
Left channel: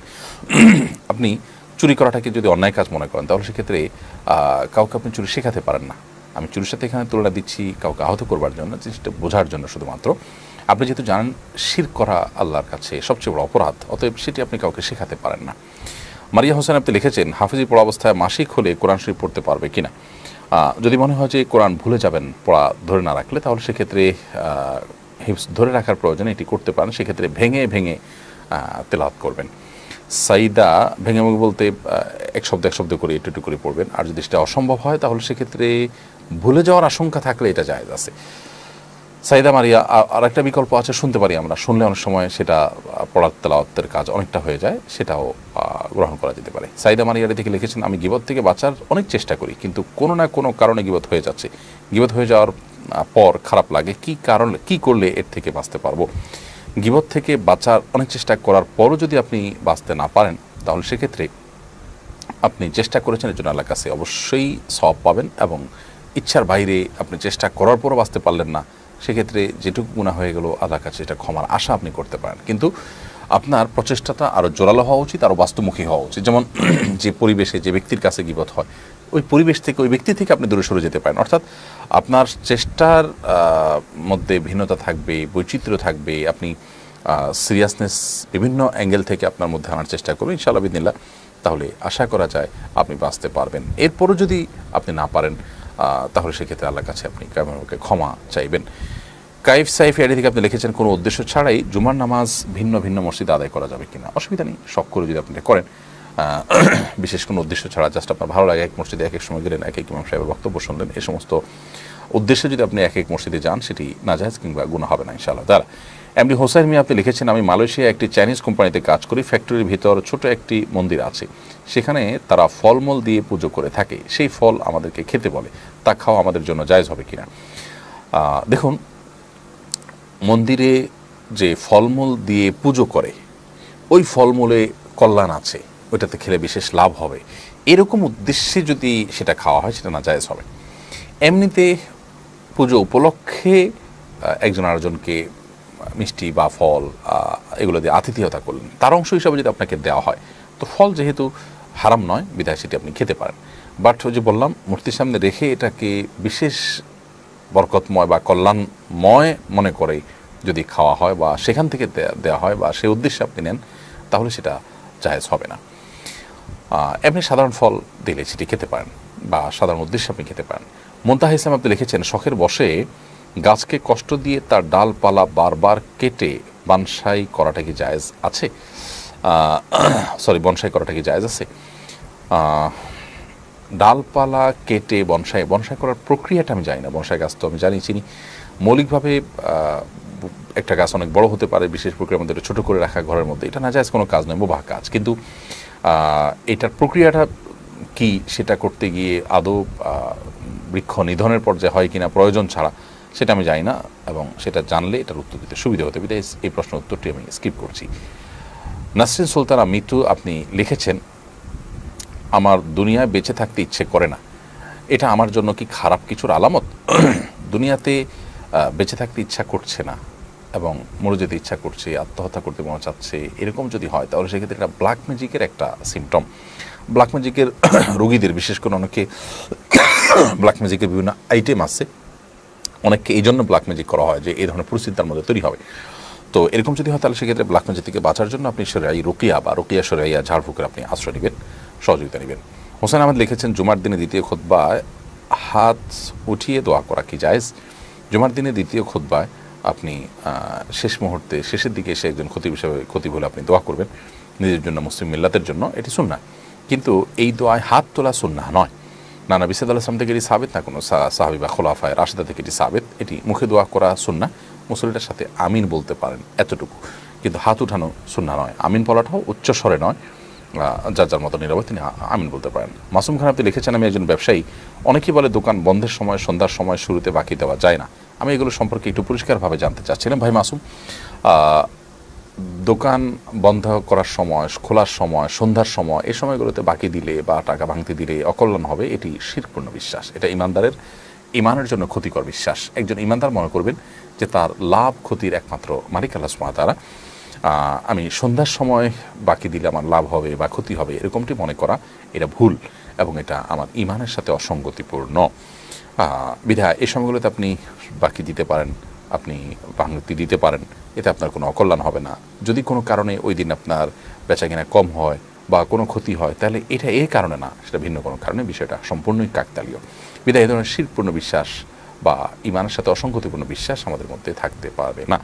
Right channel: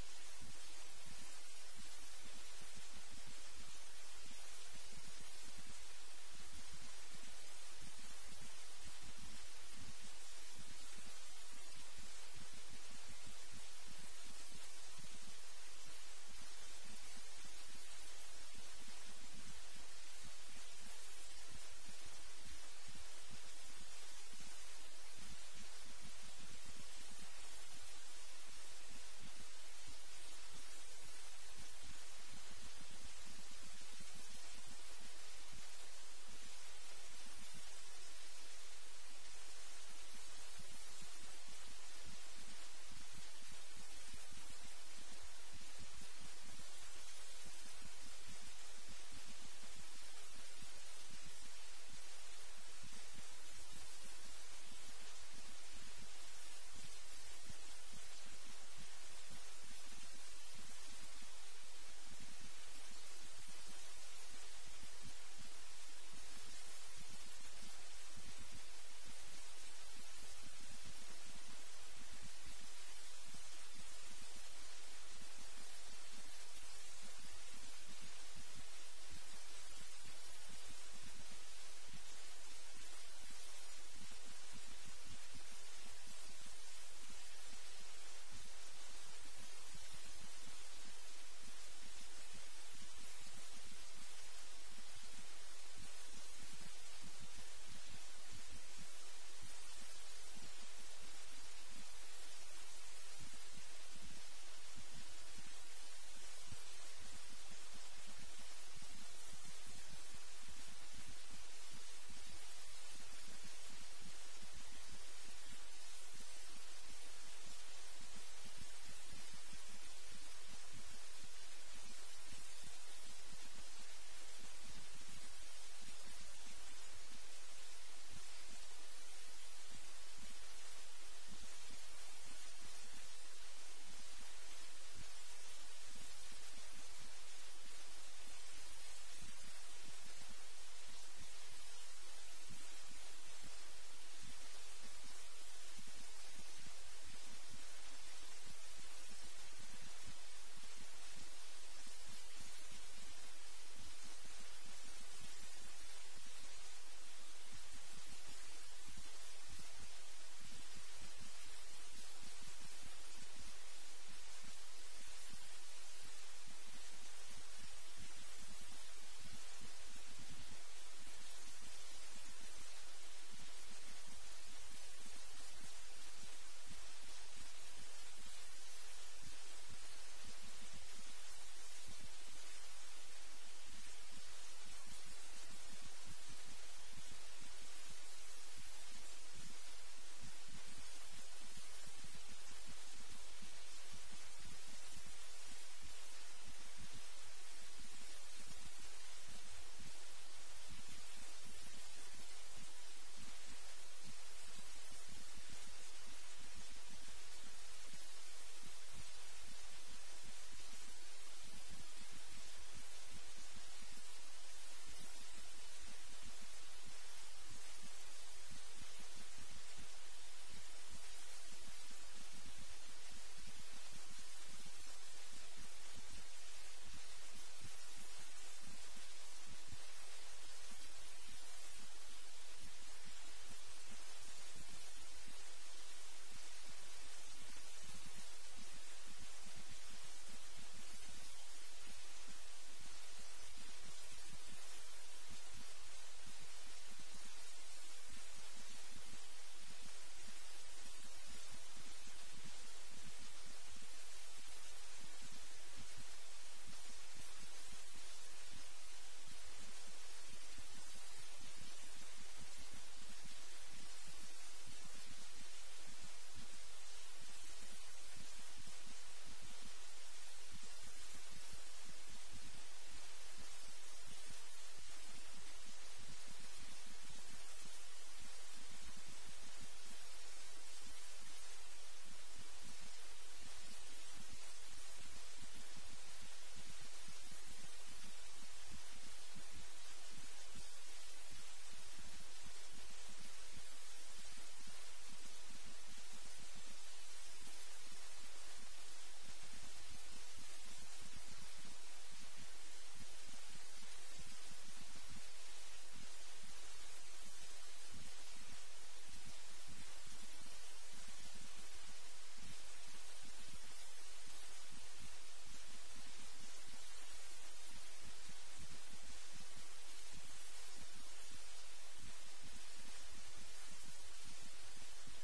আপনি চুরি করাটাকে যদি অন্যায় কাজ মনে করেন তাহলে সেক্ষেত্রে কাউকে আপনি চুরি শেখাতে পারেন না। আমি চুরির সাথে এখানে তুলনা দিচ্ছি কাউকে আহত করবার জন্য, জিনিসটা বোঝার জন্য শুধুমাত্র। আপনি যেহেতু জানেন শিরক করা আল্লাহর কাছে সবচেয়ে বড় অপরাধ, অতএব সেটি আপনি কাউকে শেখাতে পারেন না। মারিয়া হোসেন আপনি লিখেছেন, হাফিজি পড়া অবস্থায় মাসিক হলে কোরআন শরীফ পড়তে পারবে কিনা? যদি মনে হয় যে কোরআন ভুলে যাবেন পড়া ধরে না রাখলে, তাহলে সেক্ষেত্রে হিফজ ধরে রাখার প্রয়োজনে এটি করতে পারেন। সেক্ষেত্রে ভেঙে ভেঙে তেলাওয়াত করবেন। সাইদা ভেঙে ভেঙে বলতে এক শব্দ করে একটু করে পড়বেন। আর যদি সেটা অসম্ভব হয় তাহলে সেক্ষেত্রে ভুলে যাওয়ার আশঙ্কা থাকলে এটা জায়েজ আছে। সাইদা মারিয়া আর একটা বিকল্প আছে, শুনতে পারি আমরা, শুনলে অনেক সময় সেটা পড়ার তেলাওয়াতের কাজ অনেকটা হয়ে যায়, সেটাও গ্রহণ করা যেতে পারে। সাইদা মারিয়ারি থেকে লিখেছেন, আমি গীবত থেকে বাঁচার অনেক চেষ্টা করি কিন্তু কোনো না কোনো কারণে গীবত হয়ে যাচ্ছে। গীবত হয়ে যাওয়ার পর খারাপ লাগে, কি করলে এর থেকে বাঁচতে পারবো? গীবত থেকে বাঁচার অনেক চেষ্টা করার পরও যদি আপনি বাঁচতে না পারেন তাহলে সেক্ষেত্রে আপনি চেষ্টা করেছেন এর জন্য আল্লাহর কাছে অবশ্যই সওয়াব পাবেন, এবং ইচ্ছার বাইরে আপনি চেষ্টা করার পরও বাঁচতে পারলেন না, সেক্ষেত্রে যেটুকু গুনাহ হয়ে গেল আল্লাহর কাছে এটা ক্ষমার আশা আপনি করতে পারেন। কিন্তু আপনার প্রচেষ্টাটা আরও জোরালো হওয়া উচিত, আরও বাস্তবমুখী হওয়া উচিত। যেমন যে পরিবেশে যে ব্যক্তির কাছে গীবত হয়, ওই পরিবেশ থেকে ওই ব্যক্তি থেকে আপনি দূরে সরে যেতে পারেন। অর্থাৎ আপনার চেষ্টার মধ্যে ভিন্নতা থাকবে, বৈচিত্র্য থাকবে, আপনি সিরিয়াসনেস বিভিন্ন অ্যাঙ্গেল থেকে আপনার মধ্যে আনার চেষ্টা করবেন ইনশাআল্লাহ বিদিনিল্লাহ, তাহলে আশা করা যায় আপনি বাঁচতে পারবেন। এরপরও যদি আপনি না পারেন তাহলে সেক্ষেত্রে আল্লাহর কাছে আপনি কায়মকে ক্ষমা চাইবেন। কাইফ সাইফ এডি থেকে আপনি লিখেছেন, কোনো উদ্দেশ্য ছাড়াই জুমার নামাজ ভিন্ন ভিন্ন মসজিদে আদায় করা যাবে কিনা? অসুবিধা নেই, শখ করে যদি আপনি করেন, বিশেষ কোনো উদ্দেশ্য ছাড়া, জাস্ট আপনার ভালো লাগে এক মসজিদে এক এক সময় গেলেন, এক এক ইমাম সাহেবের বক্তব্য শুনলেন, এই সমস্ত উদ্দেশ্যে যদি আপনি এক এক মসজিদে যান সেটি নাজায়েজ কিংবা গুনাহ হবে না ইনশাআল্লাহ তাআলা। এমডি হোসাইন মিয়া আপনি লিখেছেন, আমি মালয়েশিয়া একটি চাইনিজ কোম্পানিতে কাজ করি, ফ্যাক্টরির ভিতর ছোট একটি মন্দির আছে, সেখানে তারা ফলমূল দিয়ে পুজো করে থাকে, সেই ফল আমাদেরকে খেতে বলে, তা খাওয়া আমাদের জন্য জায়েজ হবে কিনা? দেখুন, মন্দিরে যে ফলমূল দিয়ে পুজো করে ওই ফলমূলে কল্যাণ আছে, ওইটাতে খেলে বিশেষ লাভ হবে, এরকম উদ্দেশ্যে যদি সেটা খাওয়া হয় সেটা না জায়েজ হবে। এমনিতে পুজো উপলক্ষে একজন আরেকজনকে মিষ্টি বা ফল এগুলো দিয়ে আতিথেয়তা করলেন, তার অংশ হিসাবে যদি আপনাকে দেওয়া হয়, তো ফল যেহেতু হারাম নয় বিধায় সেটি আপনি খেতে পারেন। বাট ওই যে বললাম, মূর্তির সামনে রেখে এটাকে বিশেষ বরকতময় বা কল্যাণময় মনে করে যদি খাওয়া হয় বা সেখান থেকে দেওয়া হয় বা সেই উদ্দেশ্যে আপনি নেন, তাহলে সেটা জায়েজ হবে না। এমনি সাধারণ ফল দিলে সেটি খেতে পারেন বা সাধারণ উদ্দেশ্যে আপনি খেতে পারেন। মুনতাহা ইসলাম আপনি লিখেছেন, শখের বশে গাছকে কষ্ট দিয়ে তার ডালপালা বারবার কেটে বনসাই করাটা কি জায়েজ আছে? বনসাই করাটা কি জায়েজ আছে? ডালপালা কেটে বনসাই করার প্রক্রিয়াটা আমি জানি না। বনসাই গাছ তো আমি চিনি, মৌলিকভাবে একটা গাছ অনেক বড় হতে পারে, বিশেষ প্রক্রিয়ার মধ্যে ছোট করে রাখা ঘরের মধ্যে, এটা না জায়েজ কোনো কাজ নয়, মুবাহ কাজ। কিন্তু এটার প্রক্রিয়াটা কি সেটা করতে গিয়ে আদৌ বৃক্ষ নিধনের পর্যায়ে হয় কিনা প্রয়োজন ছাড়া সেটা আমি জানি না, এবং সেটা জানলে এটার উত্তর দিতে সুবিধা হতে বিধায় এই প্রশ্নের উত্তরটি আমি স্কিপ করছি। নাসরিন সুলতানা মিতু আপনি লিখেছেন, আমার দুনিয়ায় বেঁচে থাকতে ইচ্ছে করে না, এটা আমার জন্য কি খারাপ কিছুর আলামত? দুনিয়াতে বেঁচে থাকতে ইচ্ছা করছে না এবং মরে যেতে ইচ্ছা করছে, আত্মহত্যা করতে মনে চাচ্ছে, এরকম যদি হয় তাহলে সেক্ষেত্রে এটা ব্ল্যাক ম্যাজিকের একটা সিমটম। ব্ল্যাক ম্যাজিকের রোগীদের, বিশেষ করে অনেকে ব্ল্যাক ম্যাজিকের বিভিন্ন আইটেম আছে, অনেককে এই জন্য ব্ল্যাক ম্যাজিক করা হয় যে এই ধরনের পরিস্থিতি তার মধ্যে তৈরি হবে। তো এরকম যদি হয় তাহলে সেক্ষেত্রে ব্ল্যাক ম্যাজিক থেকে বাঁচার জন্য আপনি শরীয়ী রুকিয়া বা রুকিয়া শরীয়ী ঝাড়ফুঁকের আপনি আশ্রয় নেবেন, সহযোগিতা নেবেন। হোসেন আহমেদ লিখেছেন, জুমার দিনে দ্বিতীয় খুতবায় হাত উঠিয়ে দোয়া করা কি জায়েজ? জুমার দিনে দ্বিতীয় খুতবায় আপনি শেষ মুহূর্তে শেষের দিকে এসে একজন খতিব হিসেবে খতিব হলে আপনি দোয়া করবেন নিজের জন্য, মুসলিম মিল্লাতের জন্য, এটি সুন্নাহ। কিন্তু এই দোয়ায় হাত তোলা সুন্নাহ নয়। না নবী সাল্লাল্লাহু আলাইহি ওয়াসাল্লাম থেকে এটি সাবিত, না কোনো সাহাবী বা খোলাফায়ে রাশিদা থেকে এটি সাবিত। এটি মুখে দোয়া করা সুন্নাহ, মুসল্লিটার সাথে আমিন বলতে পারেন এতটুকু, কিন্তু হাত উঠানো সুন্নাহ নয়। আমিন বলাটাও উচ্চ স্বরে নয়, যার যার মতো নীরবে তিনি আমিন বলতে পারেন। মাসুম খান আপনি লিখেছেন, আমি একজন ব্যবসায়ী, অনেকেই বলে দোকান বন্ধের সময় সন্ধ্যার সময় শুরুতে বাকি দেওয়া যায় না। আমি এগুলো সম্পর্কে একটু পরিষ্কারভাবে জানতে চাচ্ছিলাম। ভাই মাসুম, দোকান বন্ধ করার সময়, খোলার সময়, সন্ধ্যার সময়, এই সময়গুলোতে বাকি দিলে বা টাকা ভাঙতে দিলে অকল্যাণ হবে, এটি শিরকপূর্ণ বিশ্বাস। এটা ইমানদারের ইমানের জন্য ক্ষতিকর বিশ্বাস। একজন ইমানদার মনে করবেন যে তার লাভ ক্ষতির একমাত্র মালিক আল্লাহ সুবহানাহু ওয়া তাআলা। আমি সন্ধ্যার সময় বাকি দিলে আমার লাভ হবে বা ক্ষতি হবে, এরকমটি মনে করা এটা ভুল এবং এটা আমার ইমানের সাথে অসঙ্গতিপূর্ণ। বিধায় এই সময়গুলোতে আপনি বাকি দিতে পারেন, আপনি ভাঙতি দিতে পারেন, এতে আপনার কোনো অকল্যাণ হবে না। যদি কোনো কারণে ওই দিন আপনার বেচাকেনা কম হয় বা কোনো ক্ষতি হয়, তাহলে এটা এই কারণে না, সেটা ভিন্ন কোনো কারণে, বিষয়টা সম্পূর্ণই কাকতালীয়। বিধায় এই ধরনের শিরকপূর্ণ বিশ্বাস বা ইমানের সাথে অসঙ্গতিপূর্ণ বিশ্বাস আমাদের মধ্যে থাকতে পারবে না।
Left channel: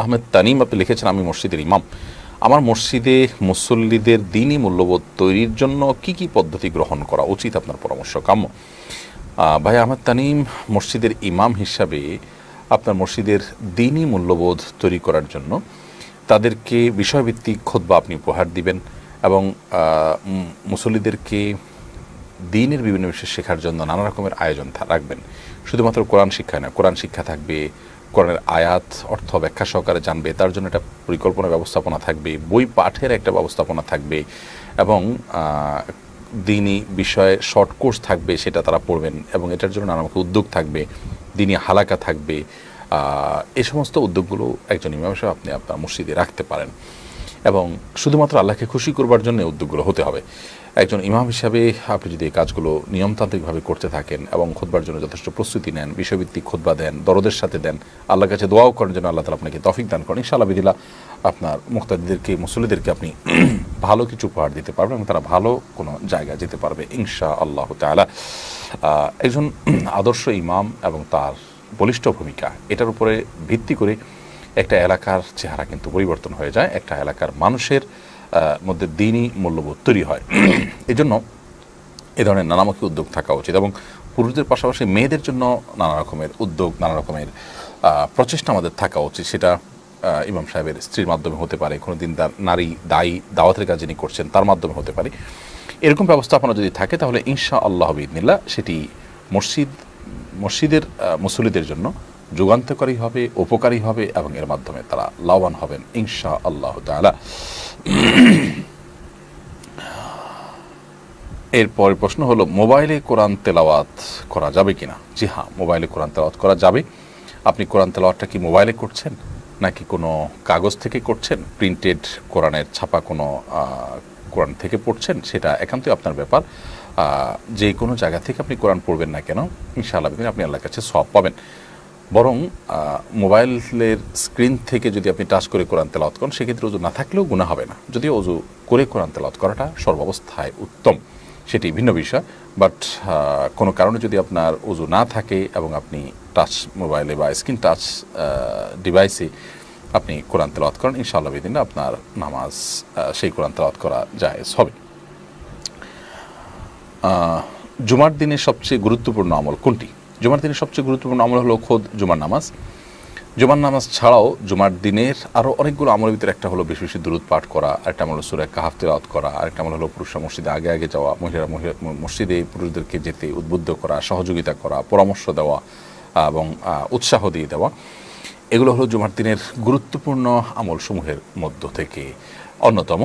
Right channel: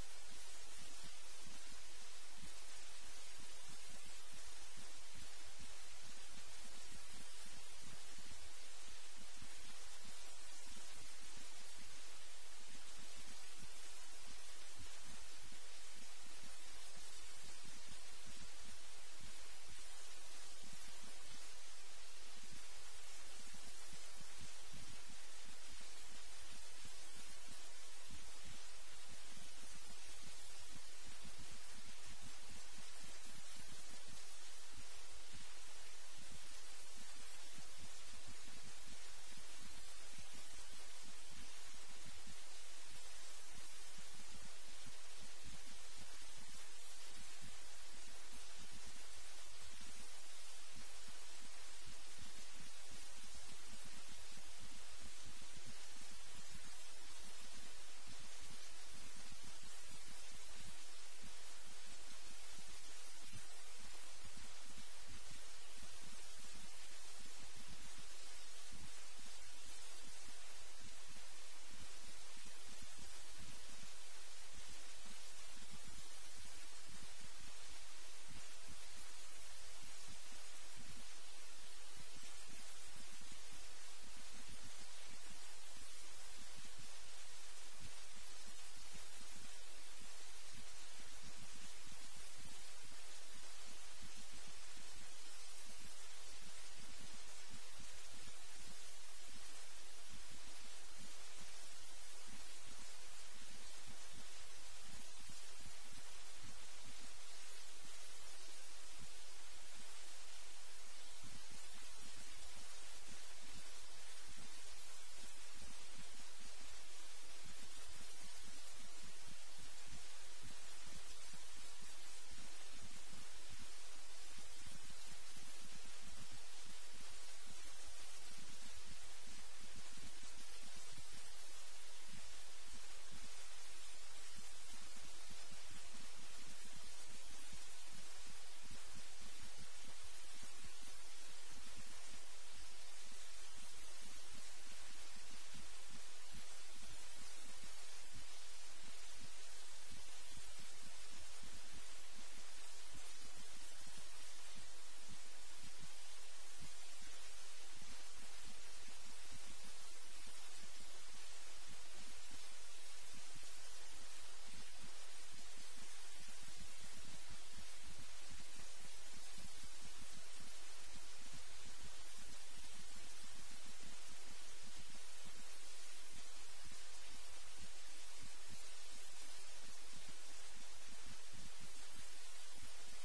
আহমেদ তানিম আপনি লিখেছেন, আমি মসজিদের ইমাম, আমার মসজিদে মুসল্লিদের দ্বীনি মূল্যবোধ তৈরির জন্য কি কি পদ্ধতি গ্রহণ করা উচিত, আপনার পরামর্শ কাম্য। ভাই আহমেদ তানিম, মসজিদের ইমাম হিসাবে আপনার মসজিদের দ্বীনি মূল্যবোধ তৈরি করার জন্য তাদেরকে বিষয়ভিত্তিক খুতবা আপনি উপহার দিবেন এবং মুসল্লিদেরকে দ্বীনের বিভিন্ন বিষয় শেখার জন্য নানা রকমের আয়োজন রাখবেন। শুধুমাত্র কোরআন শিক্ষা না, কোরআন শিক্ষা থাকবে, কোরআনের আয়াত অর্থ ব্যাখ্যা সহকারে জানবে, তার জন্য একটা পরিকল্পনা ব্যবস্থাপনা থাকবে, বই পাঠের একটা ব্যবস্থাপনা থাকবে এবং দ্বীনি বিষয়ে শর্ট কোর্স থাকবে, সেটা তারা পড়বেন এবং এটার জন্য নানা রকম উদ্যোগ থাকবে, দ্বীনি হালাকা থাকবে। এই সমস্ত উদ্যোগগুলো একজন ইমাম হিসেবে আপনি আপনার মসজিদে রাখতে পারেন এবং শুধুমাত্র আল্লাহকে খুশি করবার জন্য উদ্যোগগুলো হতে হবে। একজন ইমাম হিসাবে আপনি যদি এই কাজগুলো নিয়মতান্ত্রিকভাবে করতে থাকেন এবং খুতবার জন্য যথেষ্ট প্রস্তুতি নেন, বিষয়ভিত্তিক খুতবা দেন, দরদের সাথে দেন, আল্লাহর কাছে দোয়াও করেন যেন আল্লাহ তাআলা আপনাকে তৌফিক দান করেন, ইনশাআল্লাহ বিদিল্লাহ আপনার মুক্তাদিদেরকে, মুসল্লিদেরকে আপনি ভালো কিছু উপহার দিতে পারবেন এবং তারা ভালো কোনো জায়গায় যেতে পারবে ইনশাআল্লাহ তাআলা। একজন আদর্শ ইমাম এবং তার বলিষ্ঠ ভূমিকা, এটার উপরে ভিত্তি করে একটা এলাকার চেহারা কিন্তু পরিবর্তন হয়ে যায়, একটা এলাকার মানুষের মধ্যে দ্বীনি মূল্যবোধ তৈরি হয়। এই জন্য এ ধরনের নানামুখী উদ্যোগ থাকা উচিত এবং পুরুষদের পাশাপাশি মেয়েদের জন্য নানা রকমের উদ্যোগ, নানা রকমের প্রচেষ্টা আমাদের থাকা উচিত। সেটা ইমাম সাহেবের স্ত্রীর মাধ্যমে হতে পারে, কোনো দিন তার নারী দাওয়াতের কাজ যিনি করছেন তার মাধ্যমে হতে পারে। এরকম ব্যবস্থাপনা যদি থাকে তাহলে ইনশাআল্লাহ বিইذনিল্লাহ সেটি মসজিদের মুসল্লিদের জন্য যুগান্তকারী হবে, উপকারী হবে এবং এর মাধ্যমে তারা লাভবান হবেন ইনশাআল্লাহ তাআলা। এরপর প্রশ্ন হলো, মোবাইলে কোরআন তেলাওয়াত করা যাবে কিনা? জি হ্যাঁ, মোবাইলে কোরআন তেলাওয়াত করা যাবে। আপনি কোরআন তেলাওয়াতটা কি মোবাইলে করছেন নাকি কোনো কাগজ থেকে করছেন, প্রিন্টেড কোরআনের ছাপা কোনো কোরআন থেকে পড়ছেন, সেটা একান্তই আপনার ব্যাপার। যে কোনো জায়গা থেকে আপনি কোরআন পড়বেন না কেন, ইনশাআল্লাহ আপনি আল্লাহর কাছে সওয়াব পাবেন। বরং মোবাইলের স্ক্রিন থেকে যদি আপনি টাচ করে কোরআন তেলাওয়াত করেন, সেক্ষেত্রে ওযু না থাকলেও গুনাহ হবে না, যদিও ওযু করে কোরআন তেলাওয়াত করাটা সর্বাবস্থায় উত্তম, সেটি ভিন্ন বিষয়। বাট কোনো কারণে যদি আপনার ওযু না থাকে এবং আপনি টাচ মোবাইলে বা স্ক্রিন টাচ ডিভাইসে আপনি কোরআন তেলাওয়াত করেন, ইনশাআল্লাহ বিদিন আপনার নামাজ সেই কোরআন তেলাওয়াত করা জায়েজ হবে। জুমার দিনের সবচেয়ে গুরুত্বপূর্ণ আমল কোনটি? জুমার দিনের সবচেয়ে গুরুত্বপূর্ণ আমল হলো খোদ জুমার নামাজ। জুমার নামাজ ছাড়াও জুমার দিনের আরও অনেকগুলো আমলের ভিতরে একটা হলো বেশি বেশি দুরূদ পাঠ করা, আরেকটা আমল হলো সূরা কাহফ তিলাওয়াত করা, আরেকটা আমল হলো পুরুষরা মসজিদে আগে আগে যাওয়া, মহিলারা মসজিদে পুরুষদেরকে যেতে উদ্বুদ্ধ করা, সহযোগিতা করা, পরামর্শ দেওয়া এবং উৎসাহ দিয়ে দেওয়া। এগুলো হলো জুমার দিনের গুরুত্বপূর্ণ আমলসমূহের মধ্য থেকে অন্যতম।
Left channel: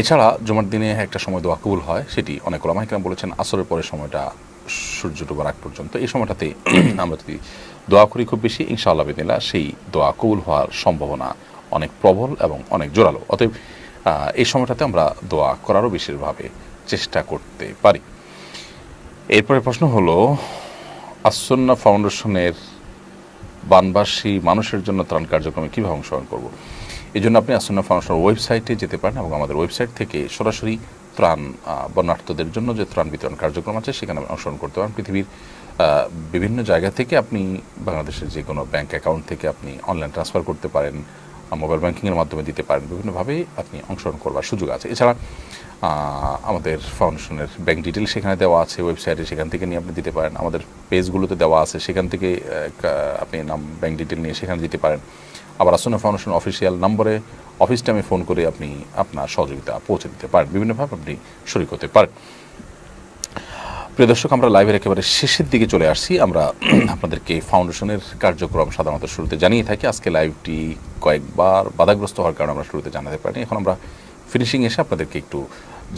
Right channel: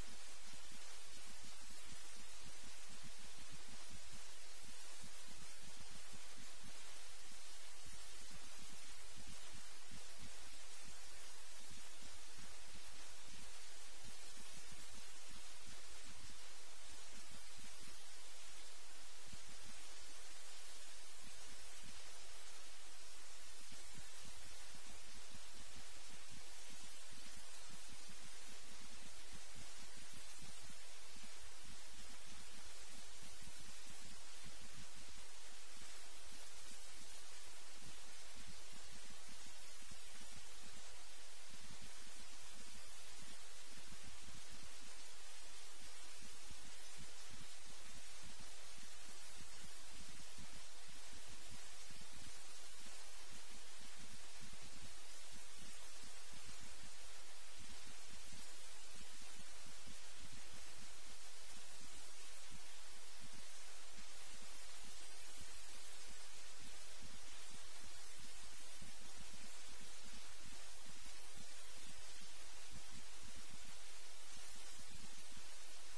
এছাড়া জুমার দিনে একটা সময় দোয়া কবুল হয়, সেটি অনেক ওলামা ইকরাম বলেছেন আসরের পরের সময়টা সূর্য ডোবার আগ পর্যন্ত। এই সময়টাতে আমরা যদি দোয়া করি খুব বেশি, ইনশাআল্লাহ বিদিনিল্লাহ সেই দোয়া কবুল হওয়ার সম্ভাবনা অনেক প্রবল এবং অনেক জোরালো। অতএব এই সময়টাতে আমরা দোয়া করারও বিশেষভাবে চেষ্টা করতে পারি। এরপরে প্রশ্ন হলো, আস-সুন্নাহ ফাউন্ডেশনের বানবাসী মানুষের জন্য ত্রাণ কার্যক্রমে কীভাবে অংশগ্রহণ করব? এই জন্য আপনি আস-সুন্নাহ ফাউন্ডেশনের ওয়েবসাইটে যেতে পারেন এবং আমাদের ওয়েবসাইট থেকে সরাসরি ত্রাণ বন্যার্থদের জন্য যে ত্রাণ বিতরণ কার্যক্রম আছে সেখানে অংশগ্রহণ করতে পারেন। পৃথিবীর বিভিন্ন জায়গা থেকে আপনি বাংলাদেশের যে কোনো ব্যাংক অ্যাকাউন্ট থেকে আপনি অনলাইন ট্রান্সফার করতে পারেন, মোবাইল ব্যাংকিংয়ের মাধ্যমে দিতে পারেন, বিভিন্নভাবে আপনি অংশগ্রহণ করবার সুযোগ আছে। এছাড়া আমাদের ফাউন্ডেশনের ব্যাংক ডিটেল সেখানে দেওয়া আছে ওয়েবসাইটে, সেখান থেকে নিয়ে আপনি দিতে পারেন। আমাদের পেজগুলোতে দেওয়া আছে, সেখান থেকে আপনি ব্যাংক ডিটেল নিয়ে সেখানে দিতে পারেন। আবার আস-সুন্নাহ ফাউন্ডেশন অফিসিয়াল নম্বরে অফিস টাইমে ফোন করে আপনি আপনার সহযোগিতা পৌঁছে দিতে পারেন, বিভিন্নভাবে আপনি শরীক হতে পারেন। প্রিয় দর্শক, আমরা লাইভের একেবারে শেষের দিকে চলে আসছি। আমরা আপনাদেরকে ফাউন্ডেশনের কার্যক্রম সাধারণত শুরুতে জানিয়ে থাকি। আজকে লাইভটি কয়েকবার বাধাগ্রস্ত হওয়ার কারণে আমরা শুরুতে জানাতে পারিনি। এখন আমরা ফিনিশিং এসে আপনাদেরকে একটু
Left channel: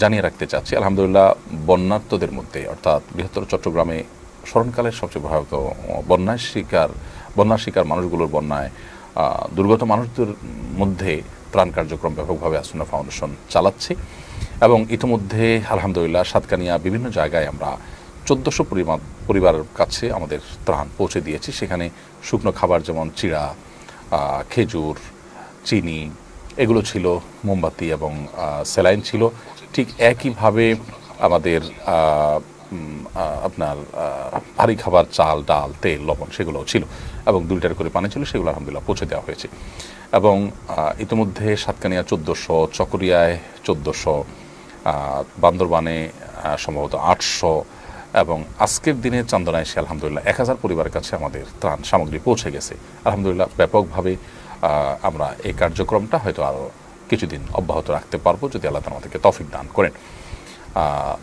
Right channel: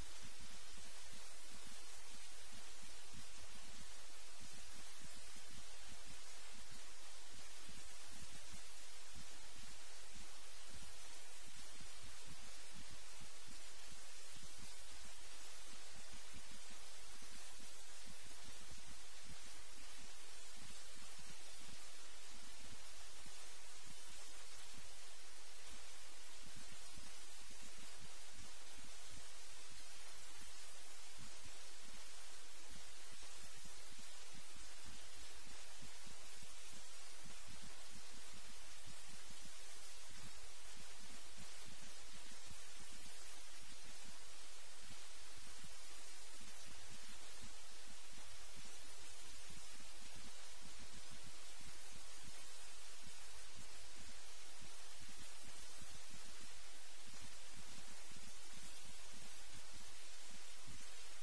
জানিয়ে রাখতে চাচ্ছি। আলহামদুলিল্লাহ, বন্যার্তদের মধ্যে অর্থাৎ বৃহত্তর চট্টগ্রামে স্মরণকালের সবচেয়ে ভয়াবহ বন্যার শিকার মানুষগুলোর বন্যায় দুর্গত মানুষদের মধ্যে ত্রাণ কার্যক্রম ব্যাপকভাবে আস-সুন্নাহ ফাউন্ডেশন চালাচ্ছে এবং ইতিমধ্যে আলহামদুলিল্লাহ সাতকানিয়া বিভিন্ন জায়গায় আমরা 1400 পরিবারের কাছে আমাদের ত্রাণ পৌঁছে দিয়েছি। সেখানে শুকনো খাবার যেমন চিড়া, খেজুর, চিনি এগুলো ছিল, মোমবাতি এবং স্যালাইন ছিল। ঠিক একইভাবে আমাদের আপনার ভারী খাবার চাল, ডাল, তেল, লবণ সেগুলোও ছিল এবং 2 লিটার করে পানি ছিল, সেগুলো আলহামদুলিল্লাহ পৌঁছে দেওয়া হয়েছে। এবং ইতিমধ্যে সাতকানিয়া 1400, চকরিয়ায় 1400, বান্দরবানে সম্ভবত 800 এবং আজকের দিনে চান্দনায় এসে আলহামদুলিল্লাহ 1000 পরিবারের কাছে আমাদের ত্রাণ সামগ্রী পৌঁছে গেছে। আলহামদুলিল্লাহ ব্যাপকভাবে আমরা এই কার্যক্রমটা হয়তো আরও কিছুদিন অব্যাহত রাখতে পারবো যদি আল্লাহ তাআলা আমাদেরকে তৌফিক দান করেন।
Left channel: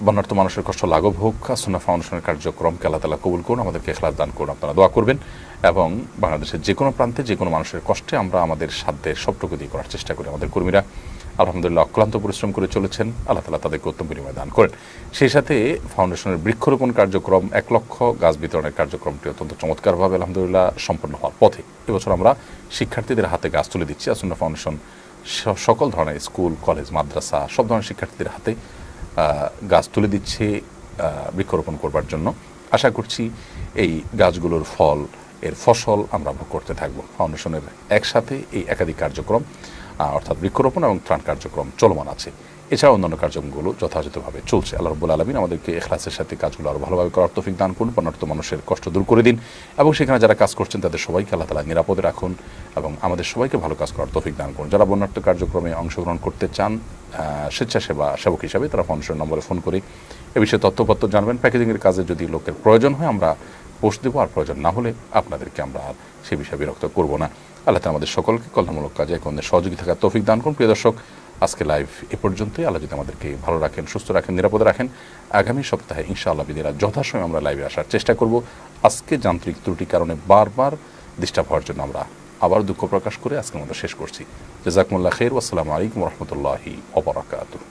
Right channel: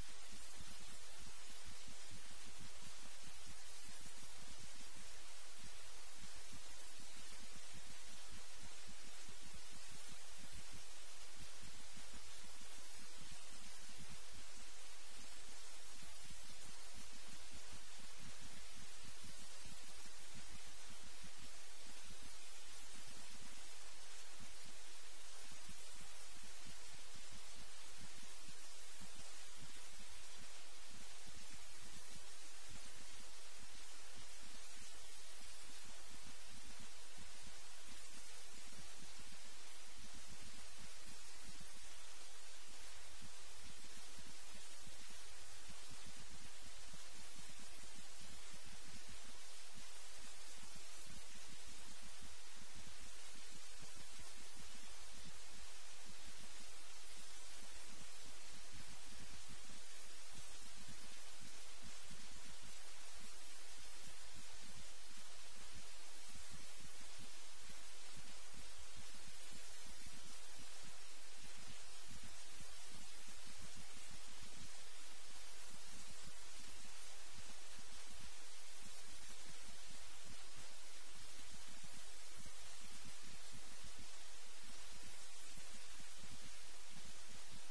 বন্যার্ত মানুষের কষ্ট লাঘব হোক, আস-সুন্নাহ ফাউন্ডেশনের কার্যক্রমকে আল্লাহ তাআলা কবুল করুন, আমাদেরকে ইখলাস দান করুন। আপনারা দোয়া করবেন এবং বাংলাদেশের যে কোনো প্রান্তে যে কোনো মানুষের কষ্টে আমরা আমাদের সাধ্যের সবটুকু দিয়ে করার চেষ্টা করি। আমাদের কর্মীরা আলহামদুলিল্লাহ অক্লান্ত পরিশ্রম করে চলেছেন, আল্লাহ তাআলা তাদেরকে উত্তম বিনিময় দান করেন। সেই সাথে ফাউন্ডেশনের বৃক্ষরোপণ কার্যক্রম, 1 লক্ষ গাছ বিতরণের কার্যক্রমটি অত্যন্ত চমৎকারভাবে আলহামদুলিল্লাহ সম্পন্ন হওয়ার পথে। এবছর আমরা শিক্ষার্থীদের হাতে গাছ তুলে দিচ্ছি। আস-সুন্নাহ ফাউন্ডেশন সকল ধরনের স্কুল, কলেজ, মাদ্রাসা সব ধরনের শিক্ষার্থীদের হাতে গাছ তুলে দিচ্ছে বৃক্ষরোপণ করবার জন্য। আশা করছি এই গাছগুলোর ফসল আমরা ভোগ করতে থাকবো। ফাউন্ডেশনের একসাথে এই একাধিক কার্যক্রম অর্থাৎ বৃক্ষরোপণ এবং ত্রাণ কার্যক্রম চলমান আছে। এছাড়া অন্যান্য কার্যক্রমগুলো যথাযথভাবে চলছে। আল্লাহ রাব্বুল আলামিন আমাদেরকে ইখলাসের সাথে কাজগুলো আরও ভালোভাবে করার তৌফিক দান করুন, বন্যার্ত মানুষের কষ্ট দূর করে দিন এবং সেখানে যারা কাজ করছেন তাদের সবাইকে আল্লাহ তাআলা নিরাপদে রাখুন এবং আমাদের সবাইকে ভালো কাজ করার তৌফিক দান করুন। যারা বন্যার্ত কার্যক্রমে অংশগ্রহণ করতে চান সেবক হিসাবে, তারা ফাউন্ডেশন নম্বরে ফোন করে এ বিষয়ে তথ্যপত্র জানবেন। প্যাকেজিংয়ের কাজে যদি লোকের প্রয়োজন হয় আমরা পোস্ট দেবো, আর প্রয়োজন না হলে আপনাদেরকে আমরা আর সে বিষয়ে বিরক্ত করব না। আল্লাহ তাআলা আমাদের সকলকে কল্যাণমূলক কাজে আমাদের সহযোগী থাকার তৌফিক দান করুন। প্রিয় দর্শক, আজকে লাইভ এ পর্যন্তই। আল্লাহ যদি আমাদেরকে ভালো রাখেন, সুস্থ রাখেন, নিরাপদে রাখেন, আগামী সপ্তাহে ইনশাআল্লাহ বিদিনিল্লাহ যথাসময়ে আমরা লাইভে আসার চেষ্টা করব। আজকে যান্ত্রিক ত্রুটির কারণে বারবার ডিস্টার্ব হওয়ার জন্য আমরা আবার দুঃখ প্রকাশ করে আজকের মতো শেষ করছি। জাযাকুমুল্লাহ খাইর। আসসালামু আলাইকুম ওয়া রাহমাতুল্লাহি ওয়া বারাকাতুহু।